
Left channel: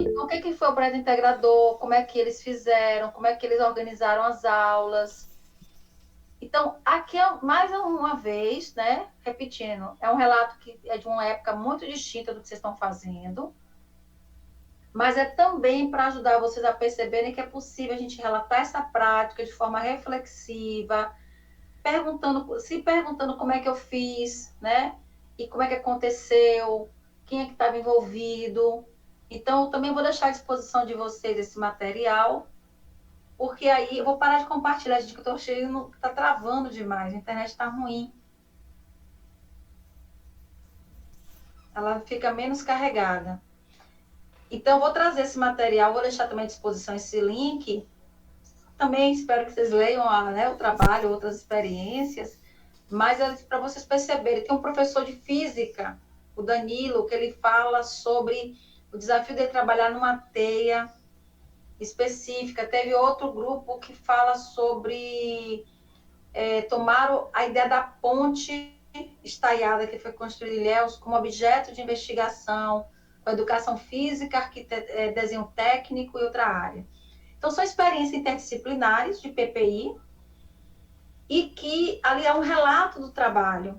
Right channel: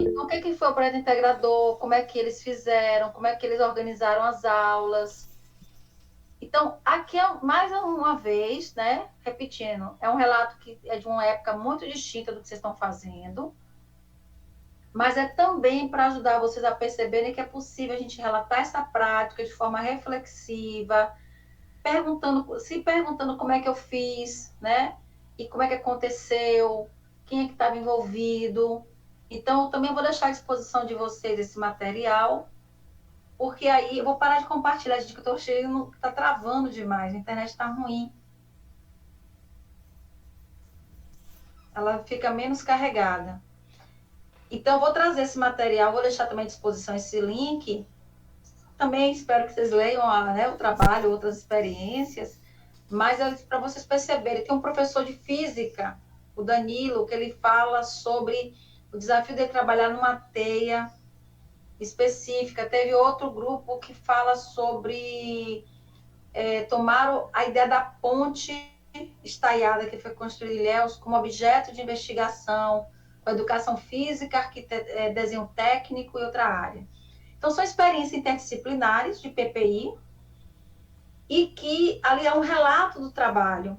Então, o que foi o projeto integrador, como é que eles fizeram, como é que eles organizaram as aulas. Então, aqui mais uma vez, né, repetindo, é um relato que é de uma época muito distinta do que vocês estão fazendo, mas é também para ajudar vocês a perceberem que é possível a gente relatar essa prática de forma reflexiva, se perguntando como é que eu fiz, né? E como é que aconteceu, quem é que estava envolvido. Então, eu também vou deixar à disposição de vocês esse material, porque aí eu vou parar de compartilhar, gente, que eu estou cheio, está travando demais, a internet está ruim. Ela fica menos carregada. Então, eu vou trazer esse material, vou deixar também à disposição esse link. Também espero que vocês leiam né, o trabalho, outras experiências, mas para vocês perceberem, tem um professor de física, o Danilo, que ele fala sobre o desafio de trabalhar numa teia específica. Teve outro grupo que fala sobre tomar a ideia da ponte estaiada que foi construída em Ilhéus como objeto de investigação, com educação física, desenho técnico e outra área. Então, são experiências interdisciplinares de PPI e que ali é um relato do trabalho,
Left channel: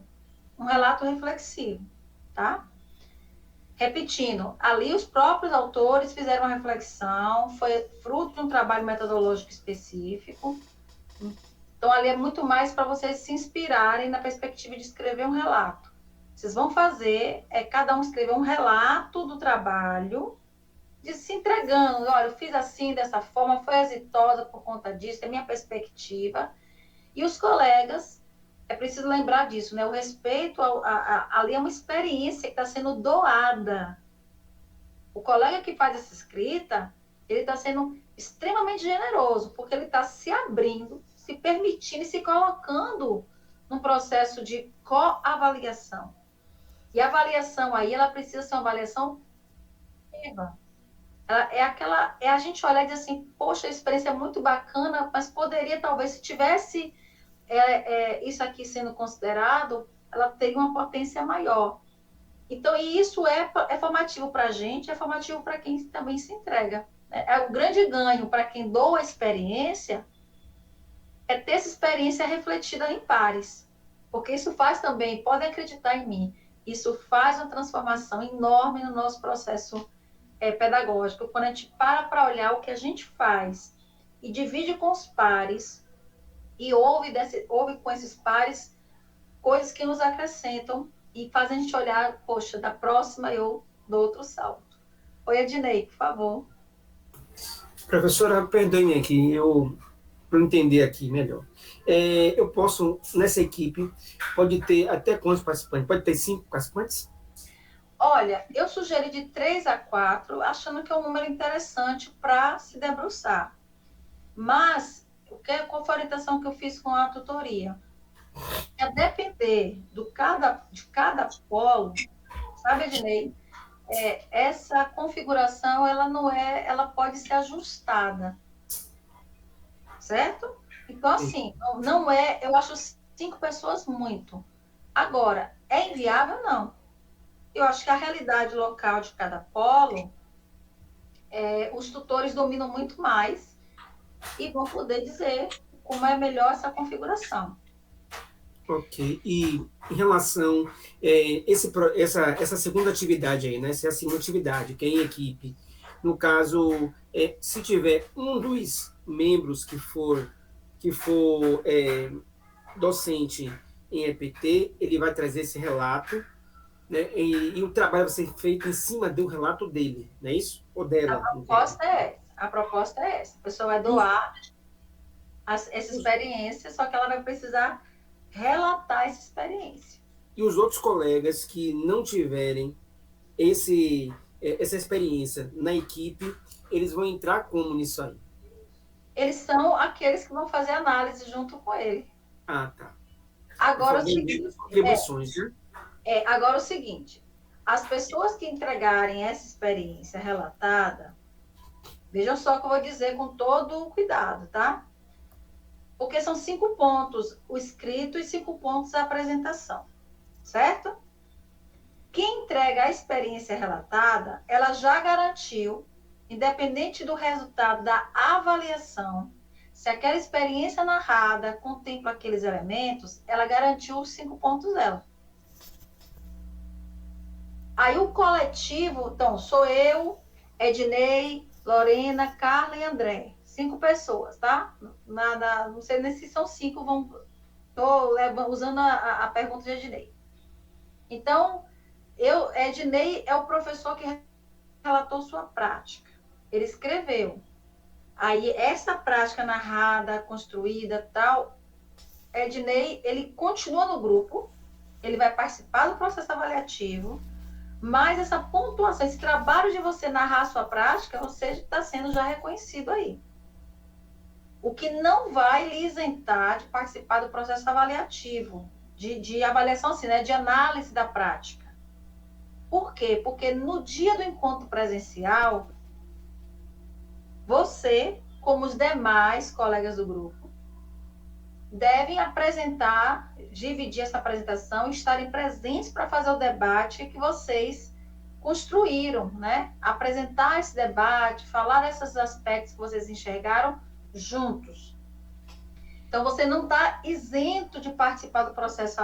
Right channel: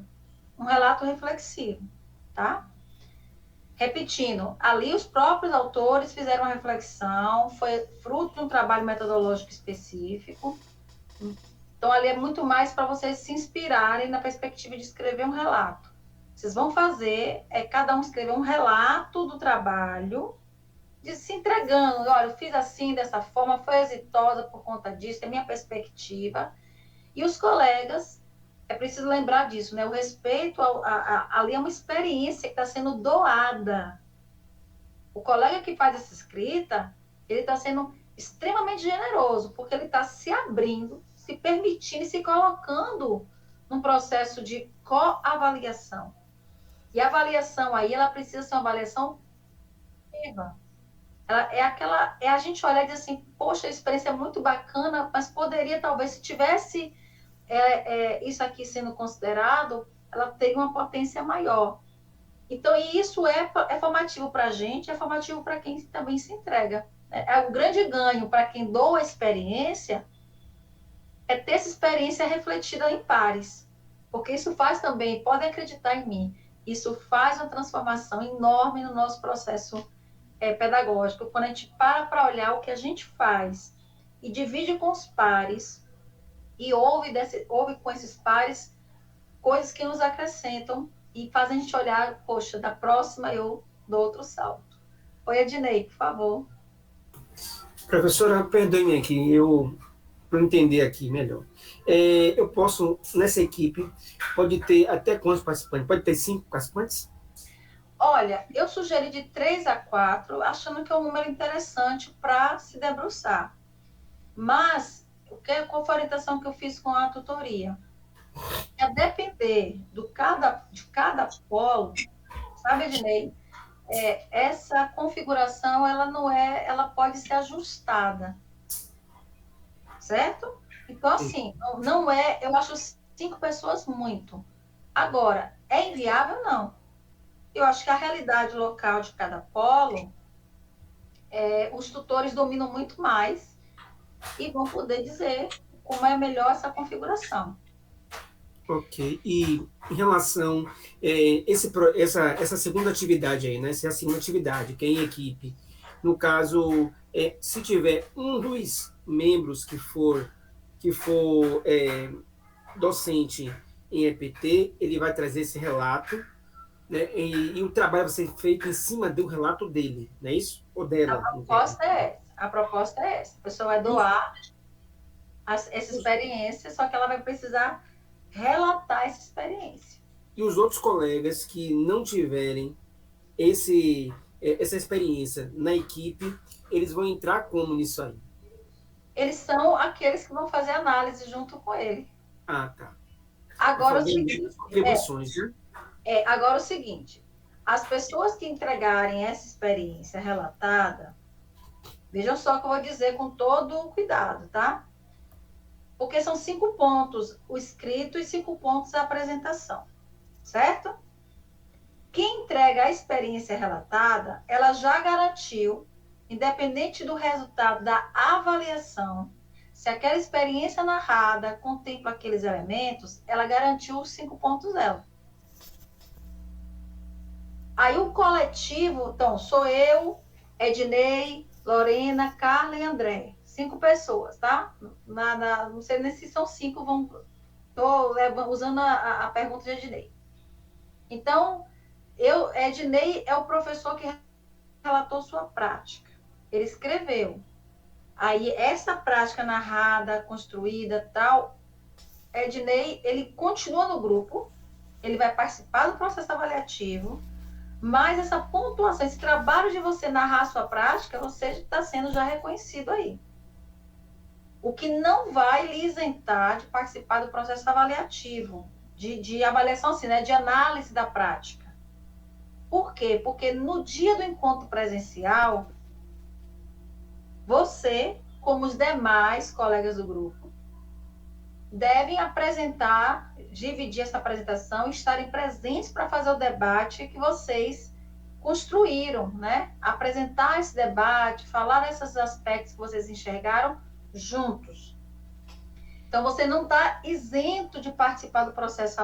um relato reflexivo, tá? Repetindo, ali os próprios autores fizeram uma reflexão, foi fruto de um trabalho metodológico específico. Então, ali é muito mais para vocês se inspirarem na perspectiva de escrever um relato. Vocês vão fazer, cada um escrever um relato do trabalho, de se entregando. Olha, eu fiz assim, dessa forma, foi exitosa por conta disso, é minha perspectiva. E os colegas, é preciso lembrar disso, né? O respeito ali é uma experiência que está sendo doada. O colega que faz essa escrita, ele está sendo extremamente generoso, porque ele está se abrindo, se permitindo e se colocando num processo de coavaliação. E a avaliação aí, ela precisa ser uma avaliação viva. É a gente olhar e dizer assim, poxa, a experiência é muito bacana, mas poderia, talvez, se tivesse isso aqui sendo considerado, ela teria uma potência maior. Então, e isso é formativo para a gente, é formativo para quem também se entrega. É o grande ganho para quem doa a experiência, é ter essa experiência refletida em pares. Porque isso faz também, podem acreditar em mim, isso faz uma transformação enorme no nosso processo pedagógico. Quando a gente para olhar o que a gente faz e divide com os pares, e ouve com esses pares coisas que nos acrescentam e fazem a gente olhar, poxa, da próxima eu dou outro salto. Oi, Ednei, por favor. Professora, perdoe-me aqui, para entender aqui melhor. Eu posso, nessa equipe, pode ter até quantos participantes? Pode ter 5 participantes? Olha, eu sugeri de 3 a 4, achando que é um número interessante para se debruçar. Mas, qual foi a orientação que eu fiz com a tutoria? A depender de cada polo, sabe, Ednei? Essa configuração, ela pode ser ajustada, certo? Então, assim, não eu acho 5 pessoas muito. Agora, é inviável? Não. Eu acho que a realidade local de cada polo, os tutores dominam muito mais e vão poder dizer como é melhor essa configuração. Ok. E em relação essa segunda atividade aí, né? Essa é a segunda atividade, que é em equipe. No caso, se tiver um dos membros que for docente em EPT, ele vai trazer esse relato, né? E o trabalho vai ser feito em cima do relato dele, não é isso? Ou dela? A proposta é essa. A pessoa vai doar essa experiência, só que ela vai precisar relatar essa experiência. E os outros colegas que não tiverem essa experiência na equipe, eles vão entrar como nisso aí? Eles são aqueles que vão fazer análise junto com ele. Ah, tá. Agora, o seguinte, agora o seguinte, as pessoas que entregarem essa experiência relatada, vejam só o que eu vou dizer com todo o cuidado, tá? Porque são 5 pontos o escrito e 5 pontos a apresentação, certo? Quem entrega a experiência relatada, ela já garantiu, independente do resultado da avaliação, Se aquela experiência narrada contempla aqueles elementos, ela garantiu os 5 pontos dela. Aí o coletivo, então, sou eu, Ednei, Lorena, Carla e André. 5 pessoas, tá? Não sei nem se são 5, estou usando a pergunta de Ednei. Então, Ednei é o professor que relatou sua prática. Ele escreveu. Aí, essa prática narrada, construída, tal, Ednei, ele continua no grupo, ele vai participar do processo avaliativo, mas essa pontuação, esse trabalho de você narrar a sua prática, você está sendo já reconhecido aí. O que não vai lhe isentar de participar do processo avaliativo, de avaliação, assim, né, de análise da prática. Por quê? Porque no dia do encontro presencial, você, como os demais colegas do grupo, devem apresentar, dividir essa apresentação e estarem presentes para fazer o debate que vocês construíram, né? Apresentar esse debate, falar desses aspectos que vocês enxergaram juntos. Então, você não está isento de participar do processo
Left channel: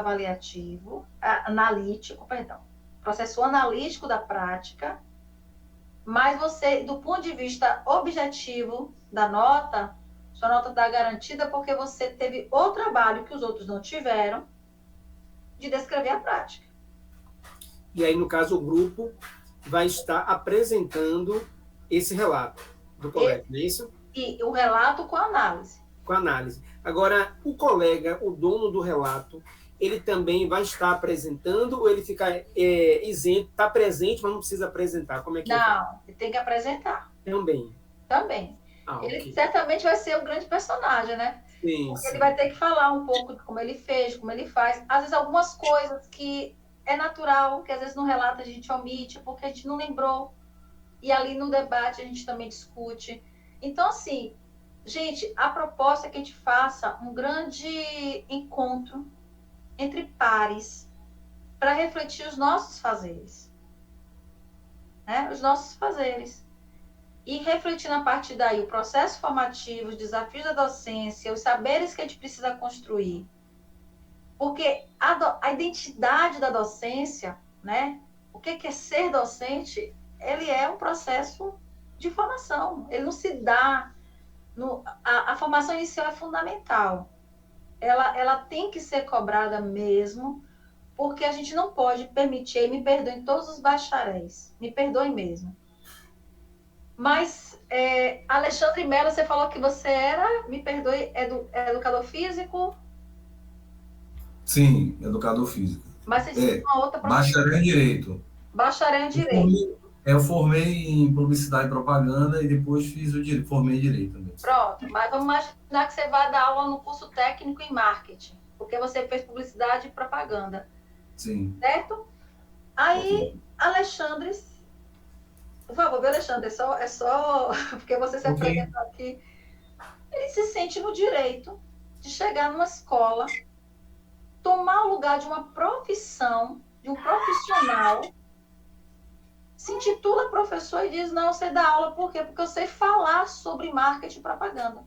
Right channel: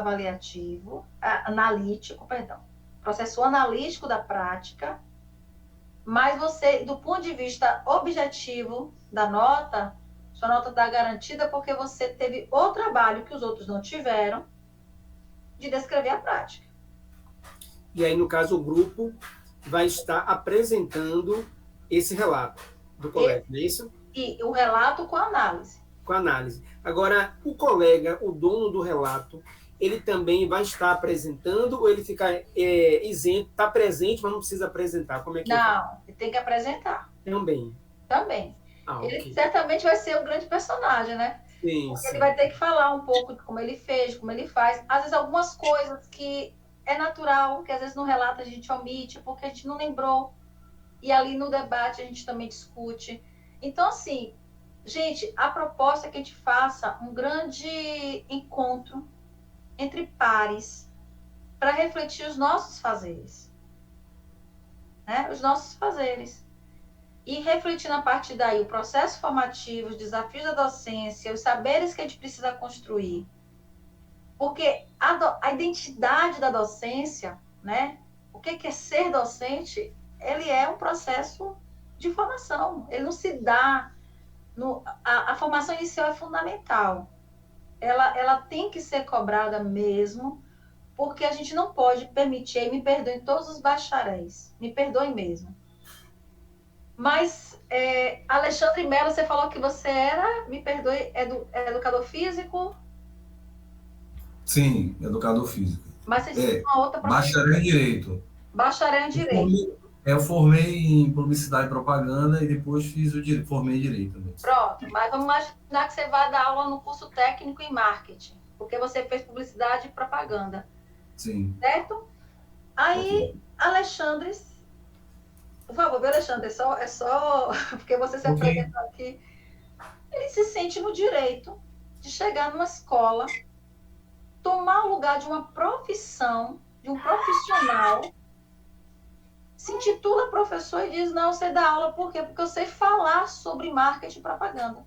processo analítico da prática, mas você, do ponto de vista objetivo da nota, sua nota está garantida porque você teve o trabalho que os outros não tiveram de descrever a prática. E aí, no caso, o grupo vai estar apresentando esse relato do colega, não é isso? E o relato com análise. Com análise. Agora, o colega, o dono do relato, ele também vai estar apresentando ou ele fica isento, está presente, mas não precisa apresentar? Como é que Não, ele tem que apresentar. Também. Ele okay. certamente vai ser um grande personagem, né? Sim, Porque sim. ele vai ter que falar um pouco de como ele fez, de como ele faz. Às vezes, algumas coisas que é natural, que às vezes no relato a gente omite, porque a gente não lembrou. E ali no debate a gente também discute. Então, assim, gente, a proposta é que a gente faça um grande encontro entre pares para refletir os nossos fazeres. Né? Os nossos fazeres. E refletir a partir daí o processo formativo, os desafios da docência, os saberes que a gente precisa construir. Porque a identidade da docência, né? O que é ser docente, ele é um processo de formação. Ele não se dá... A formação inicial é fundamental. Ela tem que ser cobrada mesmo, porque a gente não pode permitir, me perdoem todos os bacharéis, me perdoem mesmo. Mas, Alexandre Mello, você falou que você era, me perdoe, educador físico? Sim, educador físico. Mas você tinha uma outra profissão. Bacharel em Direito. Bacharel em Direito. Eu formei em Publicidade e Propaganda e depois formei em Direito também. Pronto, mas vamos imaginar que você vai dar aula no curso técnico em Marketing, porque você fez Publicidade e Propaganda. Sim. Certo? Aí, Alexandre... Por favor, viu, Alexandre? É só porque você se apresentou aqui. Ele se sente no direito de chegar numa escola, tomar o lugar de uma profissão, de um profissional, se intitula professor e diz, não, você dá aula, por quê? Porque eu sei falar sobre marketing e propaganda.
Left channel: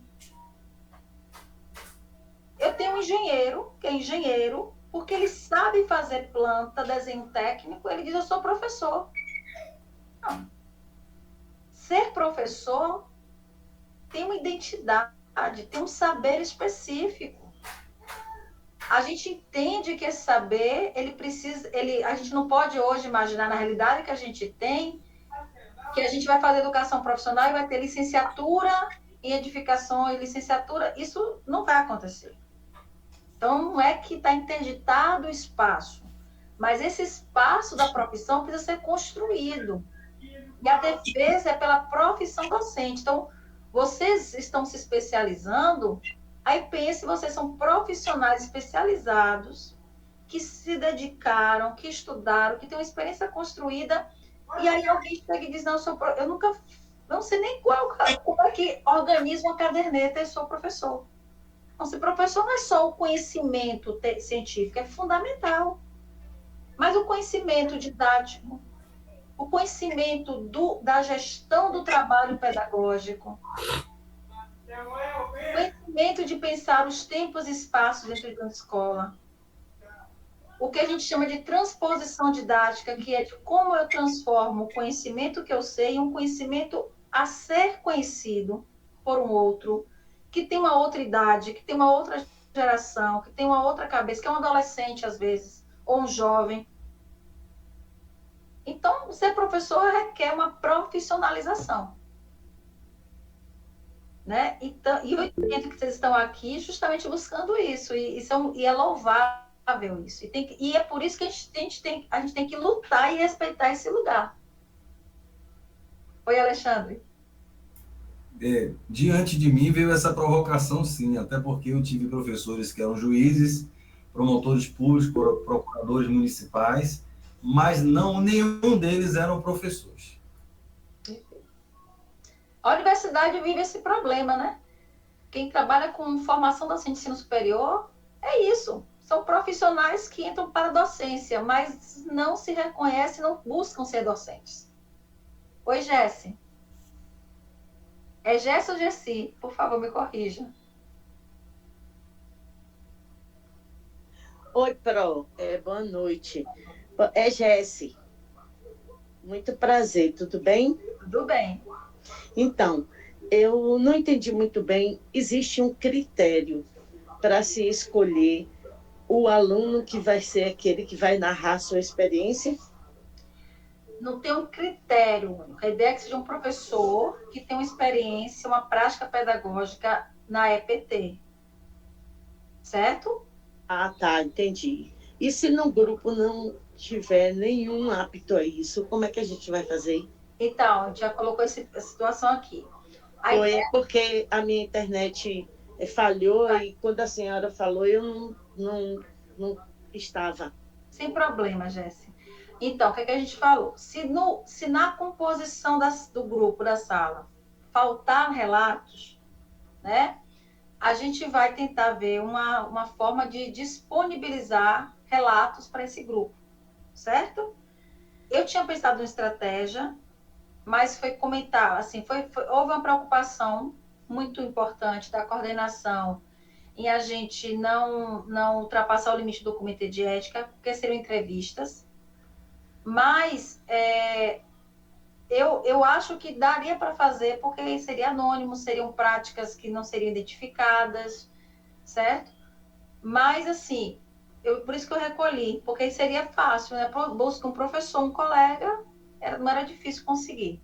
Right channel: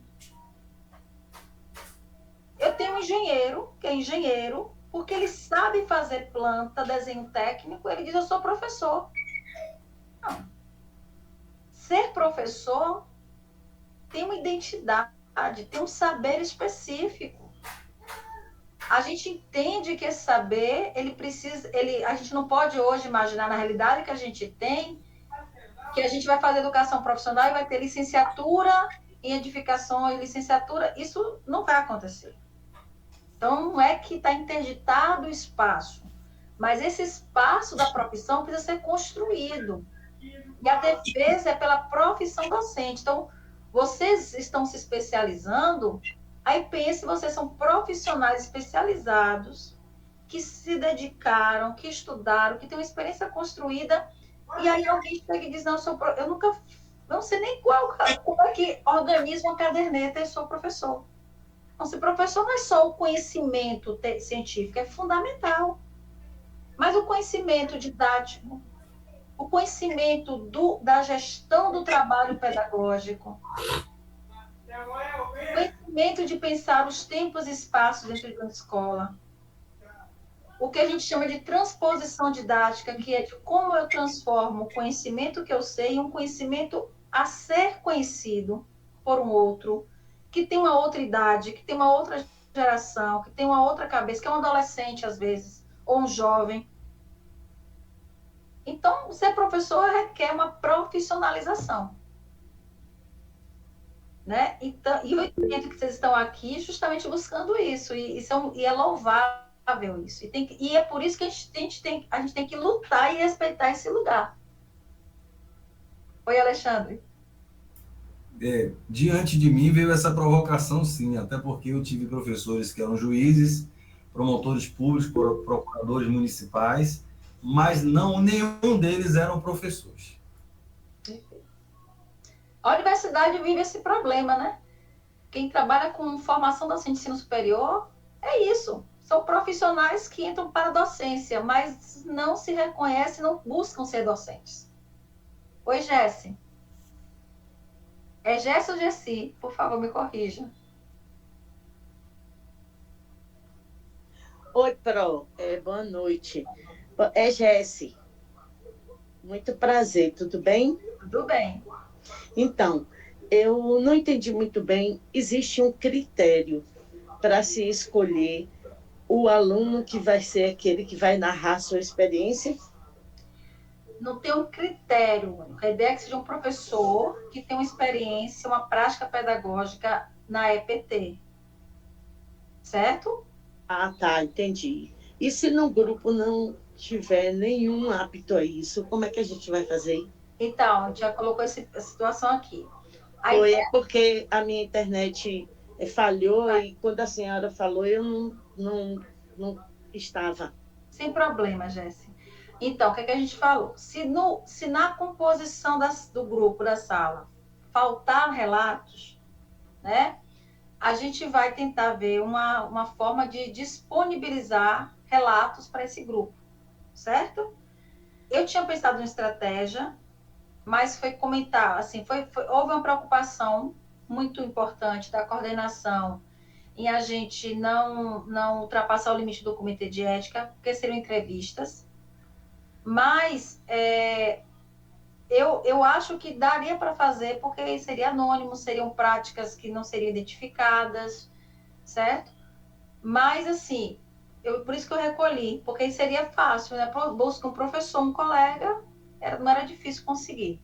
Eu tenho um engenheiro, que é engenheiro, porque ele sabe fazer planta, desenho técnico, ele diz, eu sou professor. Não. Ser professor tem uma identidade, tem um saber específico. A gente entende que esse saber, a gente não pode hoje imaginar na realidade que a gente tem, que a gente vai fazer educação profissional e vai ter licenciatura em edificação e licenciatura, isso não vai acontecer. Então, não é que está interditado o espaço, mas esse espaço da profissão precisa ser construído. E a defesa é pela profissão docente. Então, vocês estão se especializando, aí pense, vocês são profissionais especializados, que se dedicaram, que estudaram, que têm uma experiência construída, e aí alguém chega e diz, não, eu nunca, não sei nem como é que organiza uma caderneta e sou professor. Então, se professor não é só o conhecimento científico, é fundamental. Mas o conhecimento didático, o conhecimento da gestão do trabalho pedagógico, o movimento de pensar os tempos e espaços dentro de uma escola. O que a gente chama de transposição didática, que é de como eu transformo o conhecimento que eu sei em um conhecimento a ser conhecido por um outro, que tem uma outra idade, que tem uma outra geração, que tem uma outra cabeça, que é um adolescente, às vezes, ou um jovem. Então, ser professor requer uma profissionalização. Né? Então, e eu entendo que vocês estão aqui justamente buscando isso, e é louvável isso. E é por isso que a gente tem que lutar e respeitar esse lugar. Oi, Alexandre. Diante de mim veio essa provocação, sim, até porque eu tive professores que eram juízes, promotores públicos, procuradores municipais, mas nenhum deles eram professores. A universidade vive esse problema, né? Quem trabalha com formação docente de ensino superior é isso. São profissionais que entram para a docência, mas não se reconhecem, não buscam ser docentes. Oi, Jesse. É Jesse ou Jessi? Por favor, me corrija. Oi, Pro. Boa noite. É Jesse. Muito prazer, tudo bem? Tudo bem. Então, eu não entendi muito bem. Existe um critério para se escolher o aluno que vai ser aquele que vai narrar sua experiência? Não tem um critério. A ideia é que seja um professor que tem uma experiência, uma prática pedagógica na EPT. Certo? Ah, tá, entendi. E se no grupo não tiver nenhum apto a isso, como é que a gente vai fazer? Então, a gente já colocou essa situação aqui. Foi porque a minha internet falhou e quando a senhora falou, eu não estava. Sem problema, Jéssica. Então, o que a gente falou? Se na composição do grupo, da sala, faltar relatos, né, a gente vai tentar ver uma forma de disponibilizar relatos para esse grupo, certo? Eu tinha pensado em estratégia, mas foi comentar, assim, houve uma preocupação muito importante da coordenação em a gente não ultrapassar o limite do comitê de ética, porque seriam entrevistas, mas eu acho que daria para fazer, porque seria anônimo, seriam práticas que não seriam identificadas, certo? Mas, assim, por isso que eu recolhi, porque seria fácil, né? Busca um professor, um colega, não era difícil conseguir.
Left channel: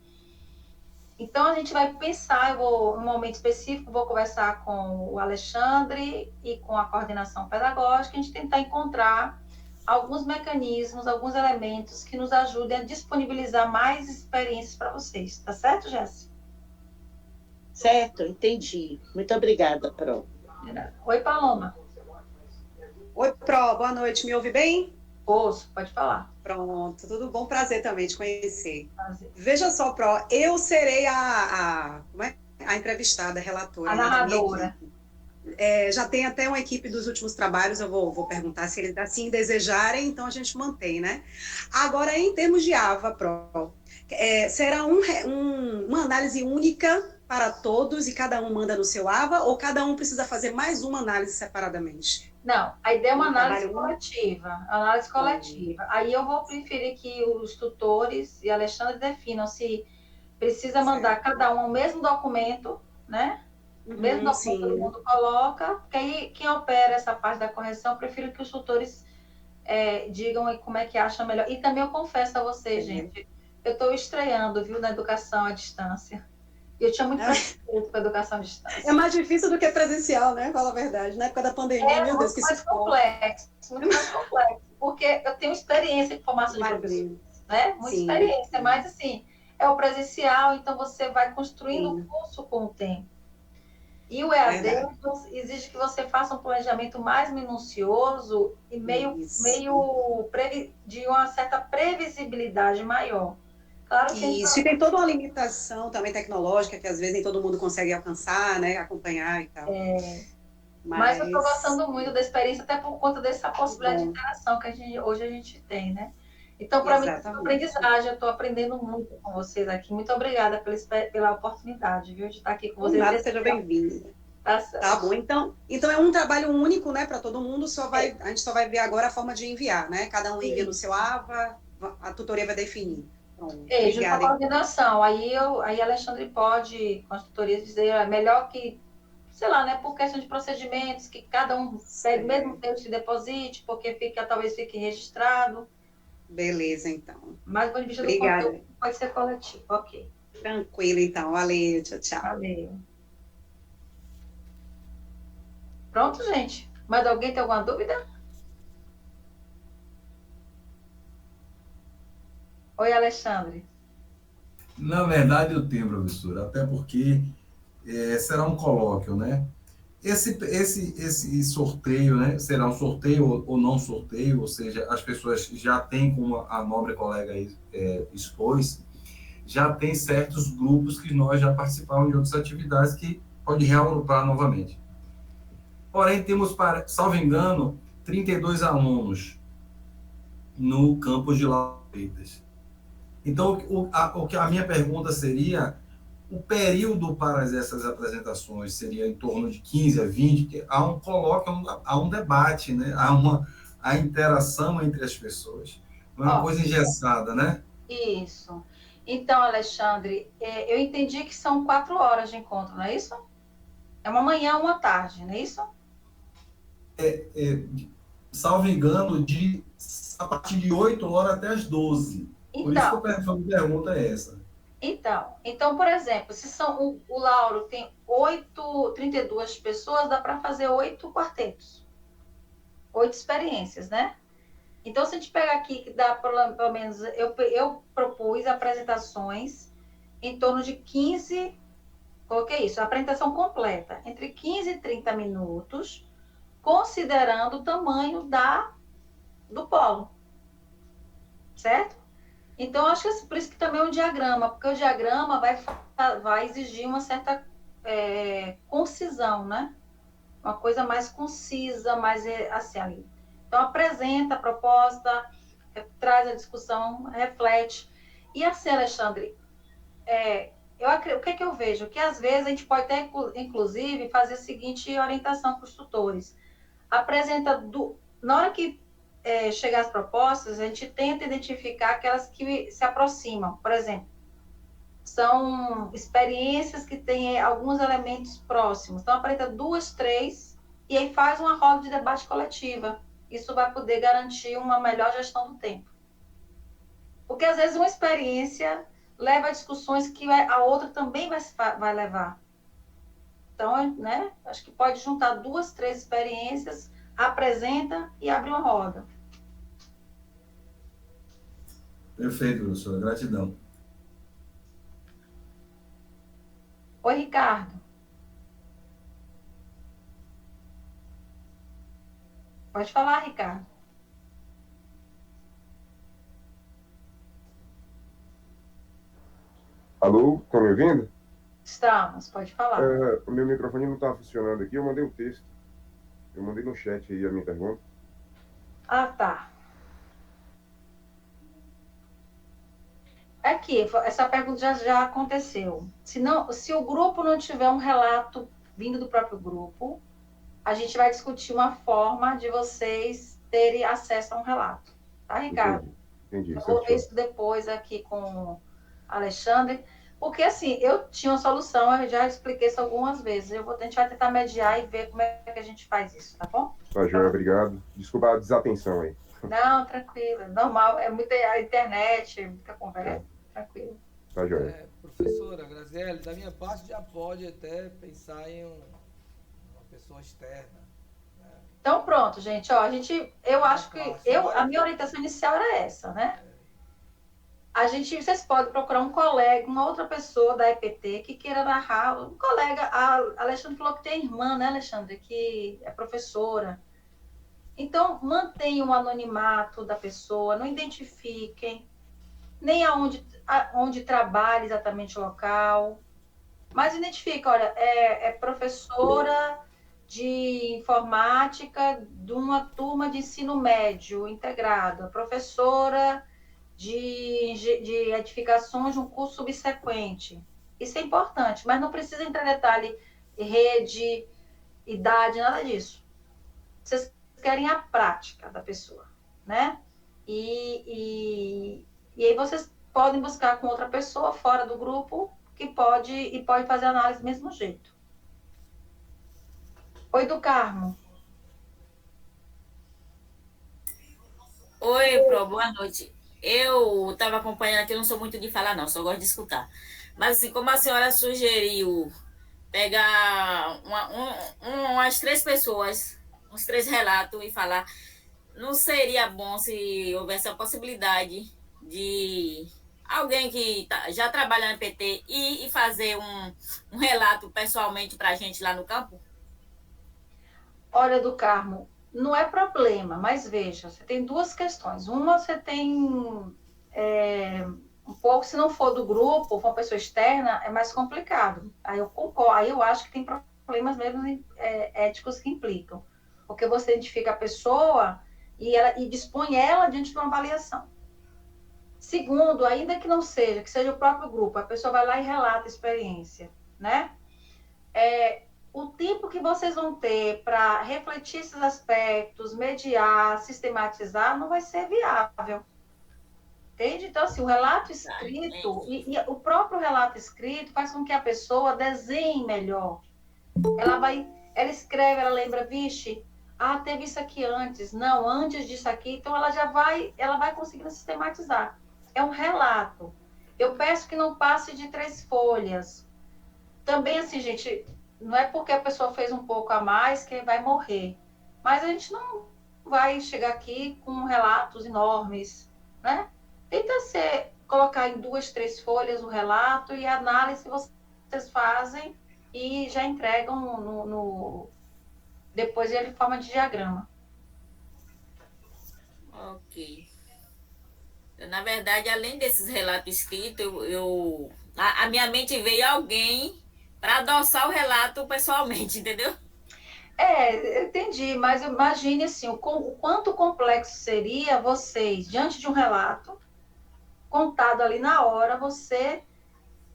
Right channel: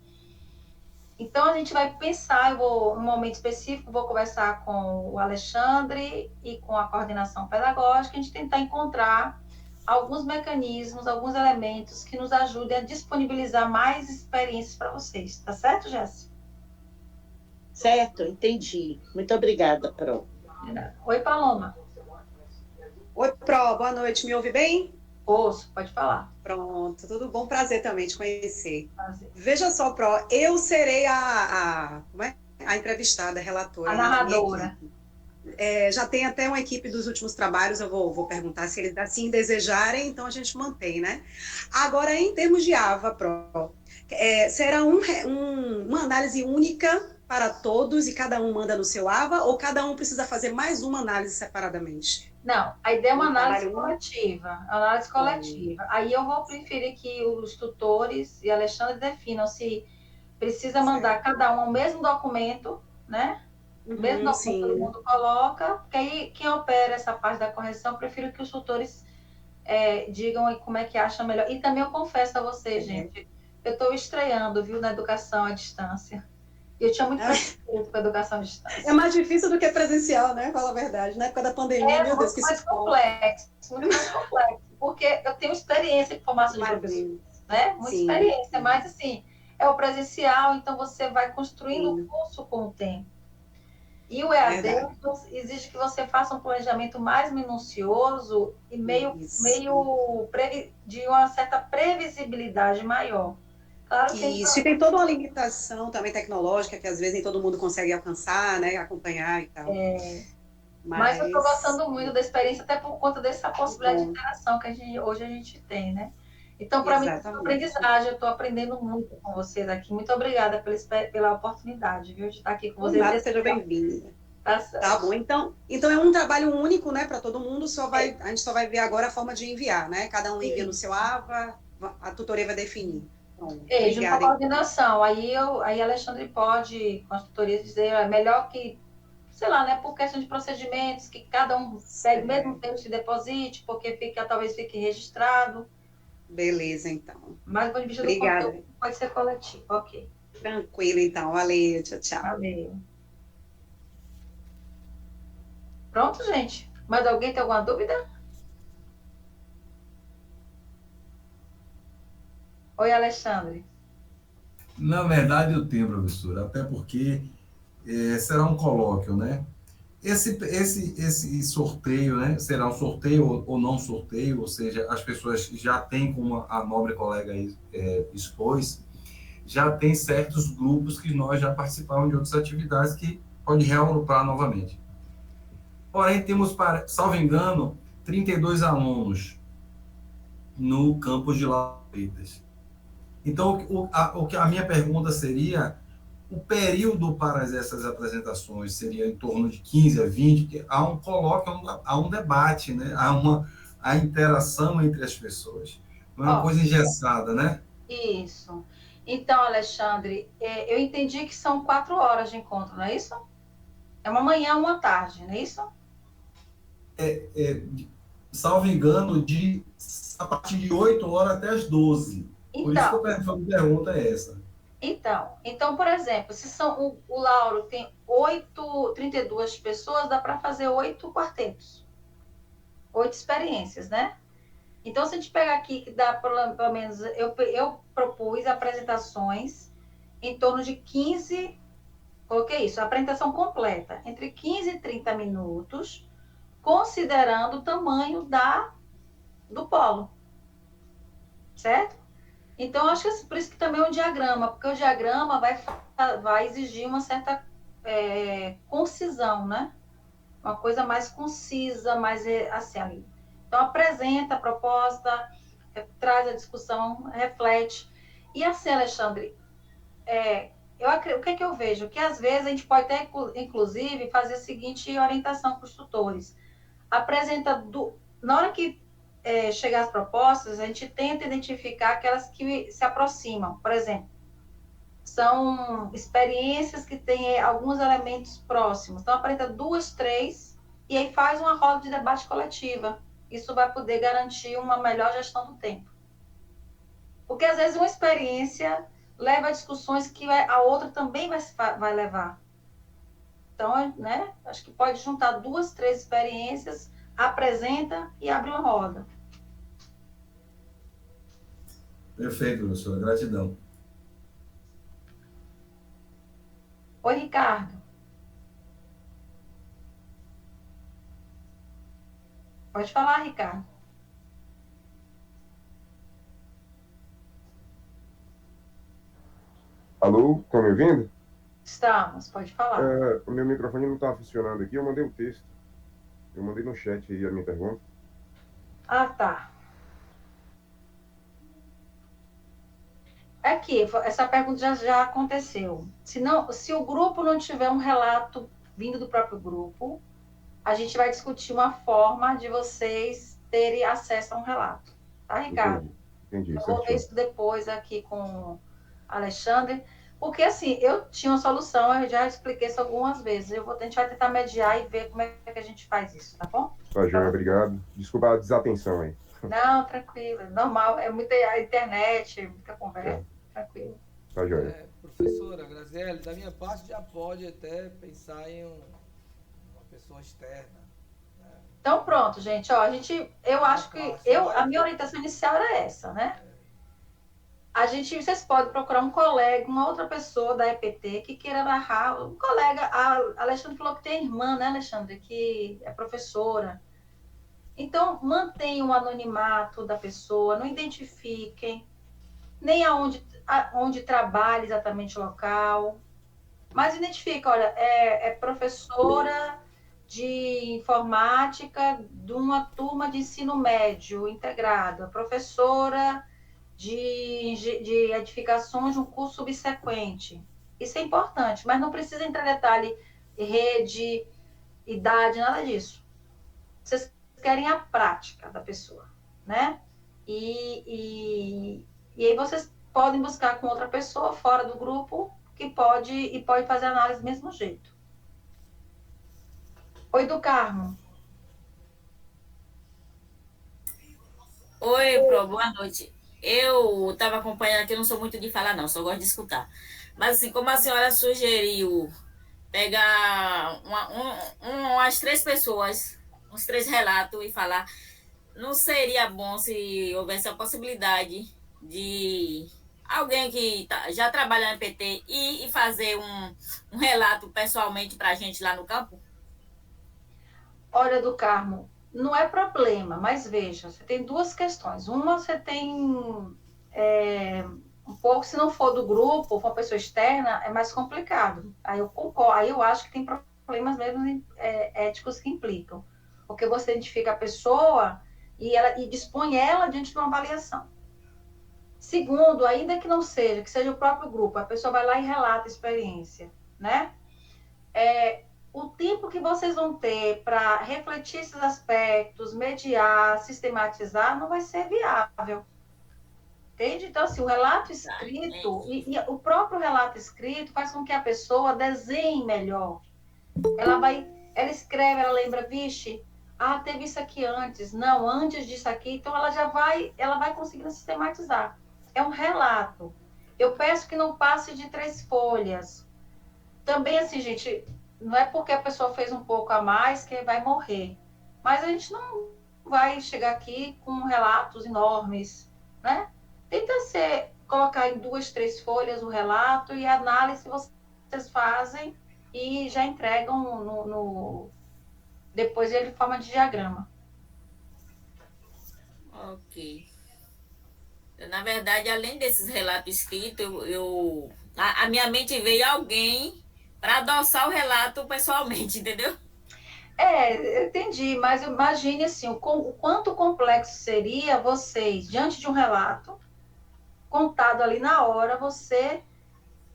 Então, a gente vai pensar, num momento específico, vou conversar com o Alexandre e com a coordenação pedagógica, a gente tentar encontrar alguns mecanismos, alguns elementos que nos ajudem a disponibilizar mais experiências para vocês. Tá certo, Jéssica? Certo, entendi. Muito obrigada, Pro. Oi, Paloma. Oi, Pro, boa noite. Me ouve bem? Ouço, pode falar. Pronto, tudo bom? Prazer também te conhecer. Prazer. Veja só, Pro, eu serei a entrevistada, a relatora. A narradora. Já tem até uma equipe dos últimos trabalhos, eu vou perguntar se eles assim desejarem, então a gente mantém, né? Agora, em termos de AVA, Pro, será uma análise única para todos e cada um manda no seu AVA, ou cada um precisa fazer mais uma análise separadamente? Não, a ideia é uma análise coletiva. Aí eu vou preferir que os tutores e Alexandre definam se precisa mandar cada um o mesmo documento, né? O mesmo documento todo mundo coloca, porque aí quem opera essa parte da correção, eu prefiro que os tutores digam aí como é que acham melhor. E também eu confesso a vocês, gente, eu estou estreando, viu, na educação à distância. Eu tinha muito preconceito com a educação à distância. É mais difícil do que presencial, né? Fala a verdade. Na época da pandemia, meu Deus, que muito mais complexo, porque eu tenho experiência com formação de professor, né? Muita experiência, mas assim, é o presencial, então você vai construindo o curso com o tempo. E o EAD exige que você faça um planejamento mais minucioso e de uma certa previsibilidade maior. Claro que isso, e tem toda uma limitação também tecnológica, que às vezes nem todo mundo consegue alcançar, né, acompanhar e tal. Mas eu estou gostando muito da experiência, até por conta dessa possibilidade de interação que hoje a gente tem, né? Então, para mim, é uma aprendizagem, eu estou aprendendo muito com vocês aqui. Muito obrigada pela oportunidade, viu, de estar aqui com vocês. Nada, seja bem-vinda. Tá certo. Tá bom, então é um trabalho único, né, para todo mundo, a gente só vai ver agora a forma de enviar, né? Cada um envia no seu AVA, a tutoria vai definir. Então, Junto com a obrigada. coordenação. Aí Alexandre pode, com as tutorias, dizer, é melhor que, sei lá, né, por questão de procedimentos, que cada um pegue o mesmo tempo de deposite, porque talvez fique registrado. Beleza, então. Mas do ponto de vista Obrigada. do conteúdo, pode ser coletivo. Ok. Tranquilo, então. Valeu, tchau, tchau. Valeu. Pronto, gente? Mais alguém tem alguma dúvida? Oi, Alexandre. Na verdade, eu tenho, professora, até porque será um colóquio, né? Esse sorteio, né? Será um sorteio ou não sorteio, ou seja, as pessoas já têm, como a nobre colega expôs, já tem certos grupos que nós já participamos de outras atividades que pode reagrupar novamente. Porém, temos, salvo engano, 32 alunos no campus de Lavras. Então, a minha pergunta seria, o período para essas apresentações seria em torno de 15 a 20, que há um colóquio, há um debate, né? Há interação entre as pessoas. Não é uma coisa engessada, né? Isso. Então, Alexandre, eu entendi que são 4 horas de encontro, não é isso? É uma manhã, uma tarde, não é isso? Salvo engano, a partir de 8 horas até as 12. Por isso que a pergunta é essa. Então, por exemplo, se o Lauro tem 32 pessoas, dá para fazer 8 quartetos. 8 experiências, né? Então, se a gente pegar aqui, que dá pelo menos, eu propus apresentações em torno de 15, coloquei isso, a apresentação completa, entre 15 e 30 minutos, considerando o tamanho do polo. Certo? Então, acho que por isso que também é um diagrama, porque o diagrama vai exigir uma certa concisão, né? Uma coisa mais concisa, mais assim ali. Então, apresenta a proposta, traz a discussão, reflete. E assim, Alexandre, o que é que eu vejo? Que às vezes a gente pode até, inclusive, fazer a seguinte orientação para os tutores. Apresenta, na hora que chegar as propostas, a gente tenta identificar aquelas que se aproximam. Por exemplo, são experiências que têm alguns elementos próximos. Então, apresenta 2, 3, e aí faz uma roda de debate coletiva. Isso vai poder garantir uma melhor gestão do tempo. Porque, às vezes, uma experiência leva a discussões que a outra também vai levar. Então, né, acho que pode juntar 2, 3 experiências, apresenta e abre uma roda. Perfeito, professora. Gratidão. Oi, Ricardo. Pode falar, Ricardo. Alô, estão me ouvindo? Estamos, pode falar. O meu microfone não estava funcionando aqui, eu mandei um texto. Eu mandei no chat aí a minha pergunta. Ah, tá. Aqui, essa pergunta já aconteceu. Se o grupo não tiver um relato vindo do próprio grupo, a gente vai discutir uma forma de vocês terem acesso a um relato. Tá, Ricardo? Entendi. Eu vou ver isso depois aqui com o Alexandre. Porque, assim, eu tinha uma solução, eu já expliquei isso algumas vezes. A gente vai tentar mediar e ver como é que a gente faz isso, tá bom? Tá, Joia, obrigado. Desculpa a desatenção aí. Não, tranquilo. Normal, é muita internet, muita conversa. Tranquilo. Tá, Joia. Professora Graziele, da minha parte já pode até pensar em uma pessoa externa. Né? Então, pronto, gente. Ó, eu acho que a minha orientação inicial era essa, né? Vocês podem procurar um colega, uma outra pessoa da EPT que queira narrar. Um colega, a Alexandre falou que tem irmã, né, Alexandre, que é professora. Então, mantenham o anonimato da pessoa, não identifiquem nem onde trabalha exatamente o local, mas identifica, olha, é professora de informática de uma turma de ensino médio integrado, professora de edificações de um curso subsequente. Isso é importante, mas não precisa entrar em detalhe rede, idade, nada disso. Vocês querem a prática da pessoa, né? E aí vocês podem buscar com outra pessoa fora do grupo que pode fazer análise do mesmo jeito. Oi, do Carmo. Oi, Pro, boa noite. Eu estava acompanhando aqui, eu não sou muito de falar, não, só gosto de escutar. Mas, assim, como a senhora sugeriu pegar umas 3 pessoas, uns 3 relatos e falar, não seria bom se houvesse a possibilidade de alguém que já trabalha no PT e fazer um relato pessoalmente para a gente lá no campo? Olha, do Carmo, não é problema, mas veja, você tem duas questões. Uma, você tem um pouco, se não for do grupo, for uma pessoa externa, é mais complicado. Aí eu concordo, aí eu acho que tem problemas mesmo éticos que implicam. Porque você identifica a pessoa e dispõe ela diante de uma avaliação. Segundo, ainda que não seja, que seja o próprio grupo, a pessoa vai lá e relata a experiência, né? O tempo que vocês vão ter para refletir esses aspectos, mediar, sistematizar, não vai ser viável. Entende? Então, assim, o relato escrito, e o próprio relato escrito faz com que a pessoa desenhe melhor. Ela escreve, ela lembra, vixe, teve isso aqui antes, não, antes disso aqui, então ela vai conseguindo sistematizar. É um relato. Eu peço que não passe de 3 folhas. Também, assim, gente, não é porque a pessoa fez um pouco a mais que vai morrer. Mas a gente não vai chegar aqui com relatos enormes, né? Tenta colocar em 2, 3 folhas o relato e a análise vocês fazem e já entregam depois ele em forma de diagrama. Ok. Na verdade, além desses relatos escritos, a minha mente veio alguém para adoçar o relato pessoalmente, entendeu? Entendi, mas imagine assim, o quanto complexo seria vocês, diante de um relato, contado ali na hora, você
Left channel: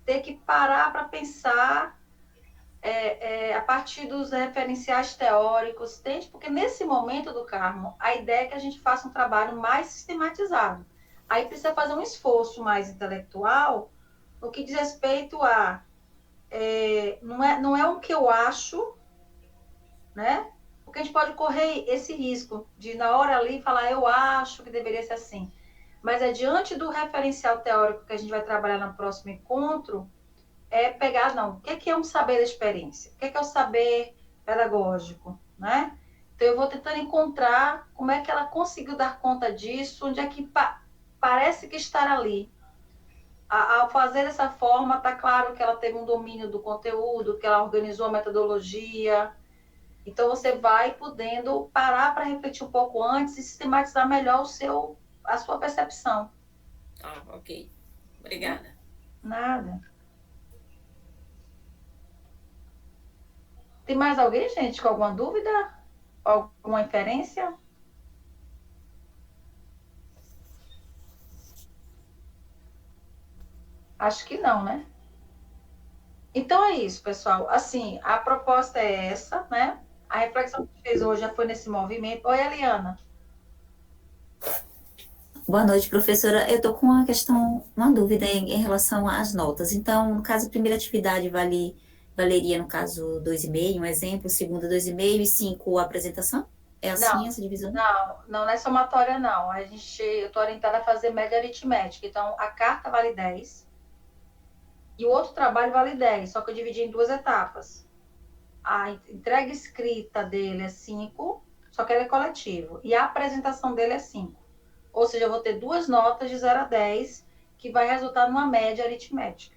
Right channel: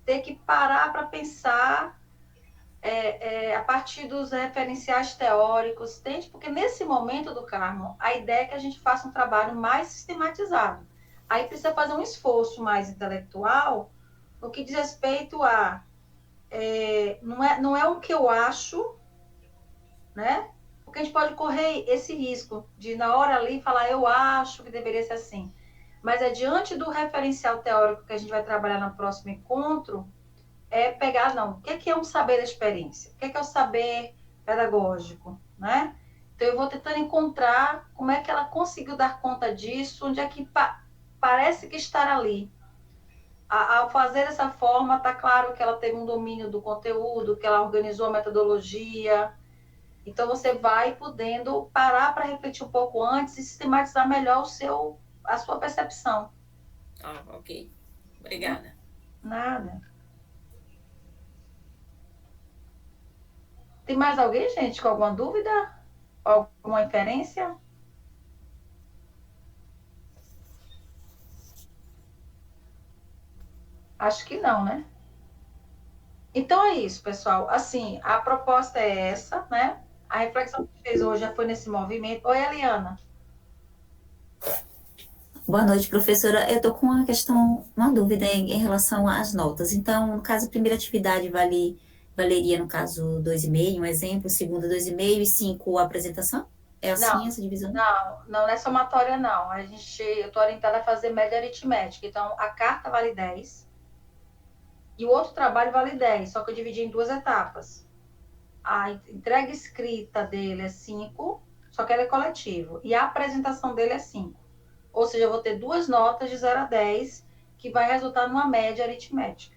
ter que parar para pensar a partir dos referenciais teóricos, entende? Porque nesse momento do Carmo, a ideia é que a gente faça um trabalho mais sistematizado. Aí precisa fazer um esforço mais intelectual no que diz respeito a não é o que eu acho, né? Porque a gente pode correr esse risco de, na hora ali, falar eu acho que deveria ser assim. Mas diante do referencial teórico que a gente vai trabalhar no próximo encontro, pegar, não, o que é um saber da experiência? O que é o saber pedagógico, né? Então, eu vou tentando encontrar como é que ela conseguiu dar conta disso, onde é que parece que estar ali. Ao fazer dessa forma, está claro que ela teve um domínio do conteúdo, que ela organizou a metodologia. Então, você vai podendo parar para refletir um pouco antes e sistematizar melhor a sua percepção. Ok. Obrigada. Nada. Tem mais alguém, gente, com alguma dúvida? Alguma inferência? Acho que não, né? Então é isso, pessoal. Assim, a proposta é essa, né? A reflexão que a gente fez hoje já foi nesse movimento. Oi, Eliana. Boa noite, professora. Eu estou com uma dúvida em relação às notas. Então, no caso, a primeira atividade valeria, no caso, 2,5, um exemplo, segunda 2,5 e 5 a apresentação? É assim Não, essa divisão? não é somatória, não. Eu estou orientada a fazer média aritmética. Então, a carta vale 10 e o outro trabalho vale 10, só que eu dividi em 2 etapas. A entrega escrita dele é 5, só que ele é coletivo. E a apresentação dele é 5. Ou seja, eu vou ter 2 notas de 0 a 10, que vai resultar numa média aritmética.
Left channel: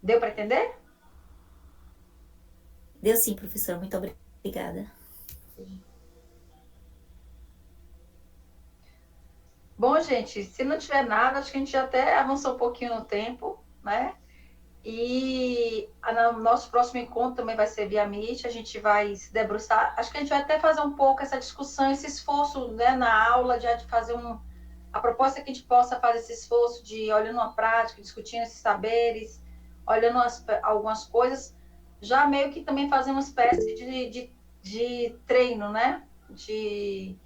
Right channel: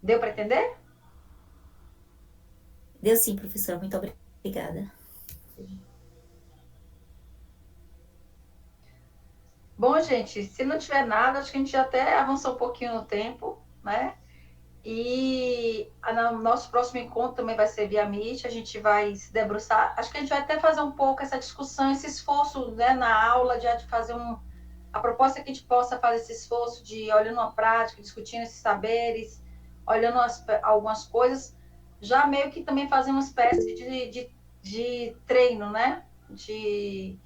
Deu para entender? Deu sim, professora. Muito obrigada. Bom, gente, se não tiver nada, acho que a gente já até avançou um pouquinho no tempo, né? E no nosso próximo encontro também vai ser via Meet, a gente vai se debruçar. Acho que a gente vai até fazer um pouco essa discussão, esse esforço, né, na aula de fazer a proposta é que a gente possa fazer esse esforço de olhando a prática, discutindo esses saberes, olhando algumas coisas, já meio que também fazer uma espécie de treino, né? De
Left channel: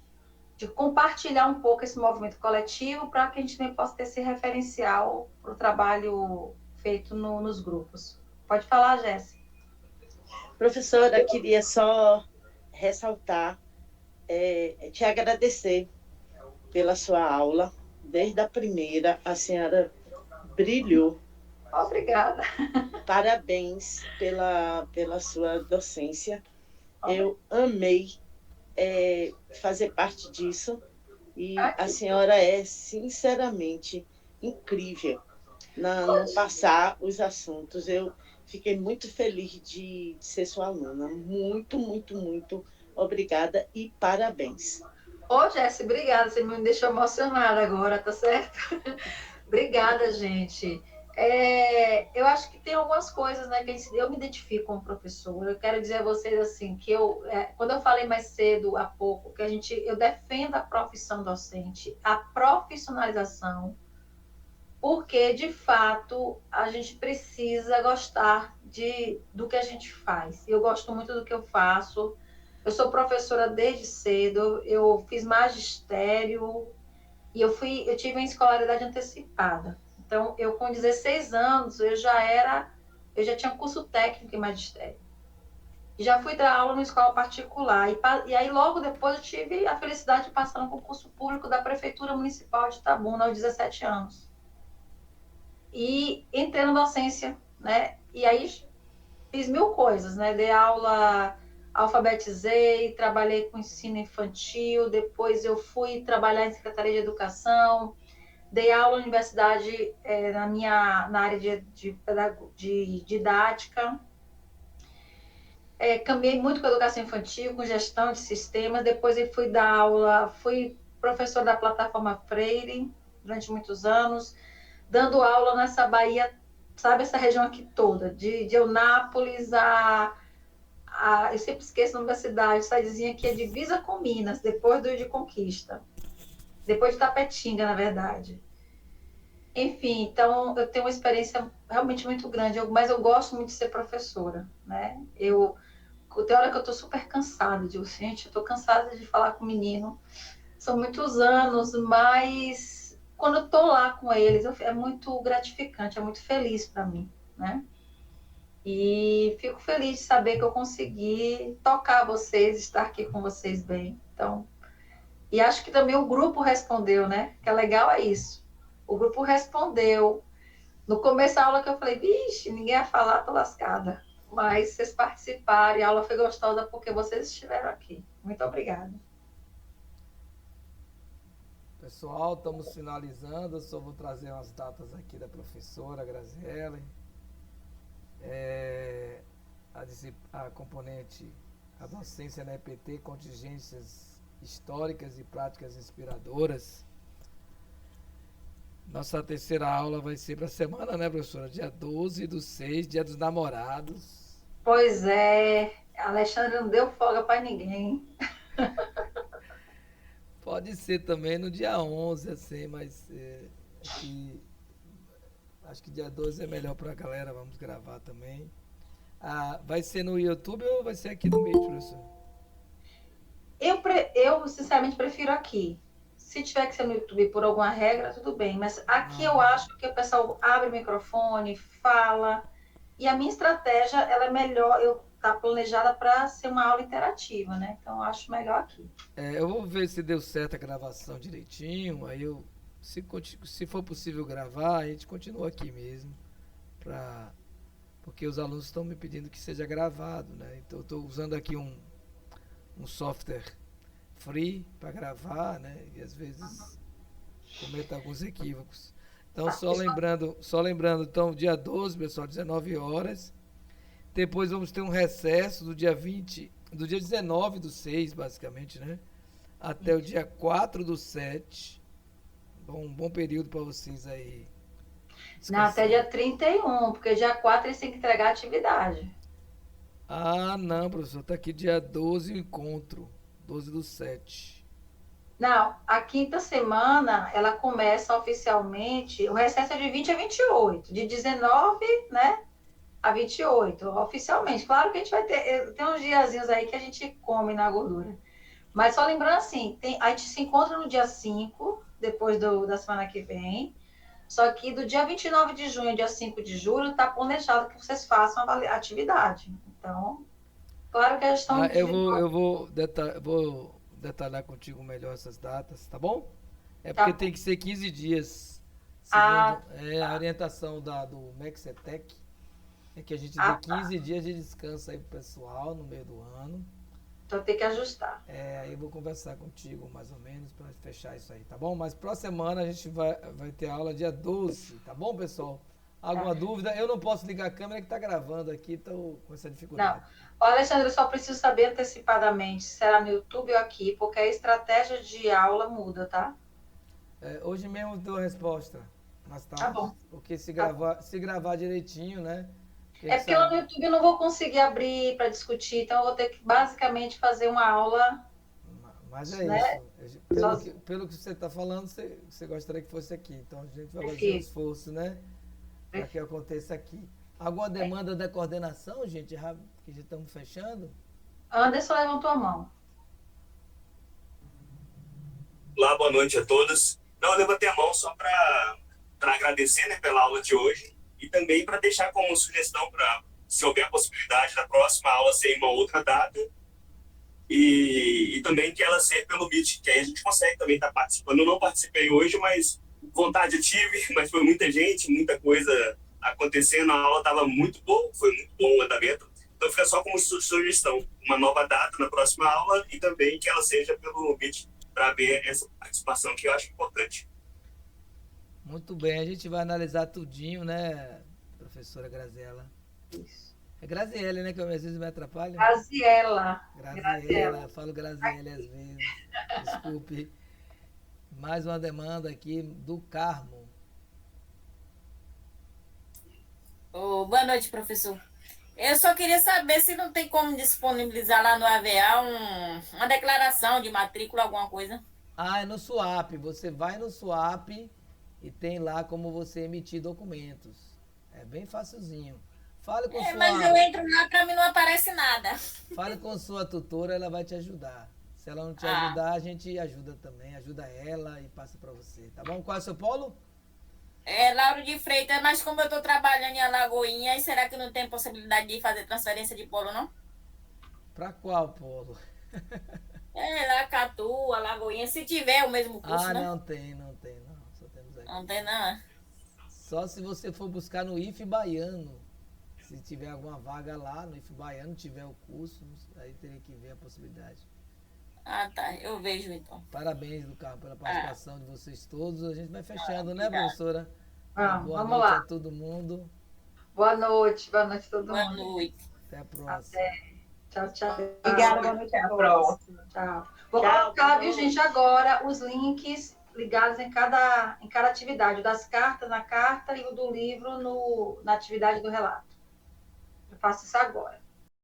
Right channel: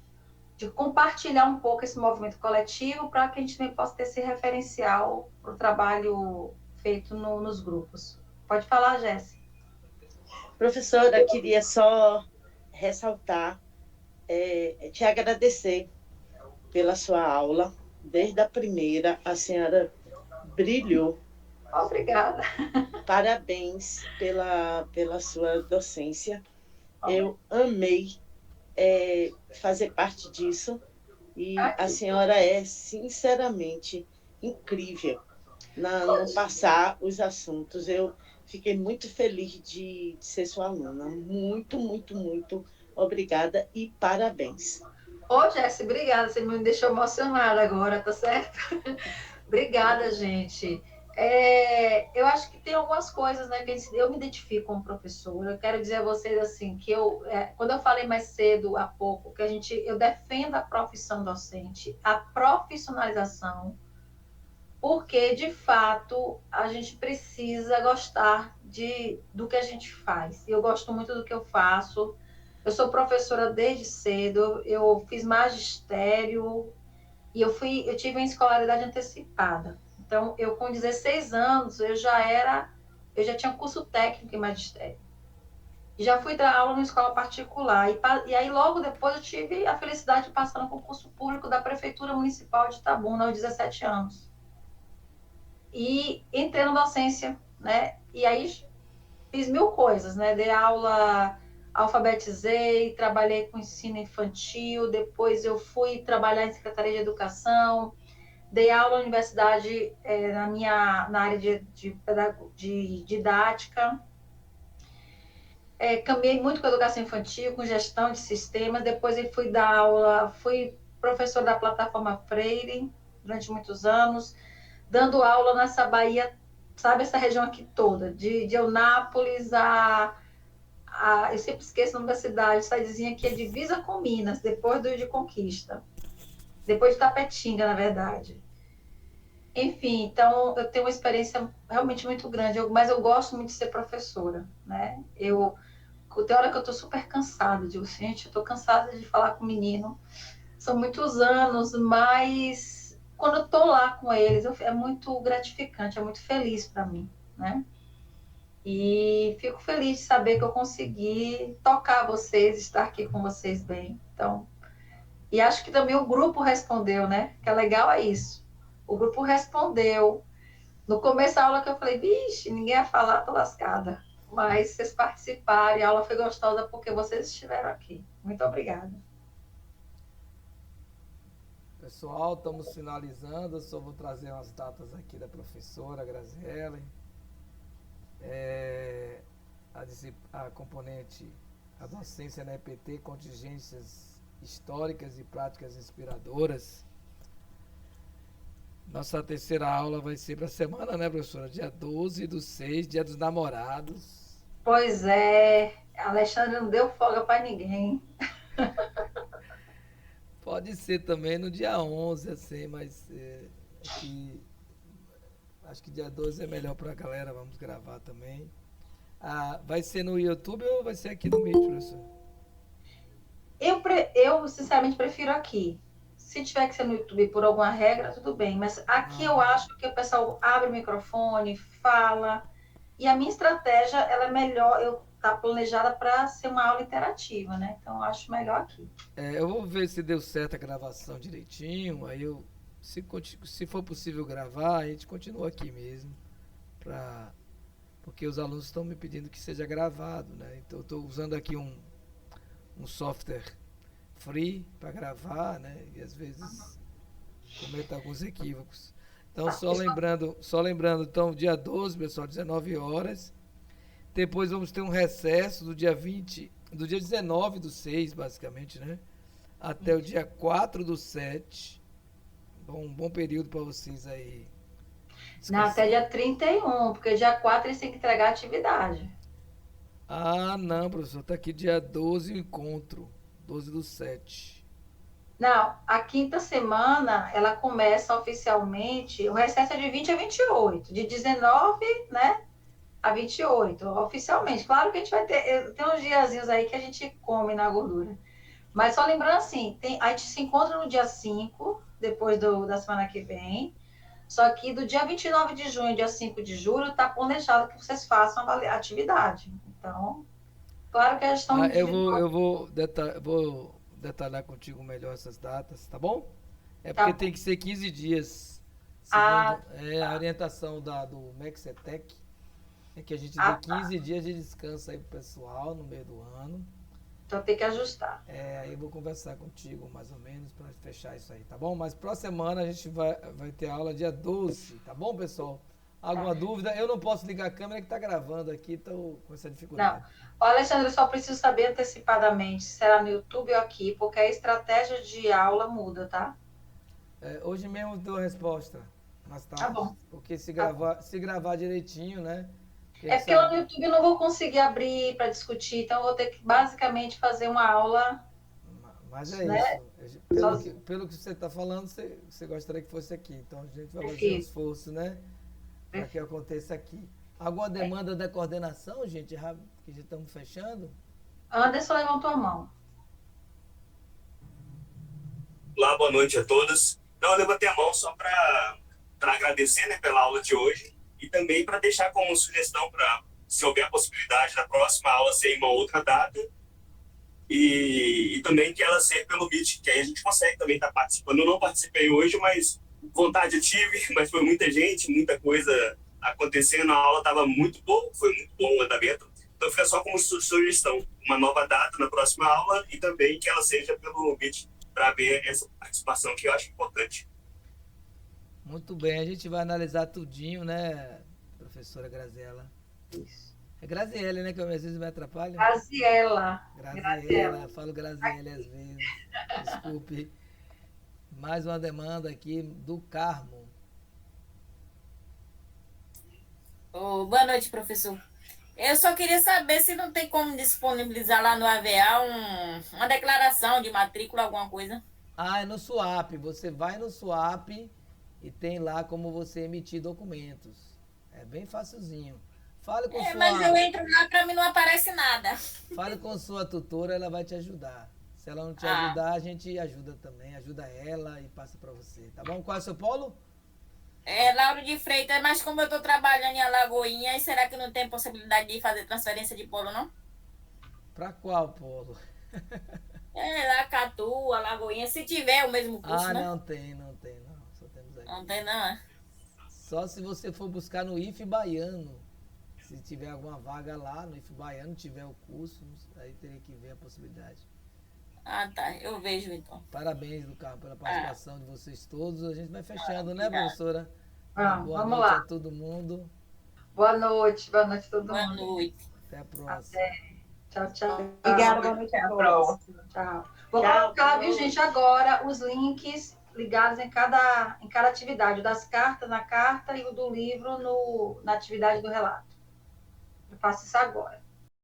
compartilhar um pouco esse movimento coletivo para que a gente também possa ter esse referencial para o trabalho feito nos grupos. Pode falar, Jéssica. Professora, queria só ressaltar, te agradecer pela sua aula. Desde a primeira, a senhora brilhou. Obrigada. Parabéns pela sua docência. Eu amei fazer parte disso. E a senhora é, sinceramente, incrível no passar os assuntos. Eu fiquei muito feliz de ser sua aluna. Muito, muito, muito obrigada e parabéns. Ô, Jéssica, obrigada. Você me deixou emocionada agora, tá certo? Obrigada, gente. Eu acho que tem algumas coisas, né, que eu me identifico como professora. Eu quero dizer a vocês assim que quando eu falei mais cedo há pouco que eu defendo a profissão docente, a profissionalização, porque de fato a gente precisa gostar do que a gente faz. Eu gosto muito do que eu faço. Eu sou professora desde cedo. Eu fiz magistério e eu tive uma escolaridade antecipada. Então, com 16 anos, eu já tinha curso técnico em magistério. E já fui dar aula numa escola particular. E aí, logo depois, eu tive a felicidade de passar no concurso público da Prefeitura Municipal de Itabuna, aos 17 anos. E entrei na docência, né? E aí, fiz 1000 coisas, né? Dei aula, alfabetizei, trabalhei com ensino infantil, depois eu fui trabalhar em Secretaria de Educação, dei aula na universidade na área de didática. Caminhei muito com educação infantil, com gestão de sistemas. Depois eu fui dar aula, fui professora da plataforma Freire durante muitos anos, dando aula nessa Bahia, sabe, essa região aqui toda, de Eunápolis eu sempre esqueço o nome da cidade, cidadezinha que é divisa com Minas, depois de Conquista. Depois de Tapetinga, na verdade. Enfim, então eu tenho uma experiência realmente muito grande, mas eu gosto muito de ser professora, né? Tem hora que eu estou super cansada, digo, gente, eu estou cansada de falar com o menino. São muitos anos, mas quando eu estou lá com eles, é muito gratificante, é muito feliz para mim, né? E fico feliz de saber que eu consegui tocar vocês, estar aqui com vocês bem. Então, e acho que também o grupo respondeu, né? Que é legal é isso. O grupo respondeu. No começo da aula que eu falei, vixe, ninguém ia falar, tô lascada. Mas vocês participaram e a aula foi gostosa porque vocês estiveram aqui. Muito obrigada. Pessoal, estamos finalizando. Eu só vou trazer umas datas aqui da professora Graziele. A componente, a docência na EPT, contingências históricas e práticas inspiradoras. Nossa terceira aula vai ser para a semana, né, professora? Dia 12/6, Dia dos Namorados. Pois é, a Alexandre não deu folga para ninguém. Pode ser também no dia 11, assim, mas acho que dia 12 é melhor para a galera, vamos gravar também. Vai ser no YouTube ou vai ser aqui no Meet, professor? Eu sinceramente prefiro aqui. Se tiver que ser no YouTube por alguma regra, tudo bem. Mas aqui eu acho que o pessoal abre o microfone, fala. E a minha estratégia, ela é melhor, tá planejada para ser uma aula interativa, né? Então eu acho melhor aqui. Eu vou ver se deu certo a gravação direitinho. Aí se for possível gravar, a gente continua aqui mesmo. Porque os alunos estão me pedindo que seja gravado, né? Então eu estou usando aqui um software free para gravar, né? E às vezes cometa alguns equívocos. Então, só lembrando, então, dia 12, pessoal, 19 horas. Depois vamos ter um recesso do dia 19/6, basicamente, né? Até o dia 4/7. Um bom período para vocês aí. Não, até dia 31, porque dia 4 eles têm que entregar a atividade. Não, professor, tá aqui dia 12 o encontro. 12/7. Não, a quinta semana, ela começa oficialmente, o recesso é de 20 a 28, de 19, né, a 28, oficialmente. Claro que a gente vai ter, tem uns diazinhos aí que a gente come na gordura. Mas só lembrando assim, a gente se encontra no dia 5, depois da semana que vem. Só que do dia 29 de junho ao dia 5 de julho, está planejado que vocês façam a atividade. Então, claro que a gestão... Eu vou detalhar contigo melhor essas datas, tá bom? É porque tem que ser 15 dias. Segundo a orientação do Mexetec, é que a gente dê 15 dias de descanso aí pro pessoal no meio do ano. Então tem que ajustar. Aí eu vou conversar contigo mais ou menos para fechar isso aí, tá bom? Mas próxima semana a gente vai ter aula dia 12, tá bom, pessoal? Alguma dúvida? Eu não posso ligar a câmera que tá gravando aqui, tô com essa dificuldade. Não. Alexandre, eu só preciso saber antecipadamente se será no YouTube ou aqui, porque a estratégia de aula muda, tá? Hoje mesmo dou a resposta, mas tá bom. Porque se gravar direitinho, né? Porque lá no YouTube eu não vou conseguir abrir para discutir, então eu vou ter que basicamente fazer uma aula. Mas né? Isso. Pelo que você está falando, você gostaria que fosse aqui. Então a gente vai fazer um esforço, né? Para que aconteça aqui. Alguma demanda da coordenação, gente? Que já estamos fechando? Anderson levantou a mão. Olá, boa noite a todos. Não, eu levantei a mão só para agradecer, né, pela aula de hoje. E também para deixar como sugestão para, se houver a possibilidade da próxima aula ser em uma outra data, e também que ela seja pelo Meet, que aí a gente consegue também estar participando. Eu não participei hoje, mas vontade tive, mas foi muita gente, muita coisa acontecendo, a aula estava muito boa, foi muito bom o andamento. Então fica só como sugestão, uma nova data na próxima aula e também que ela seja pelo Meet, para ver essa participação que eu acho importante. Muito bem, a gente vai analisar tudinho, né, professora Graziela? Isso. É Graziele, né, que às vezes me atrapalha? Graziela. Eu falo Graziele às vezes, desculpe. Mais uma demanda aqui do Carmo. Boa noite, professor. Eu só queria saber se não tem como disponibilizar lá no AVA uma declaração de matrícula, alguma coisa. É no SUAP. Você vai no SUAP e tem lá como você emitir documentos. É bem facilzinho. Fale com Mas eu entro lá, pra mim não aparece nada. Fale com sua tutora, ela vai te ajudar. Se ela não te ajudar, a gente ajuda também. Ajuda ela e passa para você, tá bom? Qual é o seu polo? Lauro de Freitas, mas como eu tô trabalhando em Alagoinhas, será que não tem possibilidade de fazer transferência de polo, não? Para qual polo? Lacatu, Alagoinhas, se tiver o mesmo curso, né? Não tem, só temos aqui. Não tem, não. Só se você for buscar no IF Baiano. Se tiver alguma vaga lá no IF Baiano, tiver o curso, aí teria que ver a possibilidade. Tá, eu vejo então. Parabéns, Lucas, pela participação de vocês todos. A gente vai fechando, né, professora? Boa vamos noite lá. a todo mundo. Boa noite a todo mundo. Boa noite. Até a próxima. Tchau, tchau. Obrigada, boa noite. Até a próxima. Tchau. Vou colocar, viu, gente, agora os links ligados em cada atividade. O das cartas na carta e o do livro na atividade do relato. Eu faço isso agora.